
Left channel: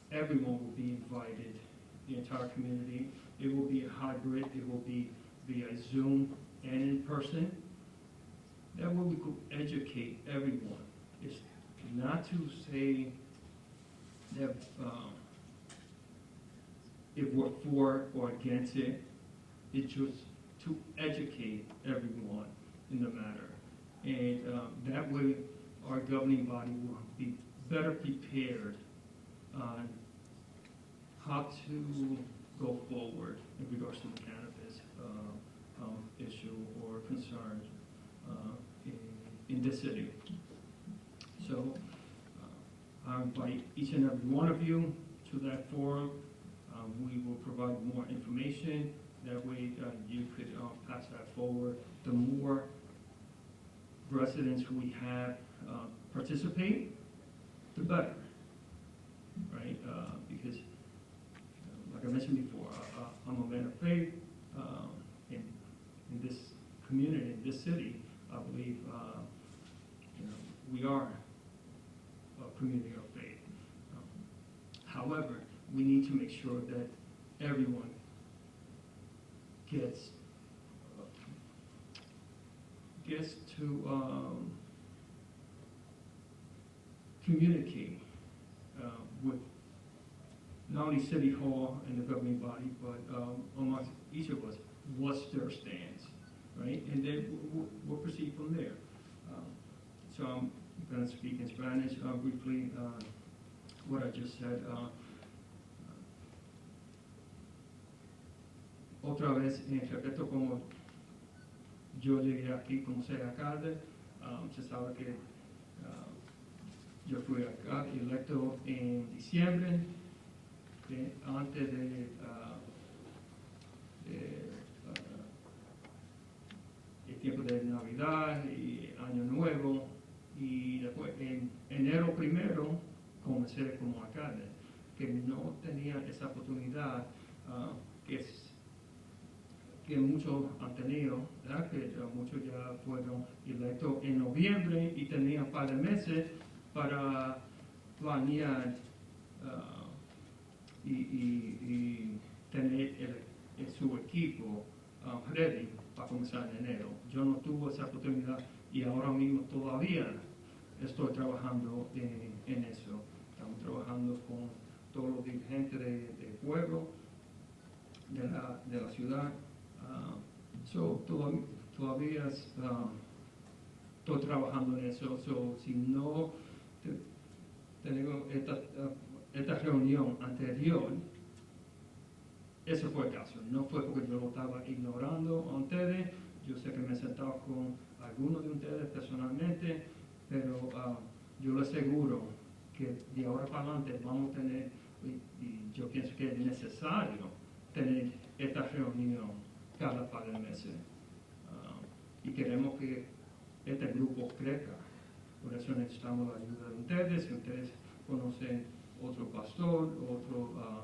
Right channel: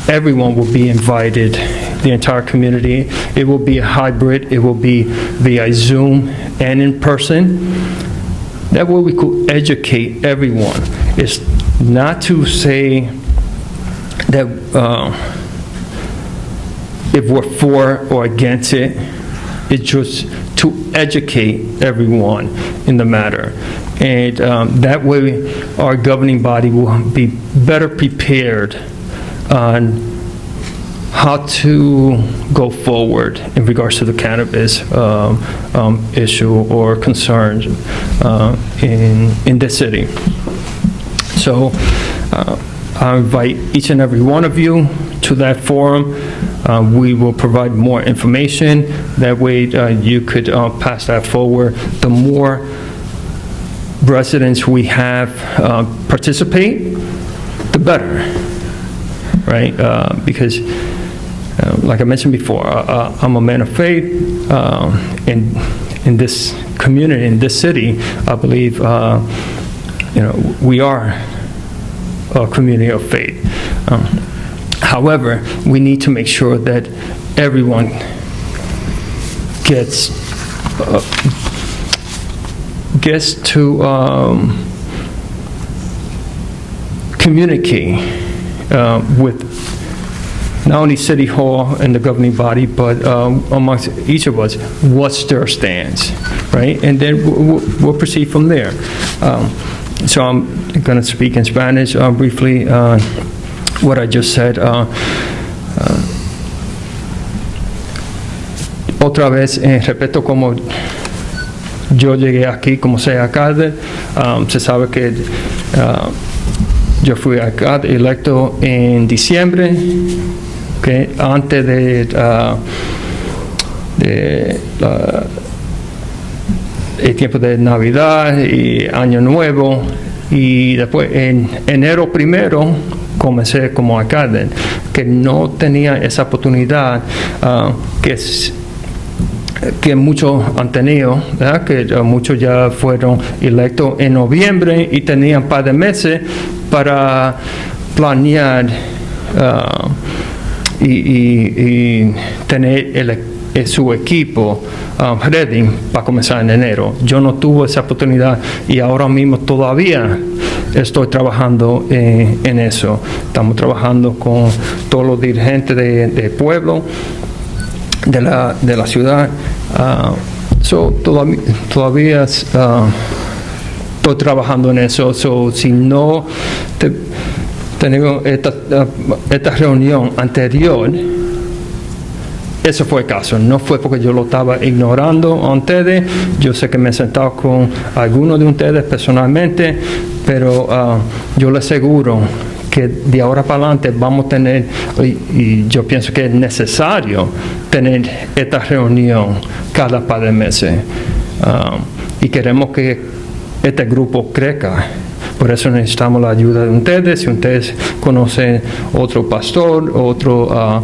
everyone will be invited, the entire community. It will be a hybrid. It will be via Zoom and in person. That way we could educate everyone. It's not to say that if we're for or against it. It's just to educate everyone in the matter. And that way our governing body will be better prepared on how to go forward in regards to the cannabis issue or concerns in the city. So I invite each and every one of you to that forum. We will provide more information. That way you could pass that forward. The more residents we have participate, the better, right? Because like I mentioned before, I'm a man of faith. In this community, in this city, I believe we are a community of faith. However, we need to make sure that everyone gets to communicate with not only City Hall and the governing body, but amongst each of us, what's their stance, right? And then we'll proceed from there. So I'm going to speak in Spanish briefly. What I just said. Otra vez, respeto como yo llegué aquí como soy alcalde. Se sabe que yo fui alcalde electo en diciembre, okay, antes el tiempo de Navidad y Año Nuevo, y después en enero 1 comencé como alcalde, que no tenía esa oportunidad que muchos han tenido, ¿verdad? Que muchos ya fueron electos en noviembre y tenían un par de meses para planear y tener su equipo ready para comenzar en enero. Yo no tuve esa oportunidad y ahora mismo todavía estoy trabajando en eso. Estamos trabajando con todos los dirigentes del pueblo, de la ciudad. Todavía estoy trabajando en eso. Si no tenemos esta reunión anterior, ese fue el caso. No fue porque yo lo estaba ignorando a ustedes. Yo sé que me he sentado con algunos de ustedes personalmente, pero yo les aseguro que de ahora para adelante vamos a tener, y yo pienso que es necesario tener esta reunión cada par de meses. Y queremos que este grupo crezca. Por eso necesitamos la ayuda de ustedes. Si ustedes conocen otro pastor, otro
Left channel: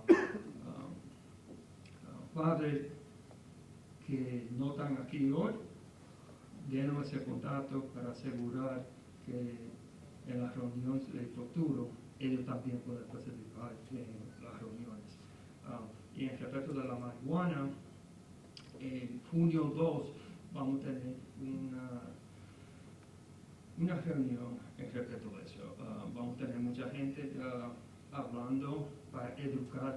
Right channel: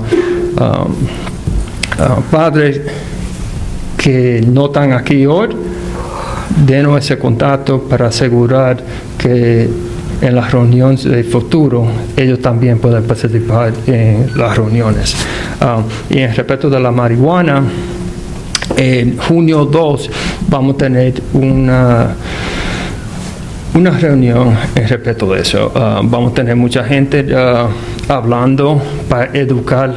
padres que no están aquí hoy, denos ese contacto para asegurar que en las reuniones del futuro ellos también pueden participar en las reuniones. Y en respecto de la marihuana, en junio 2 vamos a tener una reunión en respecto de eso. Vamos a tener mucha gente hablando para educar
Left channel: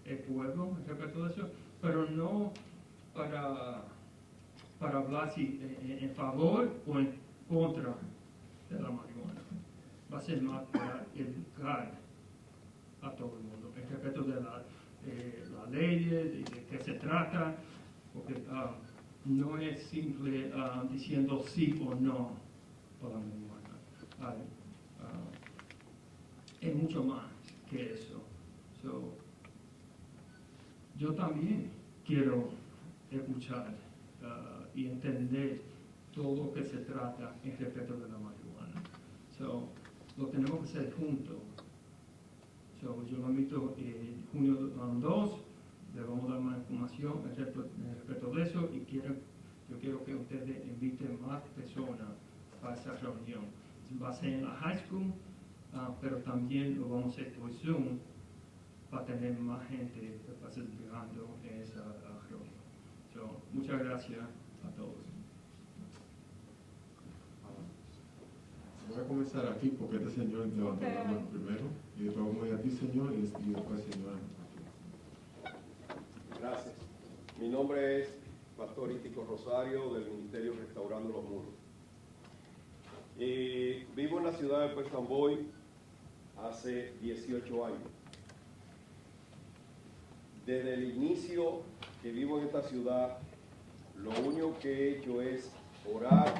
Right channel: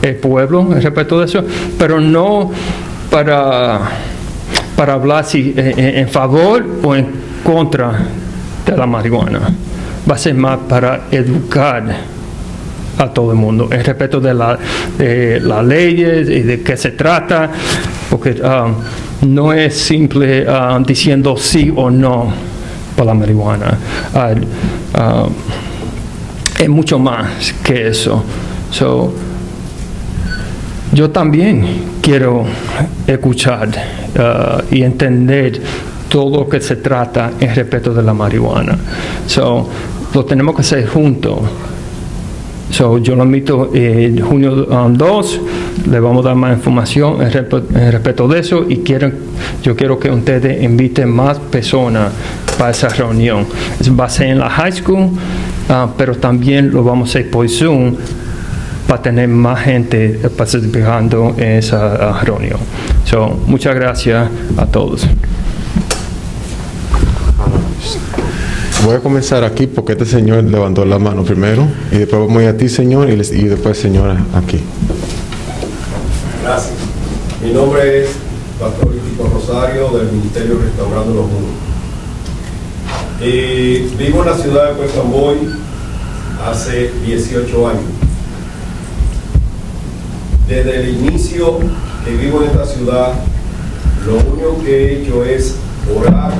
el pueblo en respecto de eso, pero no para hablar en favor o en contra de la marihuana. Va a ser más para educar a todo el mundo en respecto de las leyes y de qué se trata, porque no es simple diciendo sí o no para la marihuana. Es mucho más que eso. Yo también quiero escuchar y entender todo lo que se trata en respecto de la marihuana. So, lo tenemos que hacer juntos. So, yo lo invito junio 2, le vamos a dar más información en respecto de eso y yo quiero que ustedes inviten más personas para esa reunión. Va a ser en la high school, pero también lo vamos a hacer por Zoom para tener más gente participando en esa reunión. So, muchas gracias a todos. Voy a comenzar aquí porque este señor levantó la mano primero y después vamos a ir a ti, señor, y después señora aquí. Gracias. Mi nombre es Pastor Tito Rosario del Ministerio Restaurando los Mundos. Vivo en la ciudad de Perth Amboy hace 18 años. Desde el inicio que vivo en esta ciudad, lo único que he hecho es orar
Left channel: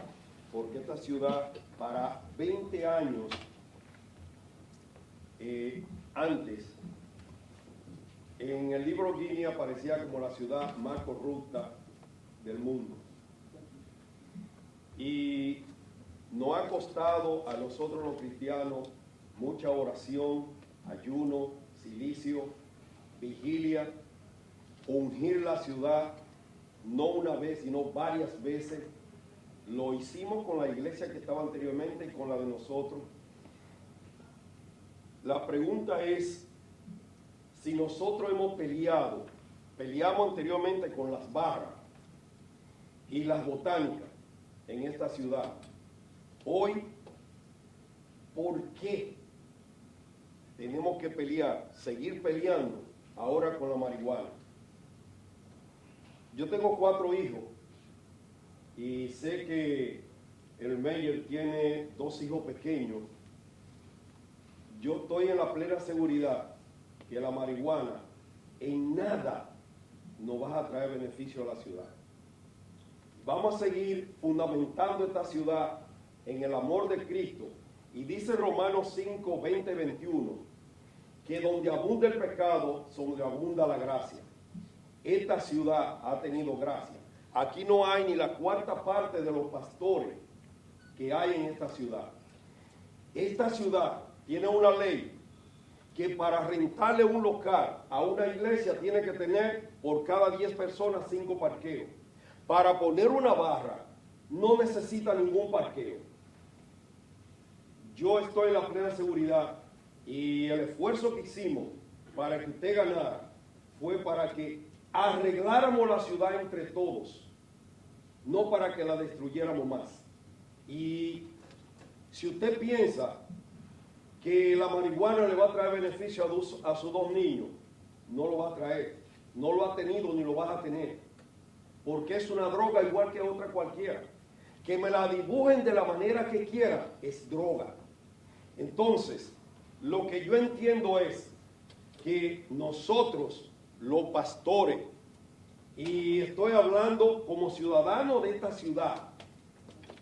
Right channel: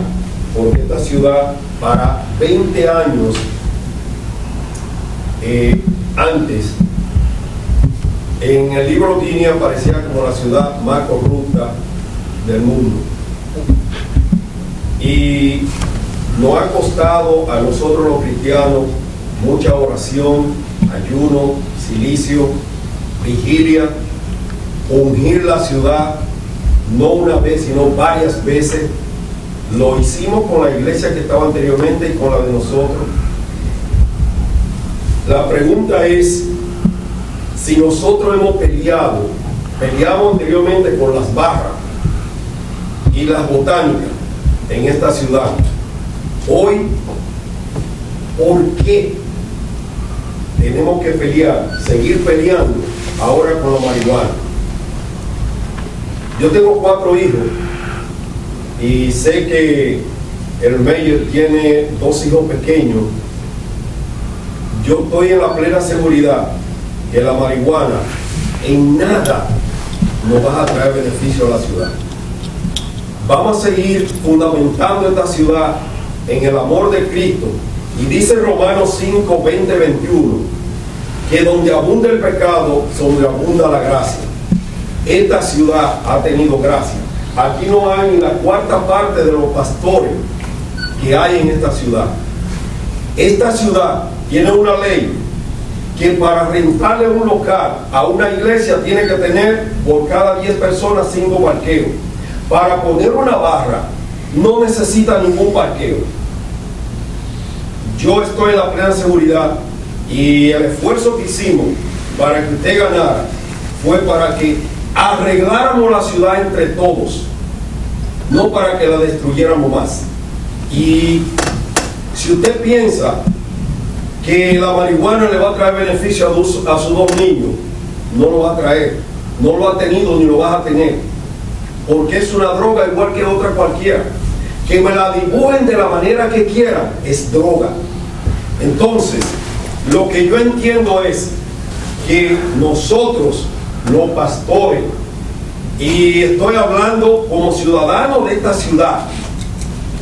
por esta ciudad. Para 20 años antes, en el libro Guinea aparecía como la ciudad más corrupta del mundo. Y nos ha costado a nosotros los cristianos mucha oración, ayuno, silicio, vigilia, ungir la ciudad, no una vez, sino varias veces. Lo hicimos con la iglesia que estaba anteriormente y con la de nosotros. La pregunta es, si nosotros hemos peleamos anteriormente con las barras y las botánicas en esta ciudad, hoy, ¿por qué tenemos que seguir peleando ahora con la marihuana? Yo tengo 4 hijos. Y sé que el mayor tiene 2 hijos pequeños. Yo estoy en la plena seguridad que la marihuana en nada nos va a traer beneficio a la ciudad. Vamos a seguir fundamentando esta ciudad en el amor de Cristo. Y dice Romanos 5, 20, 21, que donde abunda el pecado, donde abunda la gracia. Esta ciudad ha tenido gracia. Aquí no hay ni la 4ª parte de los pastores que hay en esta ciudad. Esta ciudad tiene una ley que para rentarle un local a una iglesia tiene que tener por cada 10 personas 5 parqueos. Para poner una barra no necesita ningún parqueo. Yo estoy en la plena seguridad y el esfuerzo que hicimos para que usted ganara fue para que arregláramos la ciudad entre todos, no para que la destruyéramos más. Y si usted piensa que la marihuana le va a traer beneficio a sus 2 niños, no lo va a traer, no lo ha tenido ni lo vas a tener, porque es una droga igual que otra cualquiera. Que me la dibujen de la manera que quieran, es droga. Entonces, lo que yo entiendo es que nosotros, los pastores, y estoy hablando como ciudadano de esta ciudad,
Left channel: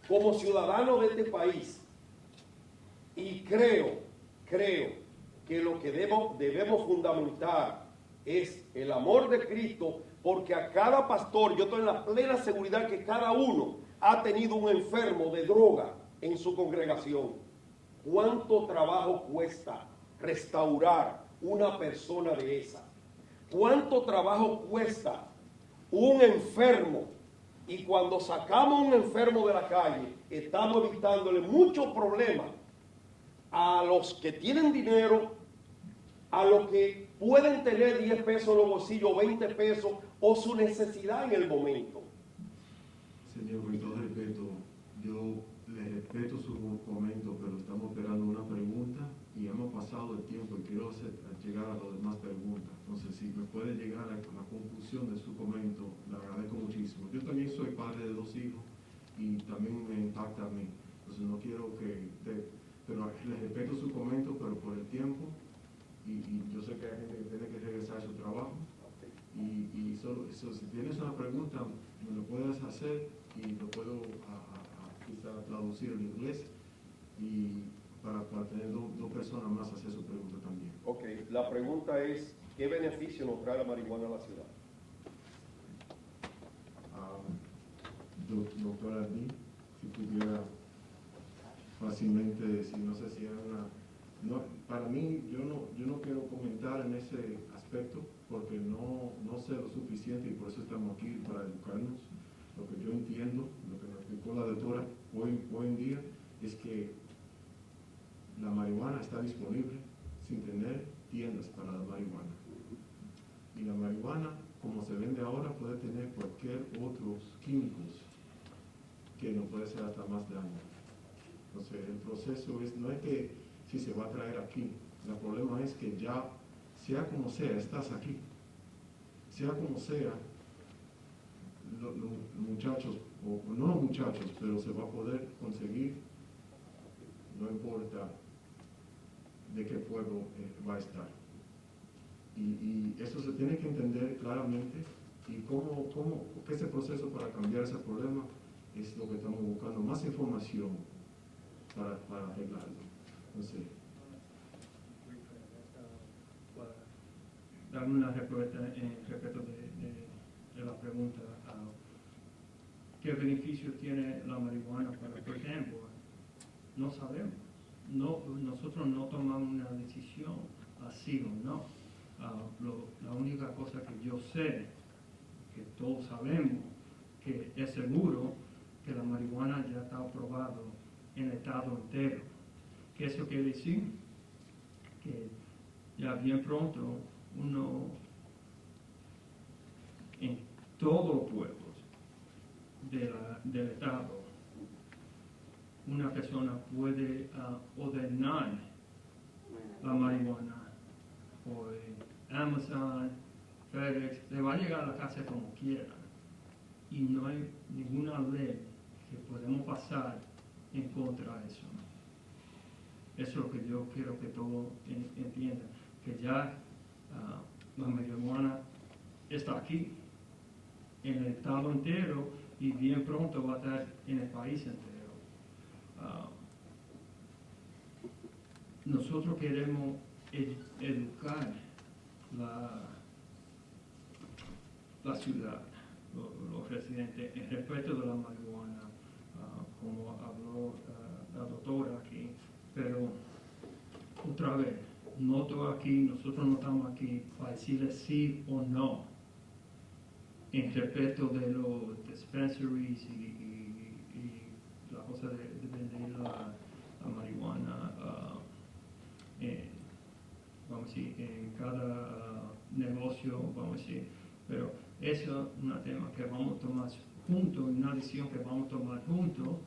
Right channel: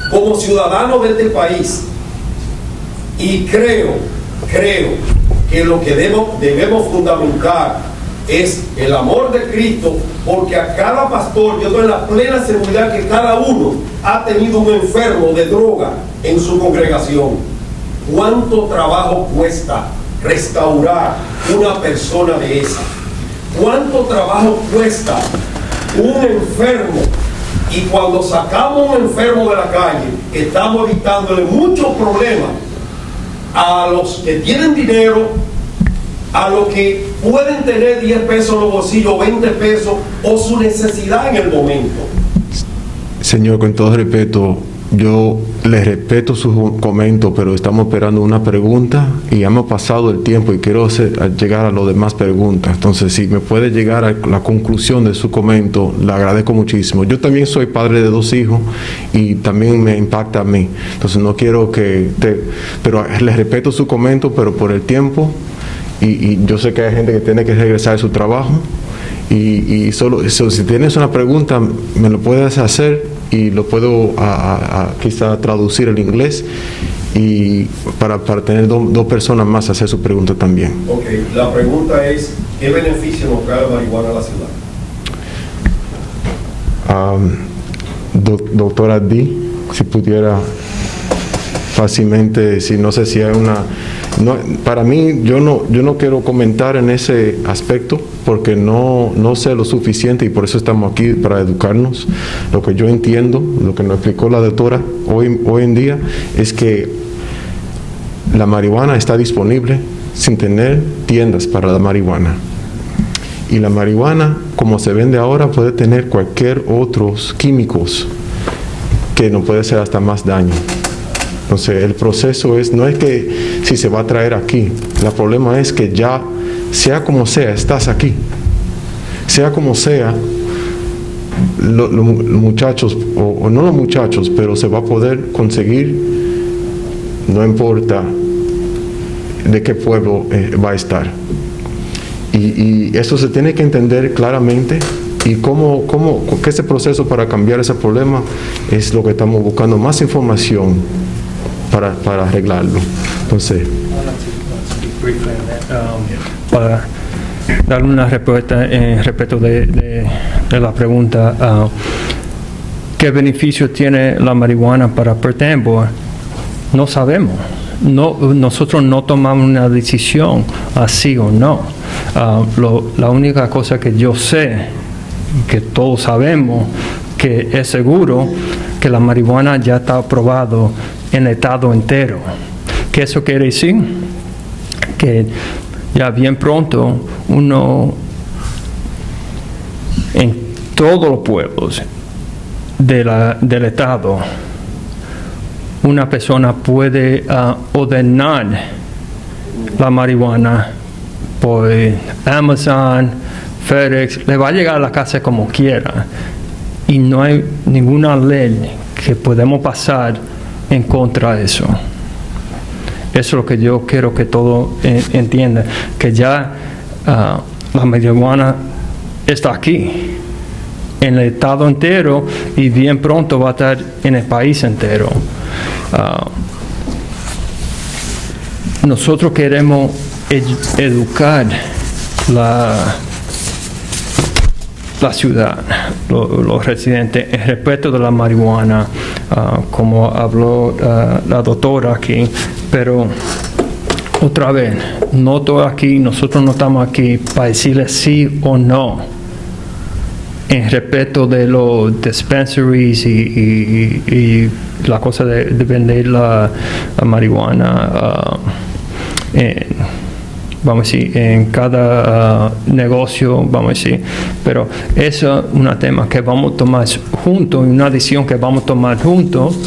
como ciudadano de este país, y creo que lo que debemos fundamentar es el amor de Cristo, porque a cada pastor, yo estoy en la plena seguridad que cada uno ha tenido un enfermo de droga en su congregación. ¿Cuánto trabajo cuesta restaurar una persona de esa? ¿Cuánto trabajo cuesta un enfermo? Y cuando sacamos un enfermo de la calle, estamos evitándole muchos problemas a los que tienen dinero, a los que pueden tener 10 pesos en los bolsillos, 20 pesos, o su necesidad en el momento. Señor, con todo respeto, yo le respeto su comentario, pero estamos esperando una pregunta y hemos pasado el tiempo y quiero llegar a las demás preguntas. Entonces, si me puede llegar a la conclusión de su comentario, le agradezco muchísimo. Yo también soy padre de 2 hijos y también me impacta a mí. Entonces, no quiero pero le respeto su comentario, pero por el tiempo, y yo sé que hay gente que tiene que regresar a su trabajo. Y solo si tienes una pregunta, me lo puedes hacer y lo puedo quizá traducir al inglés y para tener 2 personas más hacer su pregunta también. Ok, la pregunta es, ¿qué beneficio nos trae la marihuana a la ciudad? Doctora D. si pudiera fácilmente, si no sé si hay una... No, para mí, yo no quiero comentar en ese aspecto porque no sé lo suficiente y por eso estamos aquí para educarnos. Lo que yo entiendo, lo que nos explicó la doctora hoy en día es que la marihuana está disponible sin tener tiendas para la marihuana. Y la marihuana, como se vende ahora, puede tener cualquier otros químicos que nos puede hacer hasta más daño. Entonces, el proceso no es que si se va a traer aquí, el problema es que ya, sea como sea, estás aquí. Sea como sea, los muchachos, o no los muchachos, pero se va a poder conseguir, no importa de qué pueblo va a estar. Y eso se tiene que entender claramente. Y que ese proceso para cambiar ese problema es lo que estamos buscando, más información para arreglarlo. Entonces, para dar una respuesta respecto de la pregunta, ¿qué beneficio tiene la marihuana para Perth Amboy? No sabemos. Nosotros no tomamos una decisión así o no. La única cosa que yo sé, que todos sabemos, que es seguro, que la marihuana ya está aprobado en el estado entero. ¿Qué eso quiere decir? Que ya bien pronto uno, en todos los pueblos del estado, una persona puede ordenar la marihuana por Amazon, FedEx, le va a llegar a la casa como quiera. Y no hay ninguna ley que podemos pasar en contra de eso. Eso es lo que yo quiero que todos entiendan, que ya la marihuana está aquí, en el estado entero, y bien pronto va a estar en el país entero. Nosotros queremos educar la ciudad, los residentes, en respecto de la marihuana, como habló la doctora aquí, pero otra vez, no todo aquí, nosotros no estamos aquí para decirle sí o no en respecto de los dispensaries y la cosa de vender la marihuana vamos a decir, en cada negocio, vamos a decir. Pero eso es un tema que vamos a tomar juntos, una decisión que vamos a tomar juntos,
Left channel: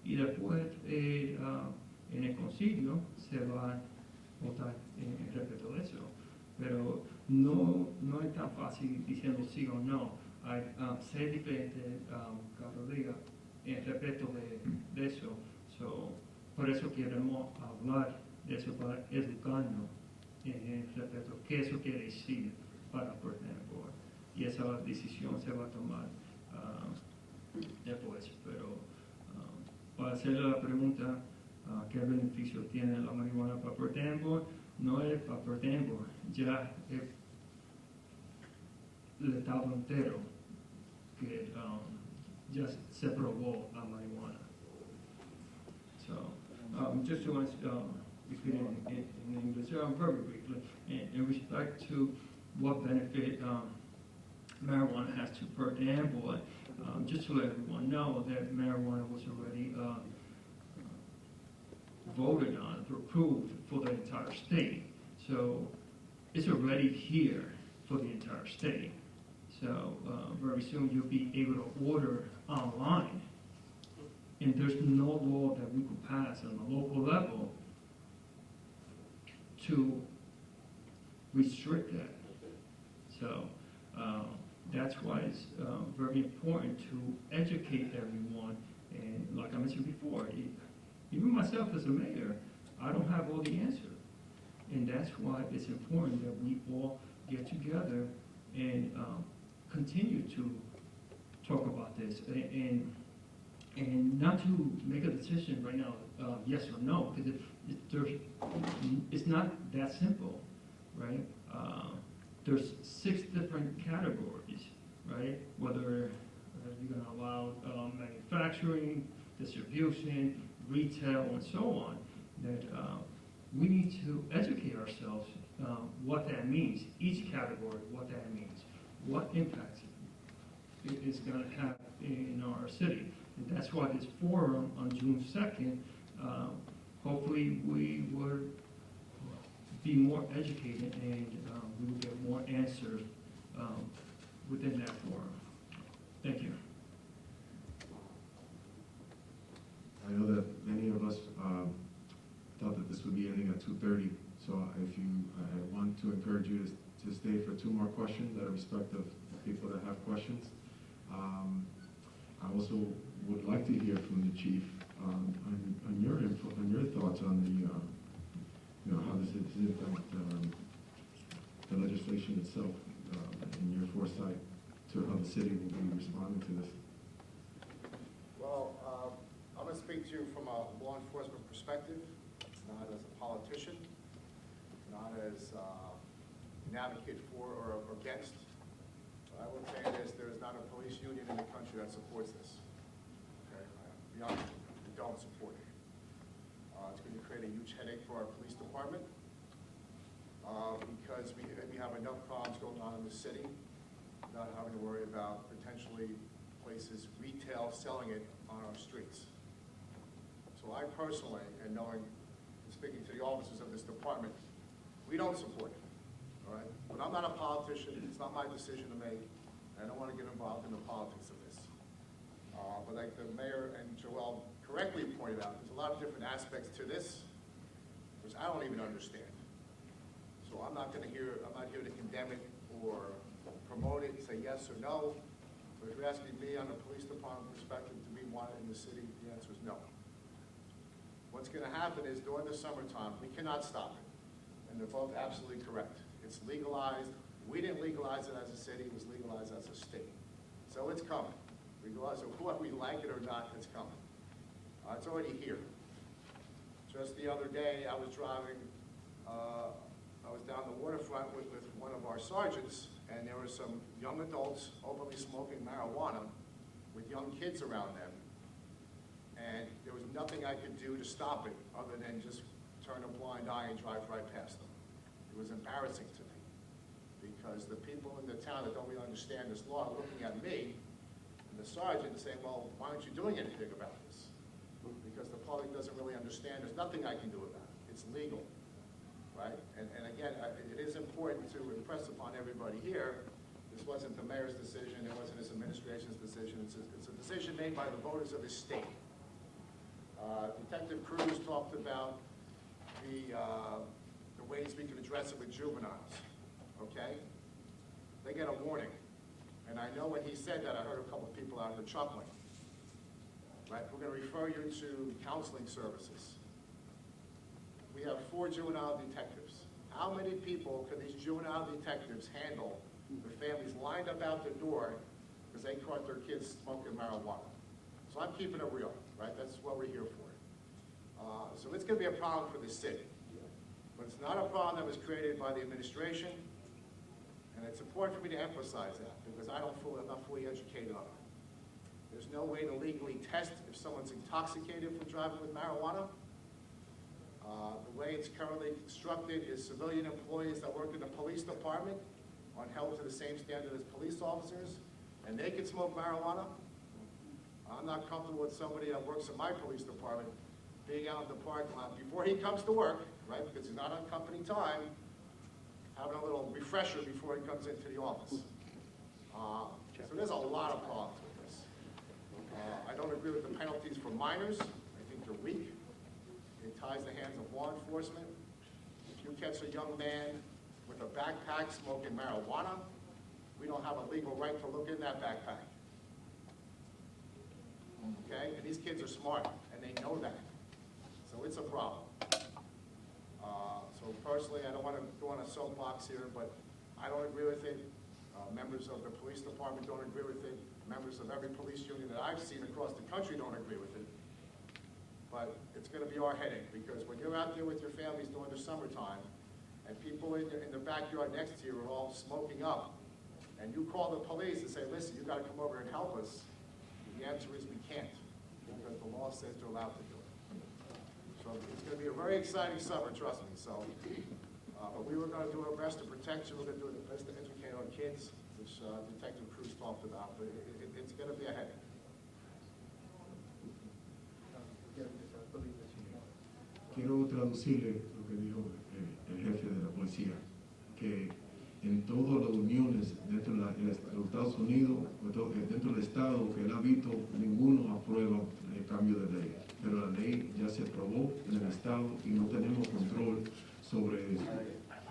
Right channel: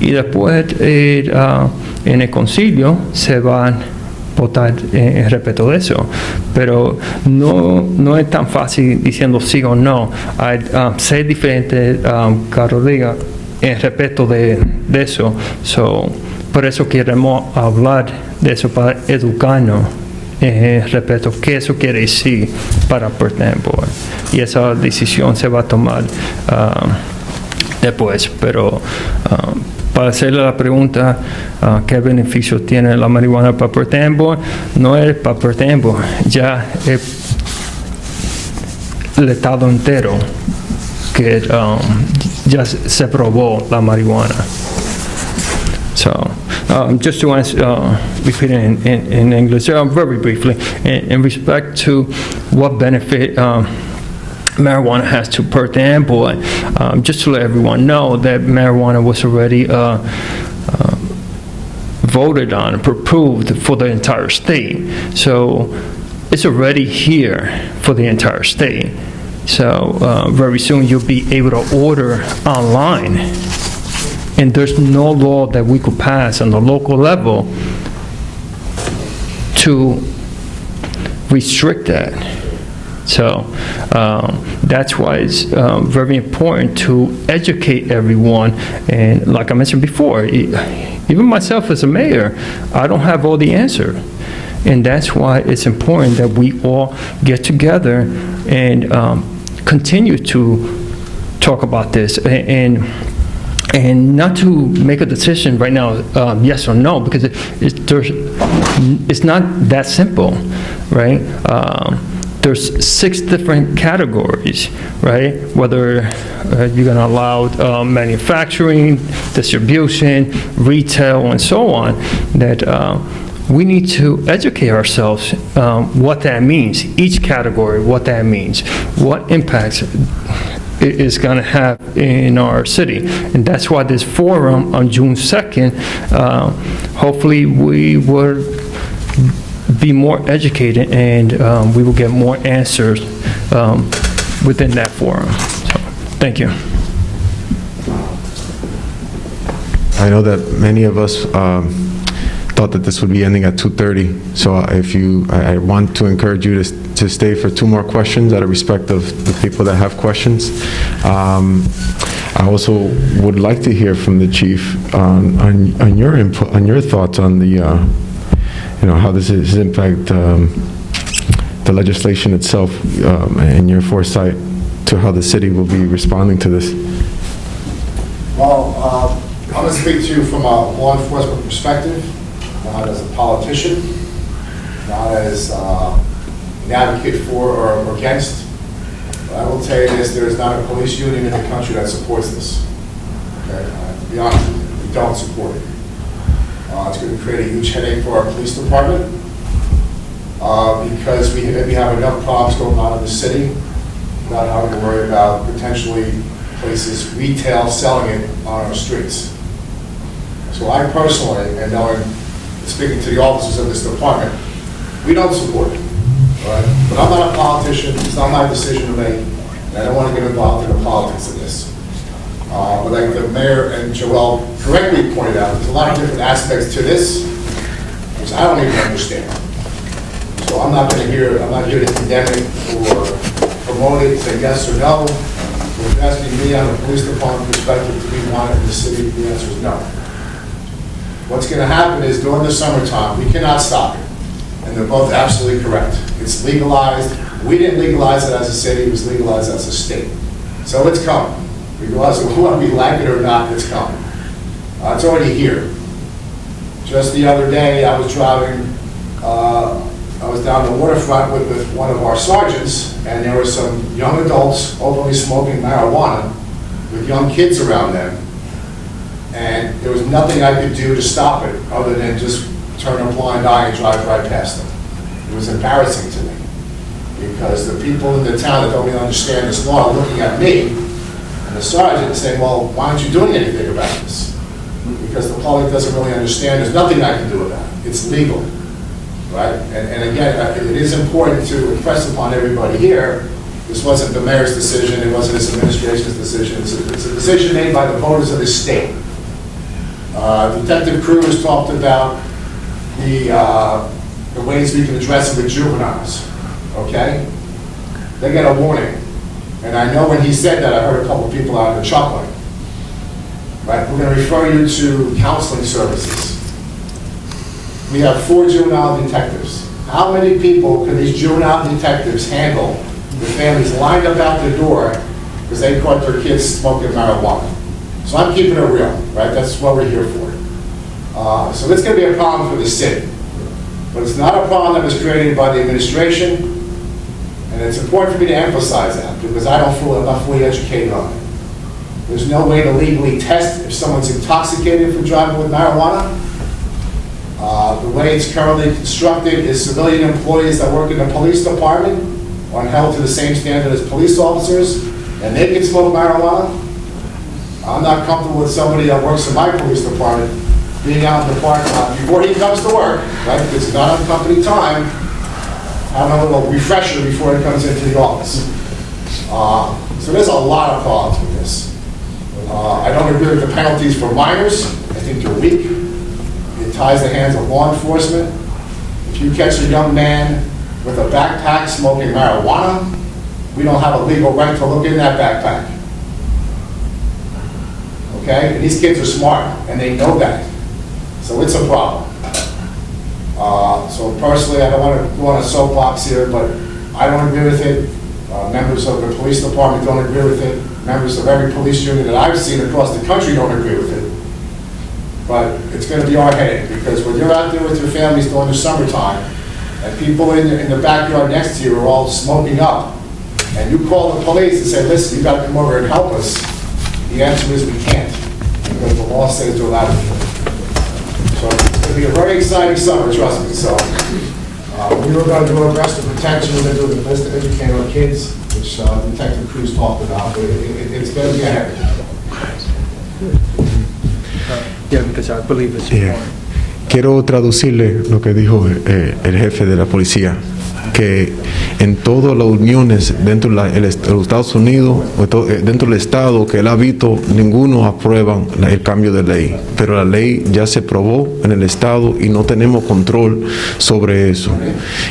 y después en el concilio se van a votar en respecto de eso. Pero no es tan fácil diciendo sí o no. Hay 6 diferentes cada día en respecto de eso. Por eso queremos hablar de eso, para educarnos respecto a qué eso quiere decir para Perth Amboy. Y esa decisión se va a tomar después. Pero para hacerle la pregunta, ¿qué beneficio tiene la marihuana para Perth Amboy? No es para Perth Amboy, ya es el estado entero que ya se probó la marihuana. So, just to answer, repeat it in English, very briefly, in respect to what benefit marijuana has to Perth Amboy, just to let everyone know that marijuana was already voted on, approved for the entire state. So it's already here for the entire state. So very soon you'll be able to order online. And there's no law that we could pass on the local level to restrict that. So that's why it's very important to educate everyone. And like I mentioned before, even myself as a mayor, I don't have all the answer. And that's why it's important that we all get together and continue to talk about this. And not to make a decision right now, yes or no, because it's not that simple, right? there's 6 different categories, right? Whether you're going to allow manufacturing, distribution, retail, and so on, that we need to educate ourselves what that means, each category, what that means, what impacts it is going to have in our city. And that's why this forum on June 2nd, hopefully we will be more educated and we will get more answers within that forum. So, thank you. I know that many of us thought that this would be ending at 2:30, so I want to encourage you to stay for 2 more questions out of respect of the people that have questions. I also would like to hear from the chief on your input, on your thoughts on the, how this is impact the legislation itself and your foresight to how the city will be responding to this. Well, I'm going to speak to you from a law enforcement perspective, not as a politician, not as an advocate for or against. But I will tell you this, there is not a police union in the country that supports this. Okay? To be honest with you, we don't support it. It's going to create a huge headache for our police department because we have enough problems going on in the city without having to worry about potentially places, retail, selling it on our streets. So I personally, and knowing, speaking to the officers of this department, we don't support it. Right? But I'm not a politician, it's not my decision to make, and I don't want to get involved in the politics of this. But like the mayor and Joel correctly pointed out, there's a lot of different aspects to this, which I don't even understand. So I'm not here to condemn it or promote it, say yes or no. If you're asking me on a police department perspective, do we want it in the city? The answer is no. What's going to happen is during the summertime, we cannot stop it. And they're both absolutely correct. It's legalized. We didn't legalize it as a city, it was legalized as a state. So it's coming. Regardless of whether we like it or not, it's coming. It's already here. Just the other day, I was driving, I was down the waterfront with one of our sergeants, and there were some young adults openly smoking marijuana with young kids around them. And there was nothing I could do to stop it other than just turn a blind eye and drive right past them. It was embarrassing to me because the people in the town that don't really understand this law are looking at me and the sergeant saying, well, why aren't you doing anything about this? Because the public doesn't really understand. There's nothing I can do about it. It's legal, right? And again, it is important to impress upon everybody here, this wasn't the mayor's decision, it wasn't his administration's decision, it's a decision made by the voters of this state. Detective Cruz talked about the ways we can address it with juveniles, okay? They get a warning. And I know when he said that, I heard a couple of people out there chuckling. Right? We're going to refer you to counseling services. We have 4 juvenile detectives. How many people can these juvenile detectives handle with families lined up out the door because they caught their kids smoking marijuana? So I'm keeping it real, right? That's what we're here for. So it's going to be a problem for the city. But it's not a problem that was created by the administration, and it's important for me to emphasize that because I'm not fully educated on it. There's no way to legally test if someone's intoxicated from driving with marijuana. The way it's currently constructed is civilian employees that work in the police department are held to the same standard as police officers, and they can smoke marijuana. I'm not comfortable with somebody that works in my police department being out in the parking lot before he comes to work, right? Because it's not on company time, having a little refresher before he comes into the office. So there's a lot of problems with this. I don't agree with the penalties for minors. I think they're weak. It ties the hands of law enforcement. If you catch a young man with a backpack smoking marijuana, we don't have a legal right to look in that backpack. Okay? And these kids are smart, and they know that. So it's a problem. So personally, I don't want to go on a soapbox here, but I don't agree with it. Members of the police department don't agree with it. Members of every police union that I've seen across the country don't agree with it. But it's going to be our headache, because when you're out there with your families during the summertime, and people in the backyard next to you are all smoking up, and you call the police and say, listen, you gotta come over and help us, the answer is we can't, because the law says you're allowed to do it. So it's gonna be a very exciting summer, trust me, so. We were gonna do our best to protect you, we're gonna do the best to educate our kids, which Detective Cruz talked about, but it's gonna be a headache. Yeah, because I believe it's Yeah. important. Quiero traducirle lo que dijo el jefe de la policía, que en todas las uniones dentro de los Estados Unidos, dentro del Estado que él ha visto, ninguno aprueban el cambio de ley. Pero la ley ya se aprobó en el Estado y no tenemos control sobre eso.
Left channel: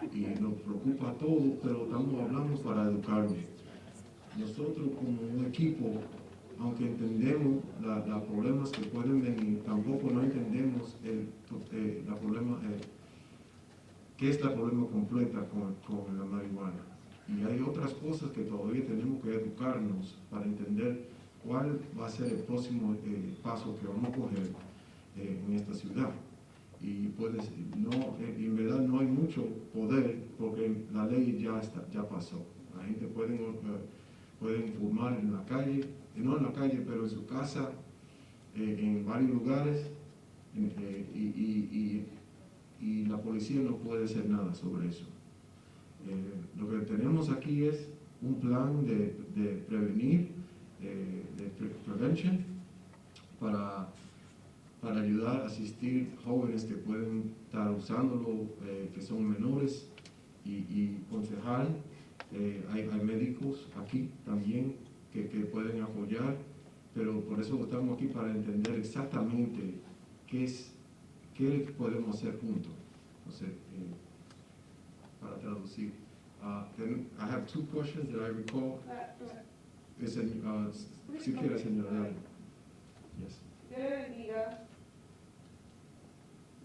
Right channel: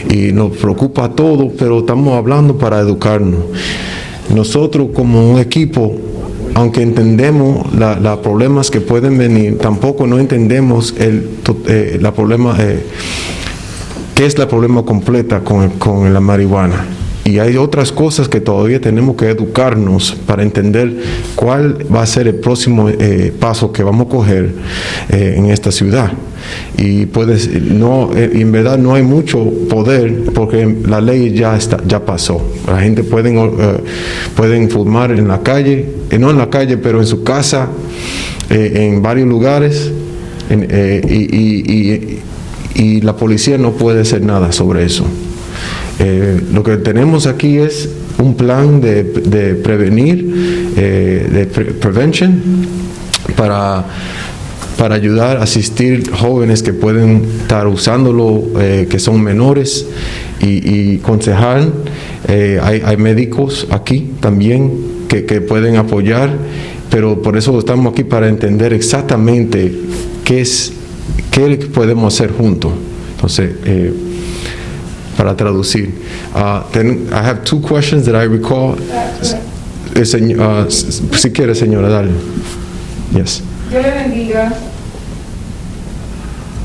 Y nos preocupa todo, pero estamos hablando para educarnos. Nosotros como un equipo, aunque entendemos los problemas que pueden venir, tampoco no entendemos la problema, qué es el problema completa con la marihuana. Y hay otras cosas que todavía tenemos que educarnos para entender cuál va a ser el próximo paso que vamos a coger en esta ciudad. Y en verdad no hay mucho poder porque la ley ya pasó. La gente pueden fumar en la calle, no en la calle, pero en su casa, en varios lugares, y la policía no puede hacer nada sobre eso. Lo que tenemos aquí es un plan de prevenir, prevention, para ayudar a asistir jóvenes que pueden estar usándolo, que son menores, y aconsejar. Hay médicos aquí también que pueden apoyar, pero por eso estamos aquí para entender exactamente qué podemos hacer juntos. Entonces, para traducir. I have two questions that I recall. Si quiere, señora, dale. Yes. Dios le bendiga.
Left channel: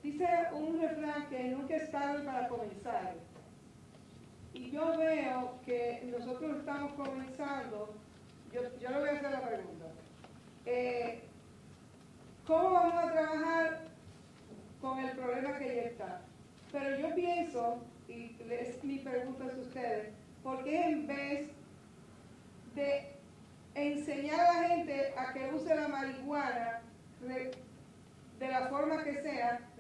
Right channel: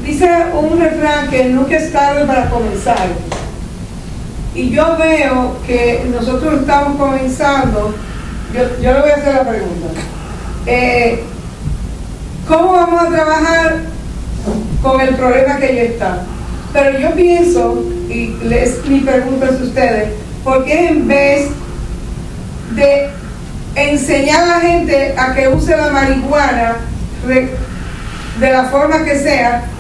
Dice un refrán que nunca es tarde para comenzar. Y yo veo que nosotros estamos comenzando. Yo le voy a hacer la pregunta. ¿Cómo vamos a trabajar con el problema que ya está? Pero yo pienso, y mi pregunta es a ustedes, ¿por qué en vez de enseñar a la gente a que use la marihuana de la forma que sea,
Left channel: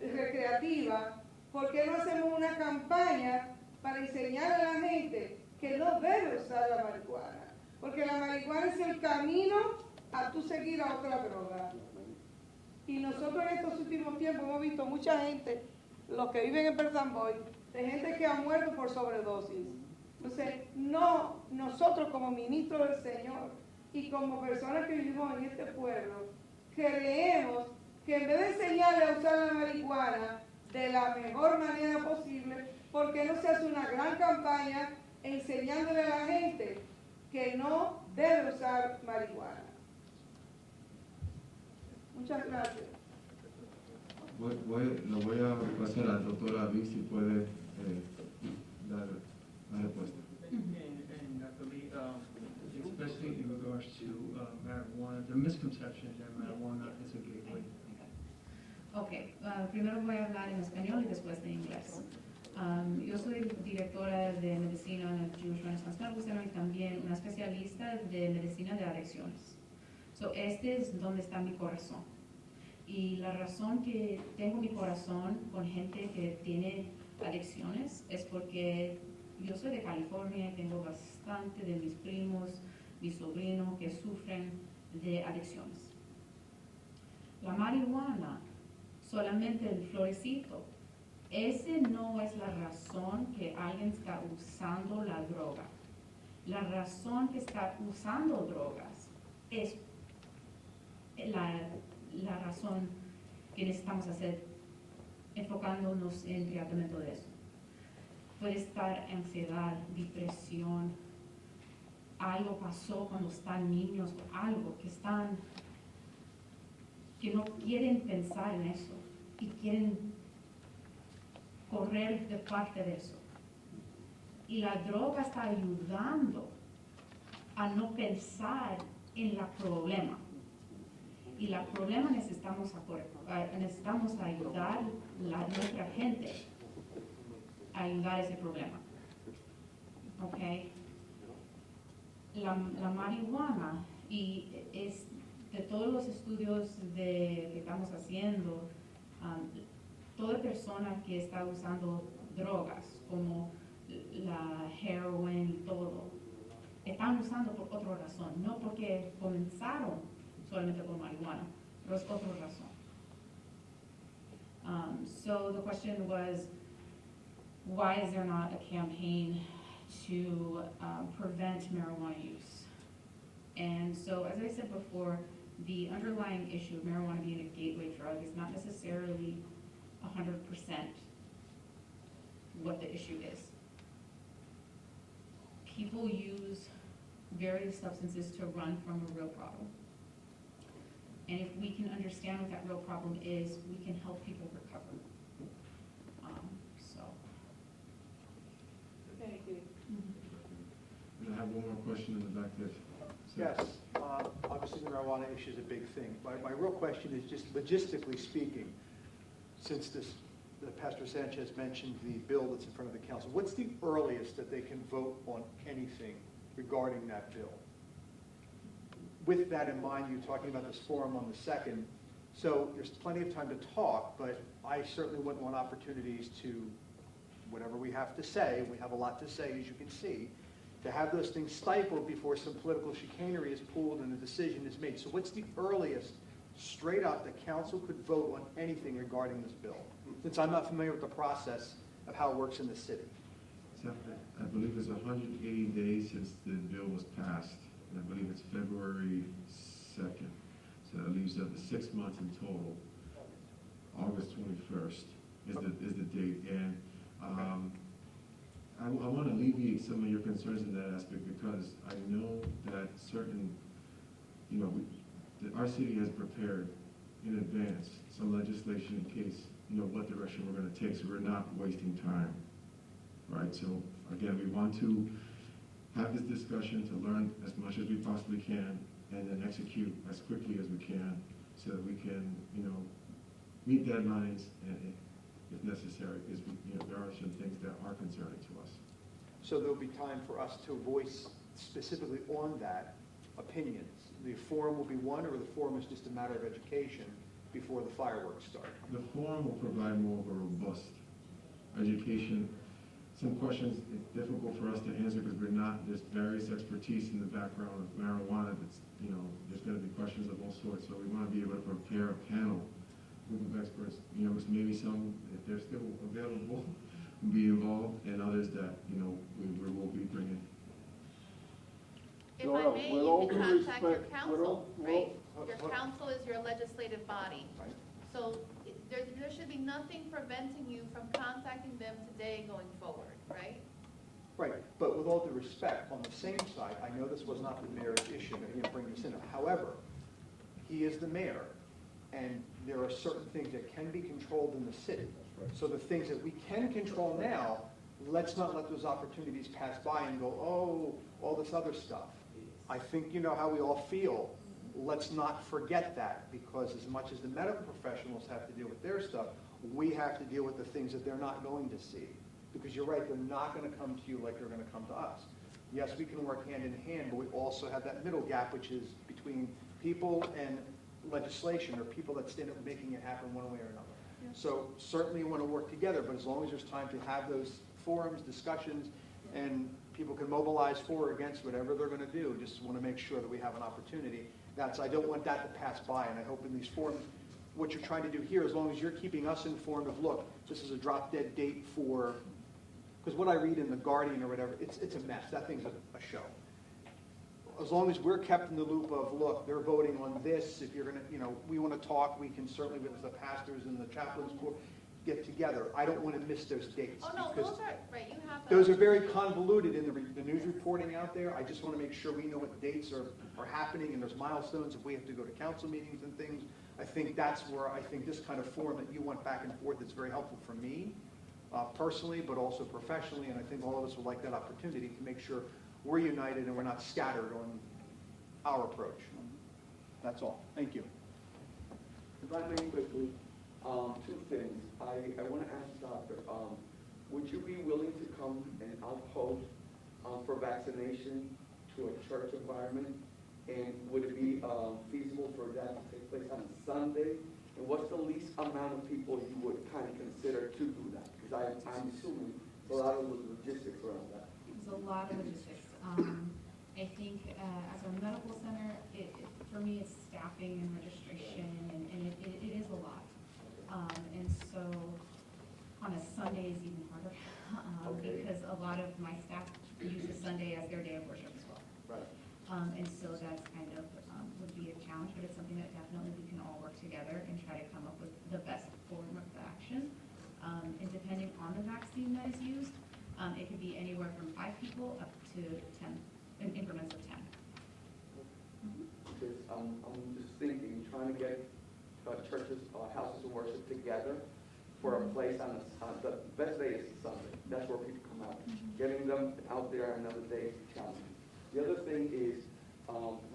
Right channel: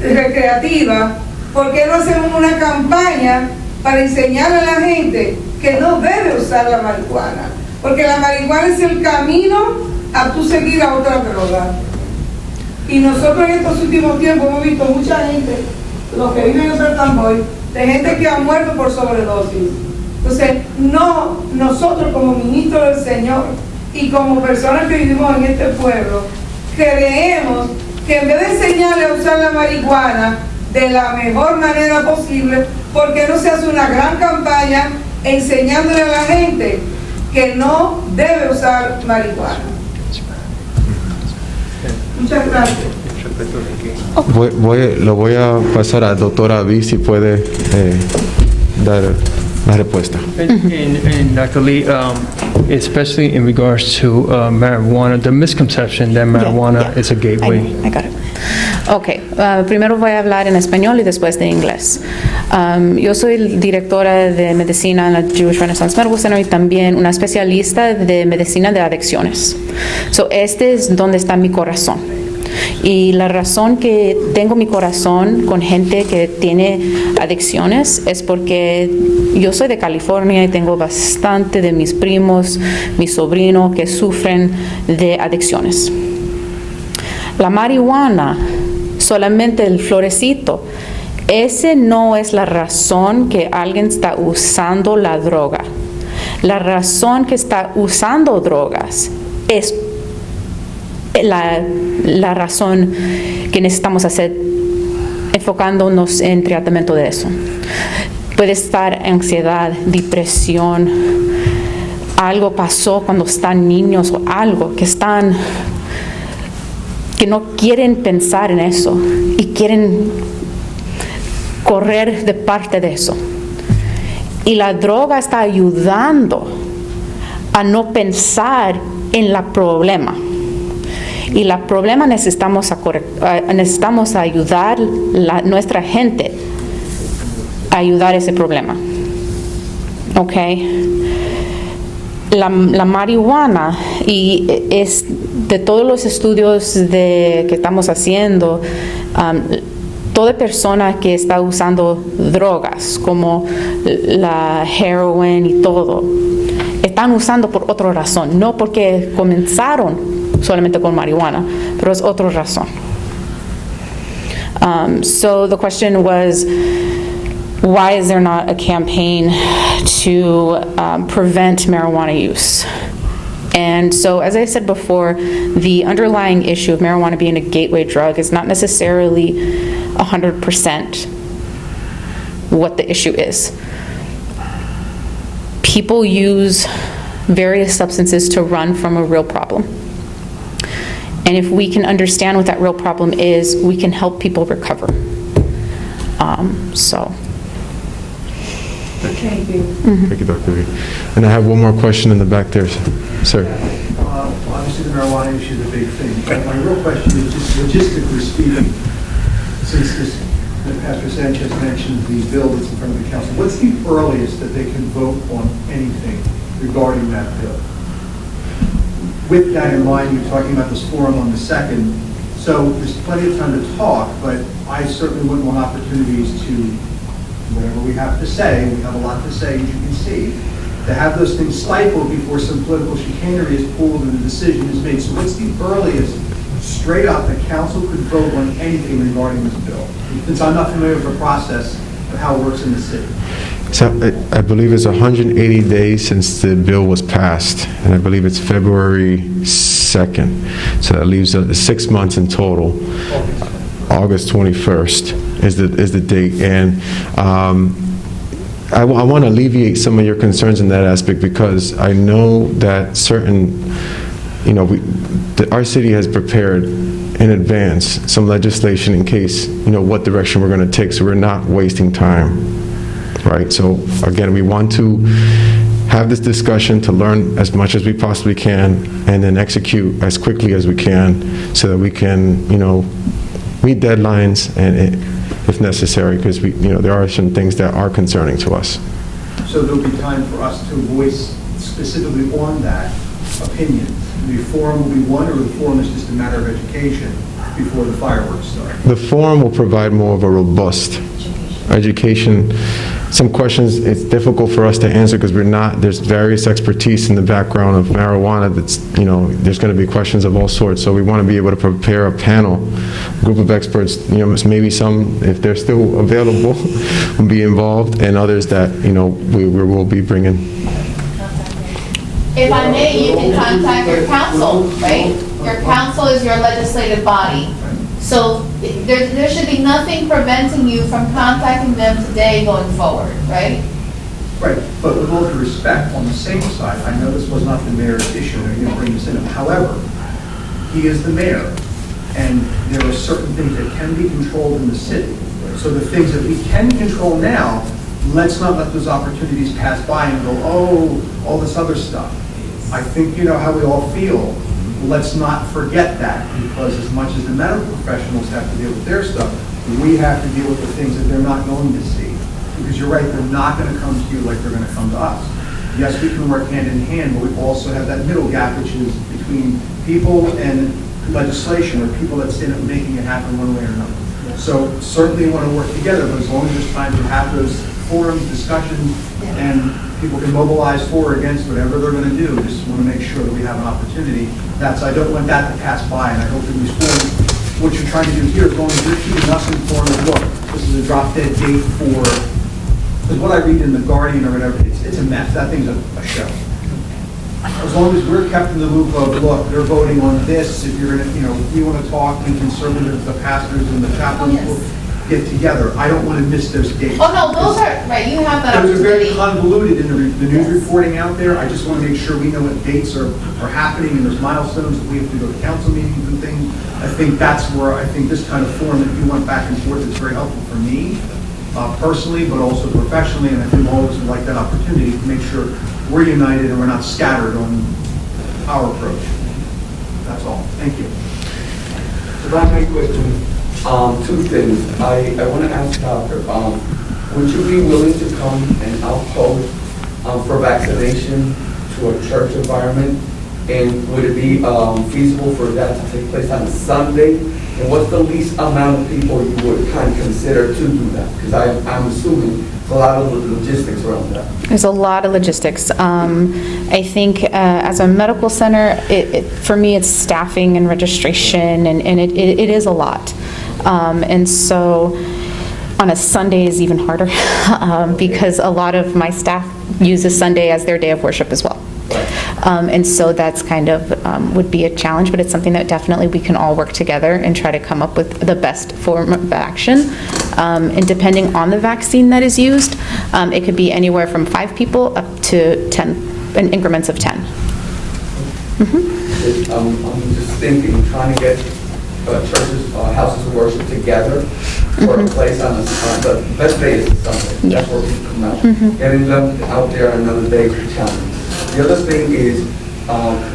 recreativa, por qué no hacemos una campaña para enseñar a la gente que no debe usar la marihuana? Porque la marihuana es el camino a tú seguir a otra droga. Y nosotros en estos últimos tiempos hemos visto mucha gente, los que viven en Perth Amboy, de gente que ha muerto por sobredosis. Entonces, nosotros como ministros del Señor y como personas que vivimos en este pueblo, creemos que en vez de enseñarle a usar la marihuana de la mejor manera posible, ¿por qué no se hace una gran campaña enseñándole a la gente que no debe usar marihuana? Muchas gracias. Lo voy a pasar a la doctora Avi si puede dar la respuesta. And Dr. Lee, especially in regards to marijuana, the misconception that marijuana is a gateway. I got it. Ok, primero voy a hablar en español y después de inglés. Yo soy directora de medicina en la Jewish Renaissance Medical Center y también una especialista de medicina de adicciones. Este es donde está mi corazón. Y la razón que tengo mi corazón con gente que tiene adicciones es porque yo soy de California y tengo bastante de mis primos, mis sobrinos que sufren de adicciones. La marihuana, solamente el florecito, ese no es la razón que alguien está usando la droga. La razón que está usando drogas es la razón que necesitamos hacer, enfocándonos en tratamiento de eso. Puede estar ansiedad, depresión, algo pasó cuando están niños o algo que no quieren pensar en eso y quieren correr de parte de eso. Y la droga está ayudando a no pensar en el problema. Y el problema necesitamos ayudar nuestra gente ayudar ese problema. ¿Ok? La marihuana, y es de todos los estudios que estamos haciendo, toda persona que está usando drogas como la heroin y todo, están usando por otra razón, no porque comenzaron solamente con marihuana, pero es otra razón. So the question was, why is there not a campaign to prevent marijuana use? And so, as I said before, the underlying issue of marijuana being a gateway drug is not necessarily 100% what the issue is. People use various substances to run from a real problem. And if we can understand what that real problem is, we can help people recover. Thank you. Thank you, Dr. V. And I have one more question in the back there, sir. Obviously, the marijuana issue is a big thing. But my real question is just logistically speaking, since Pastor Sanchez mentioned the bill that's in front of the council, what's the earliest that they can vote on anything regarding that bill? With that in mind, you're talking about this forum on the 2nd, so there's plenty of time to talk, but I certainly wouldn't want opportunities to, whatever we have to say, we have a lot to say, as you can see, to have those things stifled before some political chicanery is pulled and a decision is made. So what's the earliest, straight up, the council could vote on anything regarding this bill? Since I'm not familiar with the process of how it works in the city. So I believe it's 180 days since the bill was passed, and I believe it's February 2nd. So that leaves 6 months in total. August 21st is the date, and I want to alleviate some of your concerns in that aspect, because I know that certain, our city has prepared in advance some legislation in case, what direction we're going to take, so we're not wasting time. Right, so again, we want to have this discussion to learn as much as we possibly can, and then execute as quickly as we can, so that we can, meet deadlines and, if necessary, because there are some things that are concerning to us. So there'll be time for us to voice specifically on that opinion. The forum will be one, or the forum is just a matter of education before the fireworks start? The forum will provide more of a robust education. Some questions, it's difficult for us to answer because there's various expertise in the background of marijuana that's, there's going to be questions of all sorts. So we want to be able to prepare a panel, group of experts, maybe some, if they're still available, will be involved, and others that, we will be bringing. If I may, you can contact your council, right? Your council is your legislative body. So there should be nothing preventing you from contacting them today going forward, right? Right, but with all due respect, on the same side, I know this was not the mayor's issue, and you're going to bring this in. However, he is the mayor, and there are certain things that can be controlled in the city. So the things that we can control now, let's not let those opportunities pass by and go, oh, all this other stuff. I think you know how we all feel. Let's not forget that, because as much as the medical professionals have to deal with their stuff, we have to deal with the things that they're not going to see. Because you're right, they're not going to come to you like they're going to come to us. Yes, we can work hand in hand, but we also have that middle gap, which is between people and legislation, or people that stand up making it happen one way or another. So certainly want to work together, but as long as there's time to have those forums, discussions, and people can mobilize for or against whatever they're going to do, just want to make sure that we have an opportunity. I don't want that to pass by, and I hope that we score. What you're trying to do here, as long as you're keeping us informed of, look, this is a drop dead date for, because what I read in The Guardian or whatever, it's a mess. That thing's a show. As long as we're kept in the loop of, look, they're voting on this, if you're going to, if we want to talk, and conservatives, the pastors and the chaplains will get together. I don't want to miss those dates. Oh, no, those are, right, you have that Those are very opportunity. convoluted in the news reporting out there. I just want to make sure we know what dates are happening, and there's milestones that we have to go to council meetings and things. I think that's where I think this kind of forum that you went back and forth is very helpful for me personally, but also professionally, and I think all of us would like that opportunity to make sure we're united and we're not scattered on our approach. That's all. Thank you. So that's my question. Two things. I want to ask Doctor, would you be willing to come and outpost for vaccination to a church environment? And would it be feasible for that to take place on a Sunday? And what's the least amount of people you would kind of consider to do that? Because I'm assuming there's a lot of logistics around that. There's a lot of logistics. I think as a medical center, for me, it's staffing and registration, and it is a lot. And so on a Sunday is even harder because a lot of my staff uses Sunday as their day of worship as well. And so that's kind of would be a challenge, but it's something that definitely we can all work together and try to come up with the best form of action. And depending on the vaccine that is used, it could be anywhere from 5 people up to 10, in increments of 10. I'm just thinking, trying to get churches, houses of worship together for a place on the best day is Sunday. That's where people come out. Getting them out there another day is a challenge. The other thing is,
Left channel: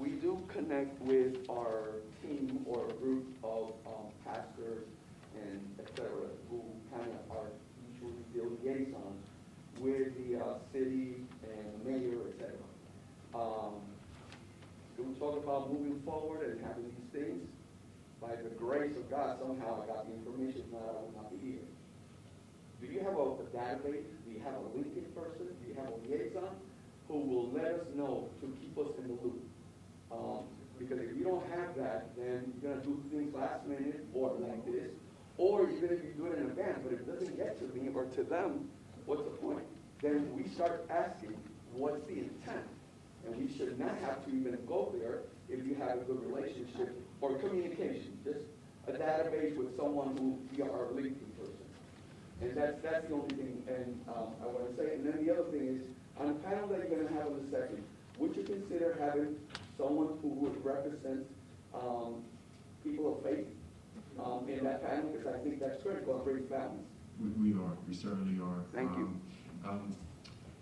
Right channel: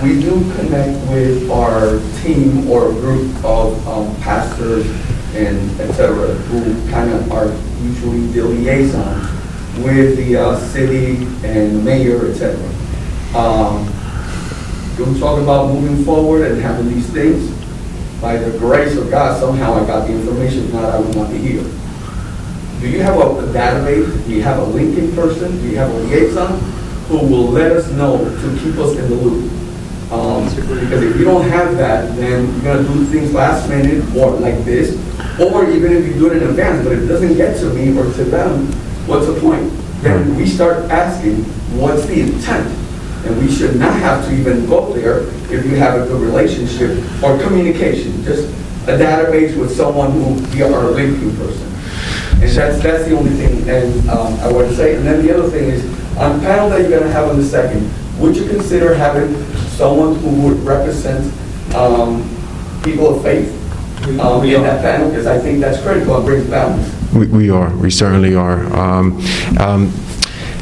we do connect with our team or a group of pastors and et cetera, who kind of are usually the liaison with the city and the mayor, et cetera. We talk about moving forward and having these things. By the grace of God, somehow I got the information, if not, I would not be here. Do you have a database? Do you have a linking person? Do you have a liaison who will let us know to keep us in the loop? Because if you don't have that, then you're going to do things last minute or like this, or even if you do it in advance, but if it doesn't get to me or to them, what's the point? Then we start asking, what's the intent? And we should not have to even go there if you have a good relationship or communication, just a database with someone who we are a linking person. And that's the only thing and I want to say. And then the other thing is, on the panel that you're going to have on the second, would you consider having someone who would represent people of faith in that panel? Because I think that's critical and brings balance. We certainly are.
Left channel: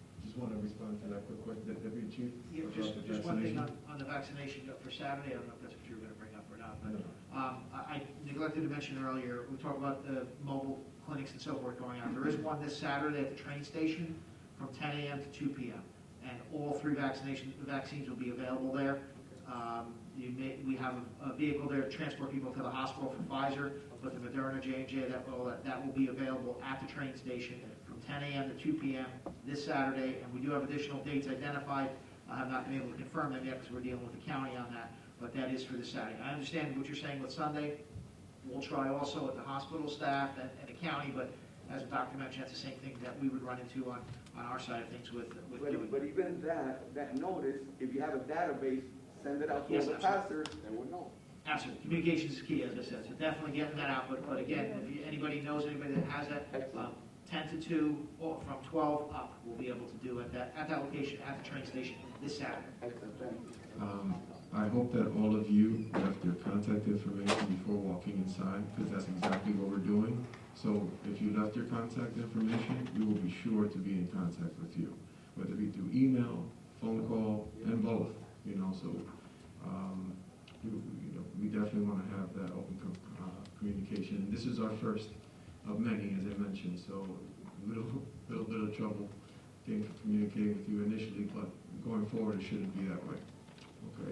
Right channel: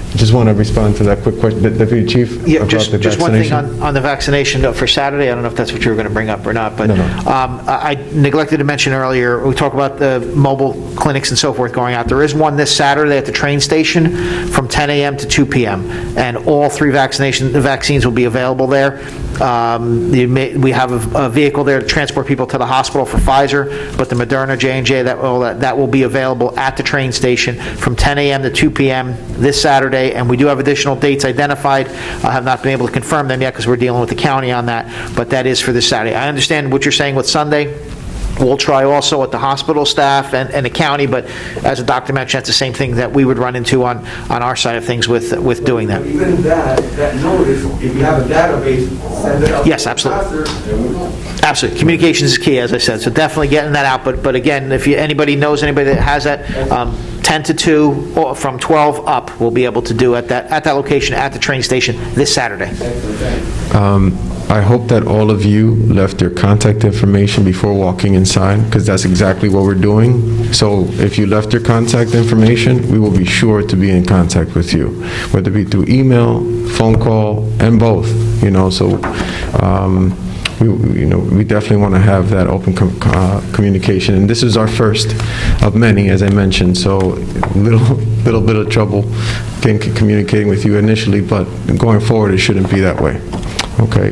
I just want to respond to that quick question, Deputy Chief. Yeah, about just the one thing vaccination. on the vaccination for Saturday. I don't know if that's what you were going to bring up or not, but No. I neglected to mention earlier, we talked about the mobile clinics and so forth going out. There is one this Saturday at the train station from 10 a.m. to 2 p.m., and all 3 vaccines will be available there. We have a vehicle there to transport people to the hospital for Pfizer, but the Moderna, J&J, that will be available at the train station from 10 a.m. to 2 p.m. this Saturday, and we do have additional dates identified. I have not been able to confirm them yet because we're dealing with the county on that, but that is for this Saturday. I understand what you're saying with Sunday. We'll try also at the hospital staff and the county, but as the doctor mentioned, that's the same thing that we would run into on our side of things with doing that. Even that notice, if you have a database, send it out. Yes, absolutely. Absolutely. Communications is key, as I said, so definitely getting that out. But again, if anybody knows anybody that has that, 10 to 2 or from 12 up, we'll be able to do at that location at the train station this Saturday. I hope that all of you left your contact information before walking inside, because that's exactly what we're doing. So if you left your contact information, we will be sure to be in contact with you, whether it be through email, phone call, and both. So we definitely want to have that open communication, and this is our first of many, as I mentioned. So little bit of trouble communicating with you initially, but going forward, it shouldn't be that way. Okay.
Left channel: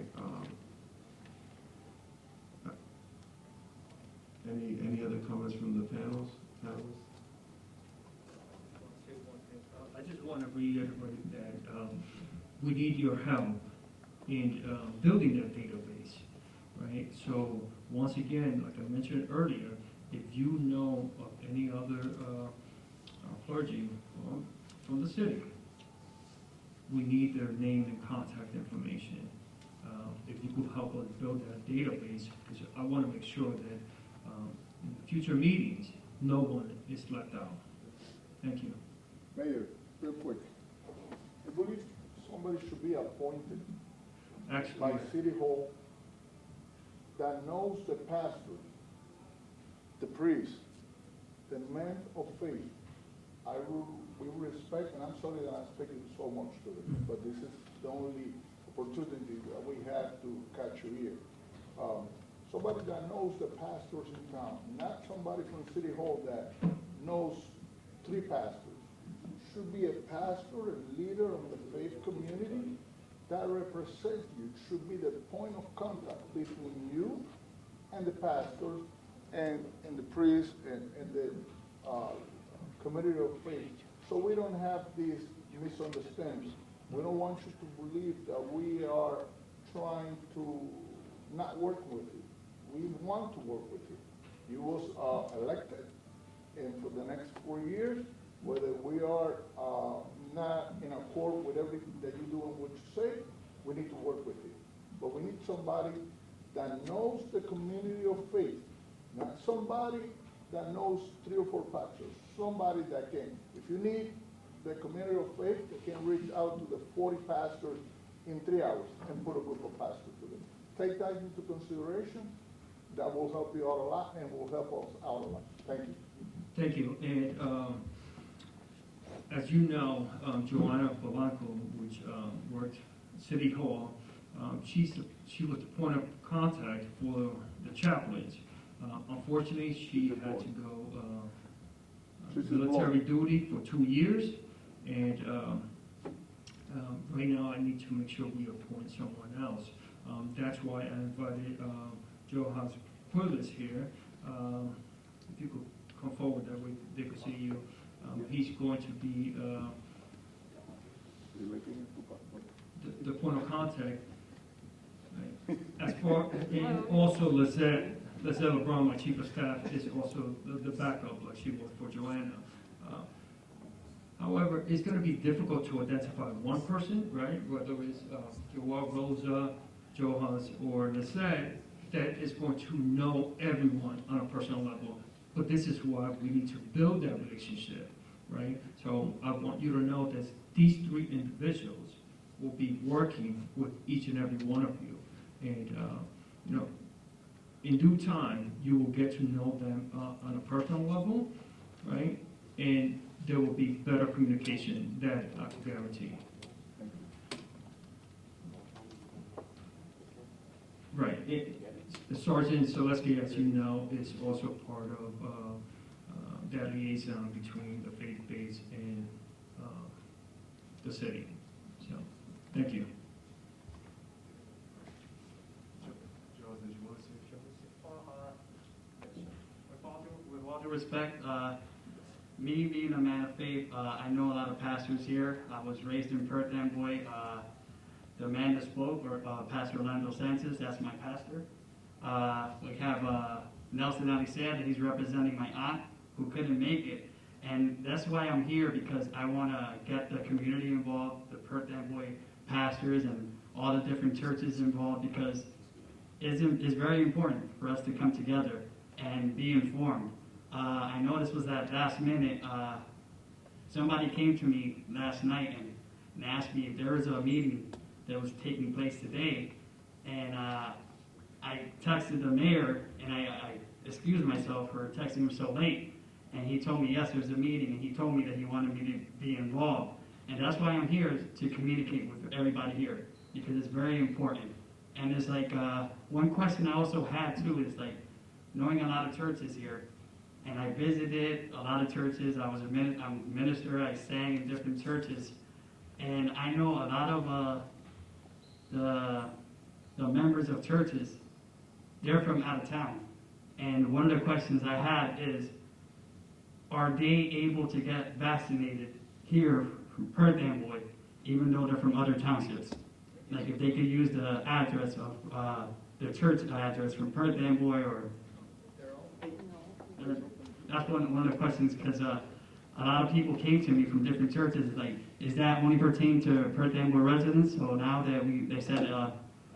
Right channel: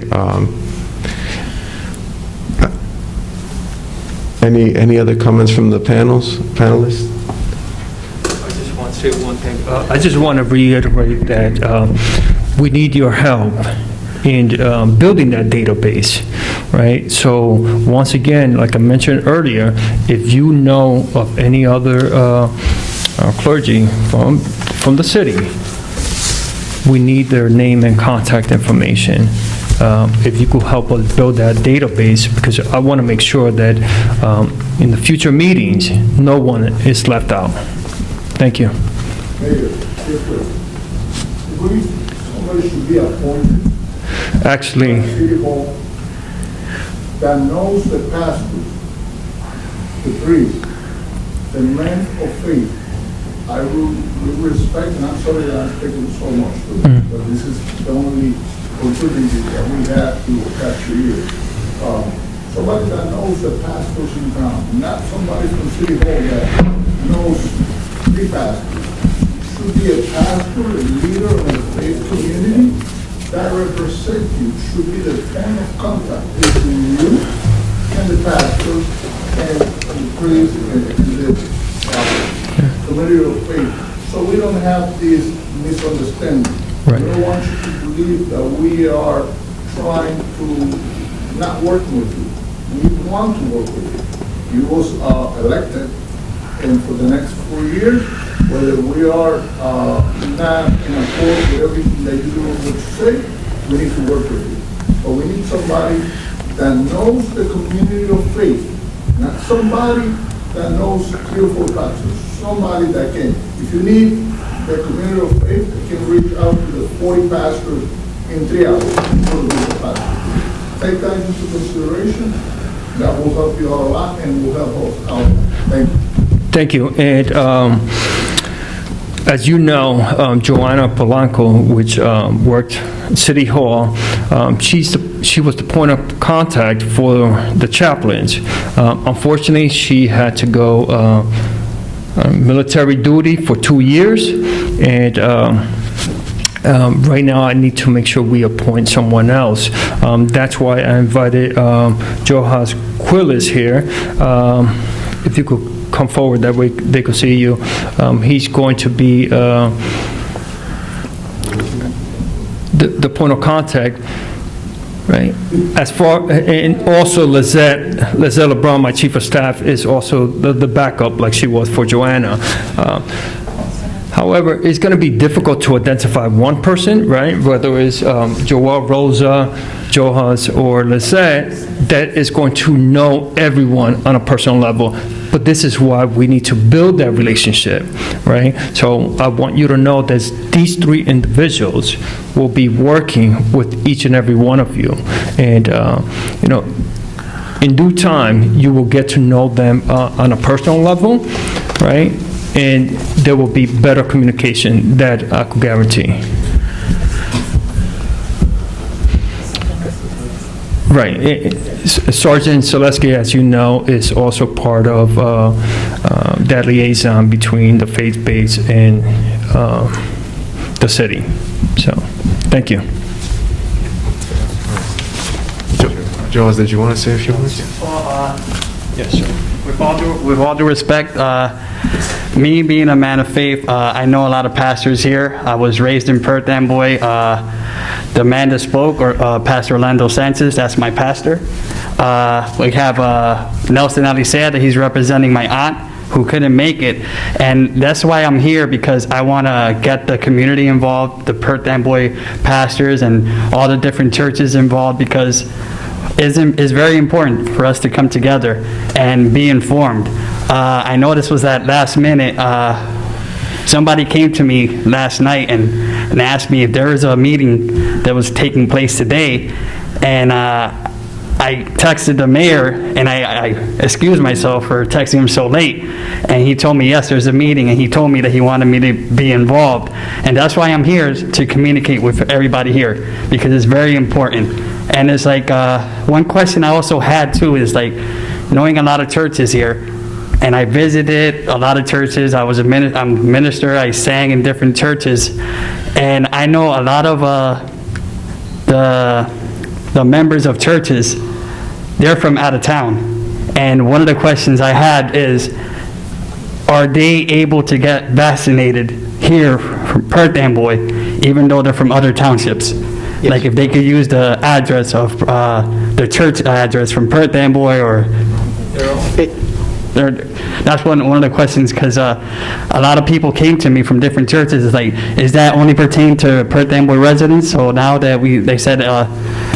Any other comments from the panelists? I just want to say one thing. I just want to reiterate that we need your help in building that database, right? So once again, like I mentioned earlier, if you know of any other clergy from the city, we need their name and contact information. If you could help us build that database, because I want to make sure that in the future meetings, no one is left out. Thank you. Mayor, somebody should be appointed. Actually, City Hall that knows the pastors, the priests, the men of faith. I will respect, and I'm sorry that I'm taking so much, but this is the only opportunity that we have to catch your ear. Somebody that knows the pastors in town, not somebody from City Hall that knows 3 pastors. should be a pastor, a leader in a faith community that represents you, should be the point of contact between you and the pastor and the priest and the community of faith. So we don't have this misunderstanding. Right. I don't want you to believe that we are trying to not work with you. We want to work with you. You was elected, and for the next 4 years, whether we are not in accord with everything that you do and what you say, we need to work with you. But we need somebody that knows the community of faith, not somebody that knows 3 or 4 pastors, somebody that can. If you need the community of faith, you can reach out to the 40 pastors in 3 hours for the pastor. Take that into consideration. That will help you out a lot and will help us out. Thank you. Thank you. And as you know, Joanna Polanco, which worked at City Hall, she was the point of contact for the chaplains. Unfortunately, she had to go military duty for 2 years, and right now I need to make sure we appoint someone else. That's why I invited Johas Quillis here. If you could come forward, that way they could see you. He's going to be the point of contact, right? As far, and also Lizette LeBron, my chief of staff, is also the backup, like she was for Joanna. However, it's going to be difficult to identify one person, right? Whether it's Joel, Rosa, Johas, or Lizette, that is going to know everyone on a personal level. But this is why we need to build that relationship, right? So I want you to know that these 3 individuals will be working with each and every one of you. And, you know, in due time, you will get to know them on a personal level, right? And there will be better communication, that I could guarantee. Right. Sergeant Selesky, as you know, is also part of that liaison between the faith base and the city. So, thank you. Jones, did you want to say a few words? Yes, sir. With all due respect, me being a man of faith, I know a lot of pastors here. I was raised in Perth Amboy. The man that spoke, or Pastor Orlando Sanchez, that's my pastor. We have Nelson Alicea, he's representing my aunt, who couldn't make it. And that's why I'm here, because I want to get the community involved, the Perth Amboy pastors and all the different churches involved, because it's very important for us to come together and be informed. I know this was at last minute. Somebody came to me last night and asked me if there was a meeting that was taking place today, and I texted the mayor, and I excused myself for texting him so late, and he told me, yes, there's a meeting, and he told me that he wanted me to be involved, and that's why I'm here, to communicate with everybody here, because it's very important. And it's like, one question I also had too is like, knowing a lot of churches here, and I visited a lot of churches. I'm a minister. I sang in different churches, and I know a lot of the members of churches. They're from out of town, and one of the questions I had is, are they able to get vaccinated here from Perth Amboy, even though they're from other townships? Yes. Like if they could use the address of the church address from Perth Amboy, or that's one of the questions, because a lot of people came to me from different churches. It's like, is that only pertain to Perth Amboy residents? So now that they said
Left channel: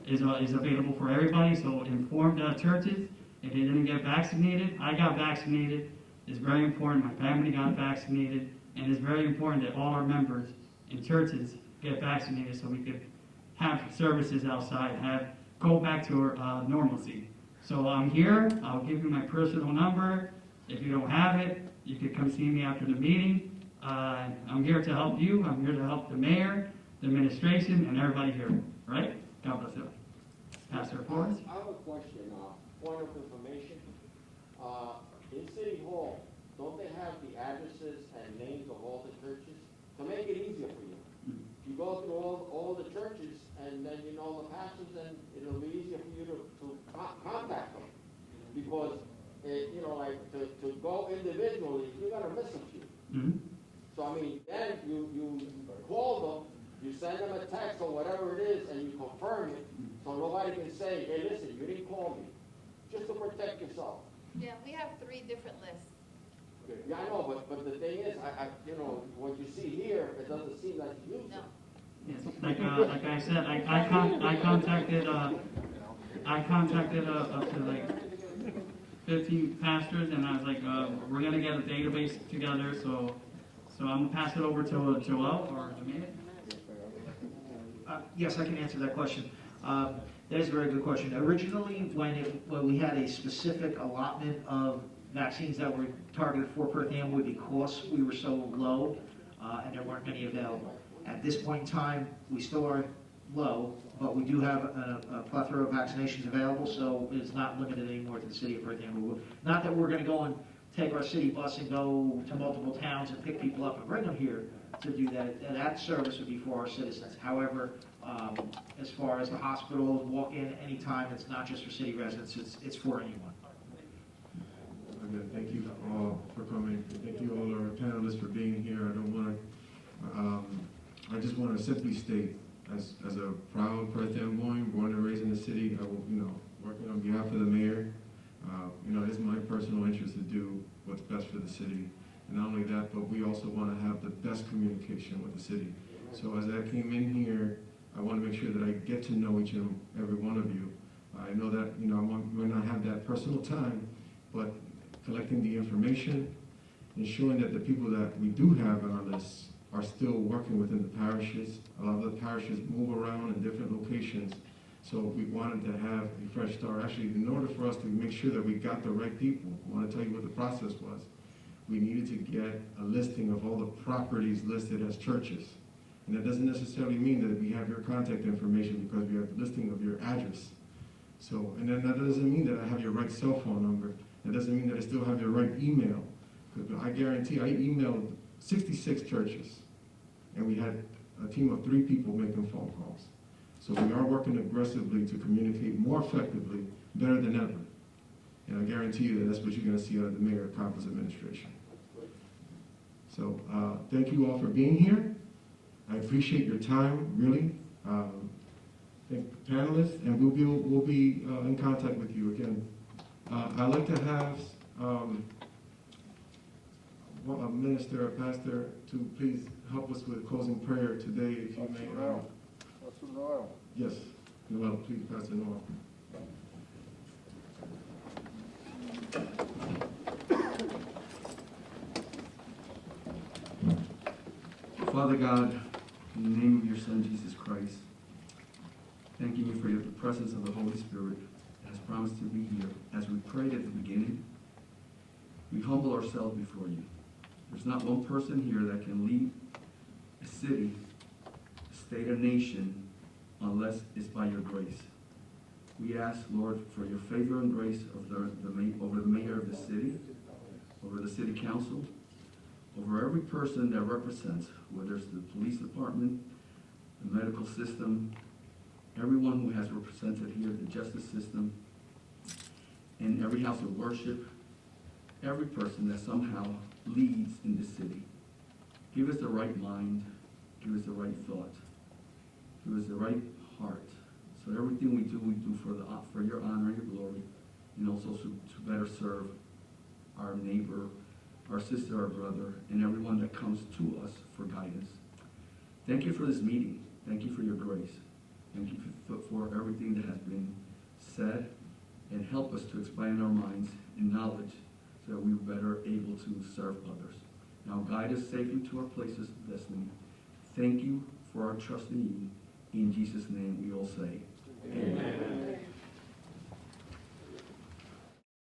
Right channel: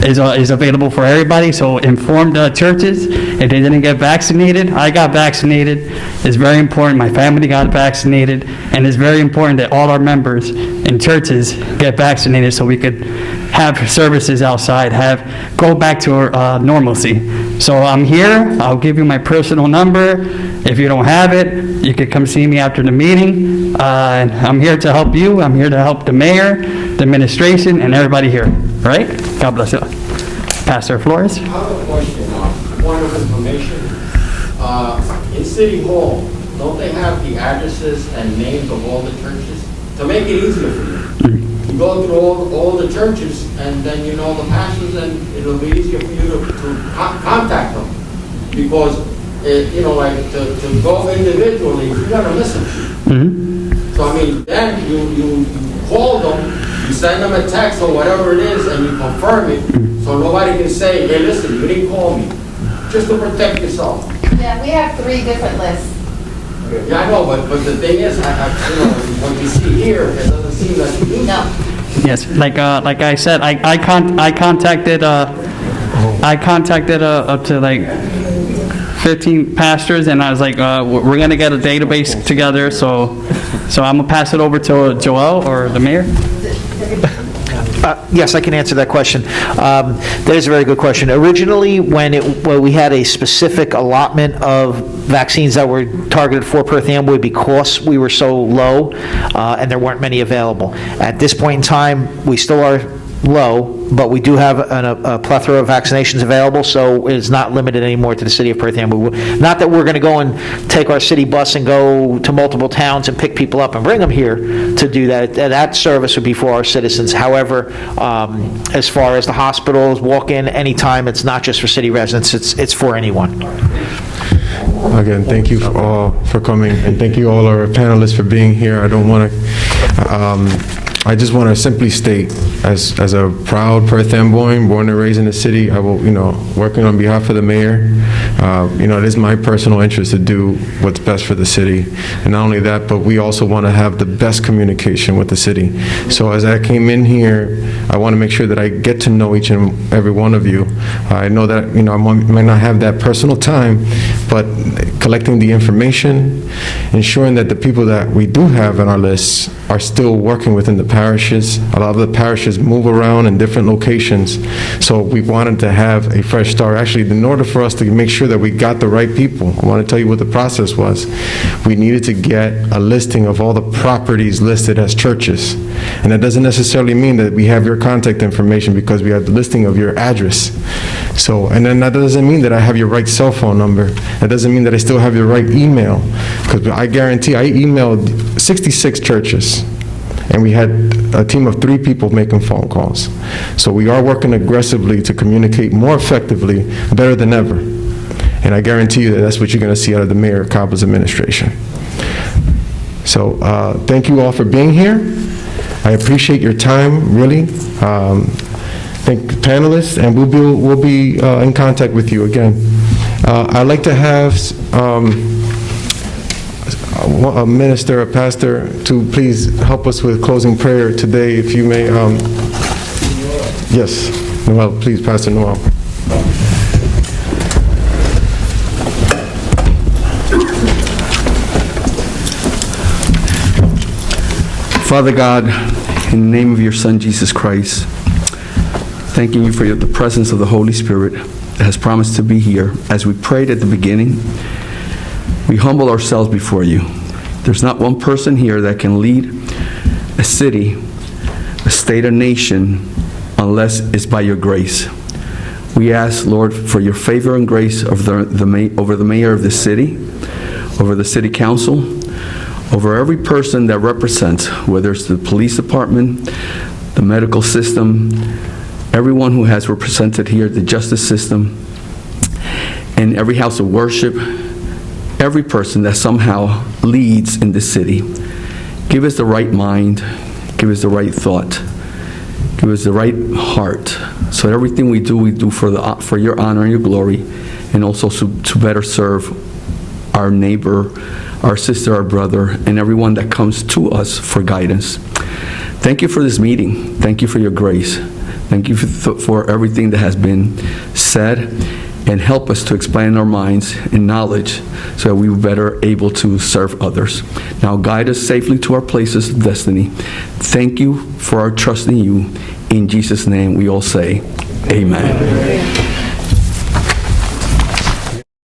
is available for everybody, so inform the churches if they didn't get vaccinated. I got vaccinated. It's very important. My family got vaccinated, and it's very important that all our members in churches get vaccinated, so we could have services outside, go back to normalcy. So I'm here. I'll give you my personal number. If you don't have it, you could come see me after the meeting. And I'm here to help you. I'm here to help the mayor, the administration, and everybody here. Right? God bless you. Pastor Flores. I have a question, point of information. In City Hall, don't they have the addresses and names of all the churches? to make it easier for you. You go through all the churches, and then you know the pastors, and it'll be easier for you to contact them. Because, you know, like to go individually, you're gonna miss them. So I mean, then you call them, you send them a text or whatever it is, and you confirm it, so nobody can say, hey, listen, you didn't call me, just to protect yourself. Yeah, we have 3 different lists. Yeah, I know, but the thing is, you know, when you see here, it doesn't seem like you do. No. Yes, like I said, I contacted up to like 15 pastors, and I was like, we're gonna get a database together, so I'm gonna pass it over to Joel or the mayor. Yes, I can answer that question. That is a very good question. Originally, when we had a specific allotment of vaccines that were targeted for Perth Amboy because we were so low and there weren't many available. At this point in time, we still are low, but we do have a plethora of vaccinations available, so it's not limited anymore to the city of Perth Amboy. Not that we're going to go and take our city bus and go to multiple towns and pick people up and bring them here to do that. That service would be for our citizens. However, as far as the hospitals, walk-in, anytime, it's not just for city residents, it's for anyone. Again, thank you all for coming, and thank you all our panelists for being here. I just want to simply state, as a proud Perth Amboy, born and raised in the city, I will, working on behalf of the mayor, it is my personal interest to do what's best for the city. And not only that, but we also want to have the best communication with the city. So as I came in here, I want to make sure that I get to know each and every one of you. I know that, I might not have that personal time, but collecting the information, ensuring that the people that we do have on our lists are still working within the parishes. A lot of the parishes move around in different locations, so we wanted to have a fresh start. Actually, in order for us to make sure that we got the right people, I want to tell you what the process was. We needed to get a listing of all the properties listed as churches, and that doesn't necessarily mean that we have your contact information because we have the listing of your address. So, and then that doesn't mean that I have your right cell phone number. That doesn't mean that I still have your right email, because I guarantee I emailed 66 churches, and we had a team of 3 people making phone calls. So we are working aggressively to communicate more effectively, better than ever. And I guarantee you that that's what you're going to see out of the Mayor Caba's administration. So thank you all for being here. I appreciate your time, really. Thank the panelists, and we'll be in contact with you again. I'd like to have a minister, a pastor, to please help us with closing prayer today, if you may. Yes, Noel, please, Pastor Noel. Father God, in the name of your Son, Jesus Christ, thanking you for the presence of the Holy Spirit that has promised to be here. As we prayed at the beginning, we humble ourselves before you. There's not one person here that can lead a city, a state, a nation, unless it's by your grace. We ask, Lord, for your favor and grace over the mayor of the city, over the city council, over every person that represents, whether it's the police department, the medical system, everyone who has represented here, the justice system, and every house of worship, every person that somehow leads in this city. Give us the right mind, give us the right thought, give us the right heart, so that everything we do for your honor and your glory, and also to better serve our neighbor, our sister, our brother, and everyone that comes to us for guidance. Thank you for this meeting. Thank you for your grace. Thank you for everything that has been said, and help us to expand our minds in knowledge so that we will be better able to serve others. Now guide us safely to our places of destiny. Thank you for our trust in you. In Jesus' name we all say, amen.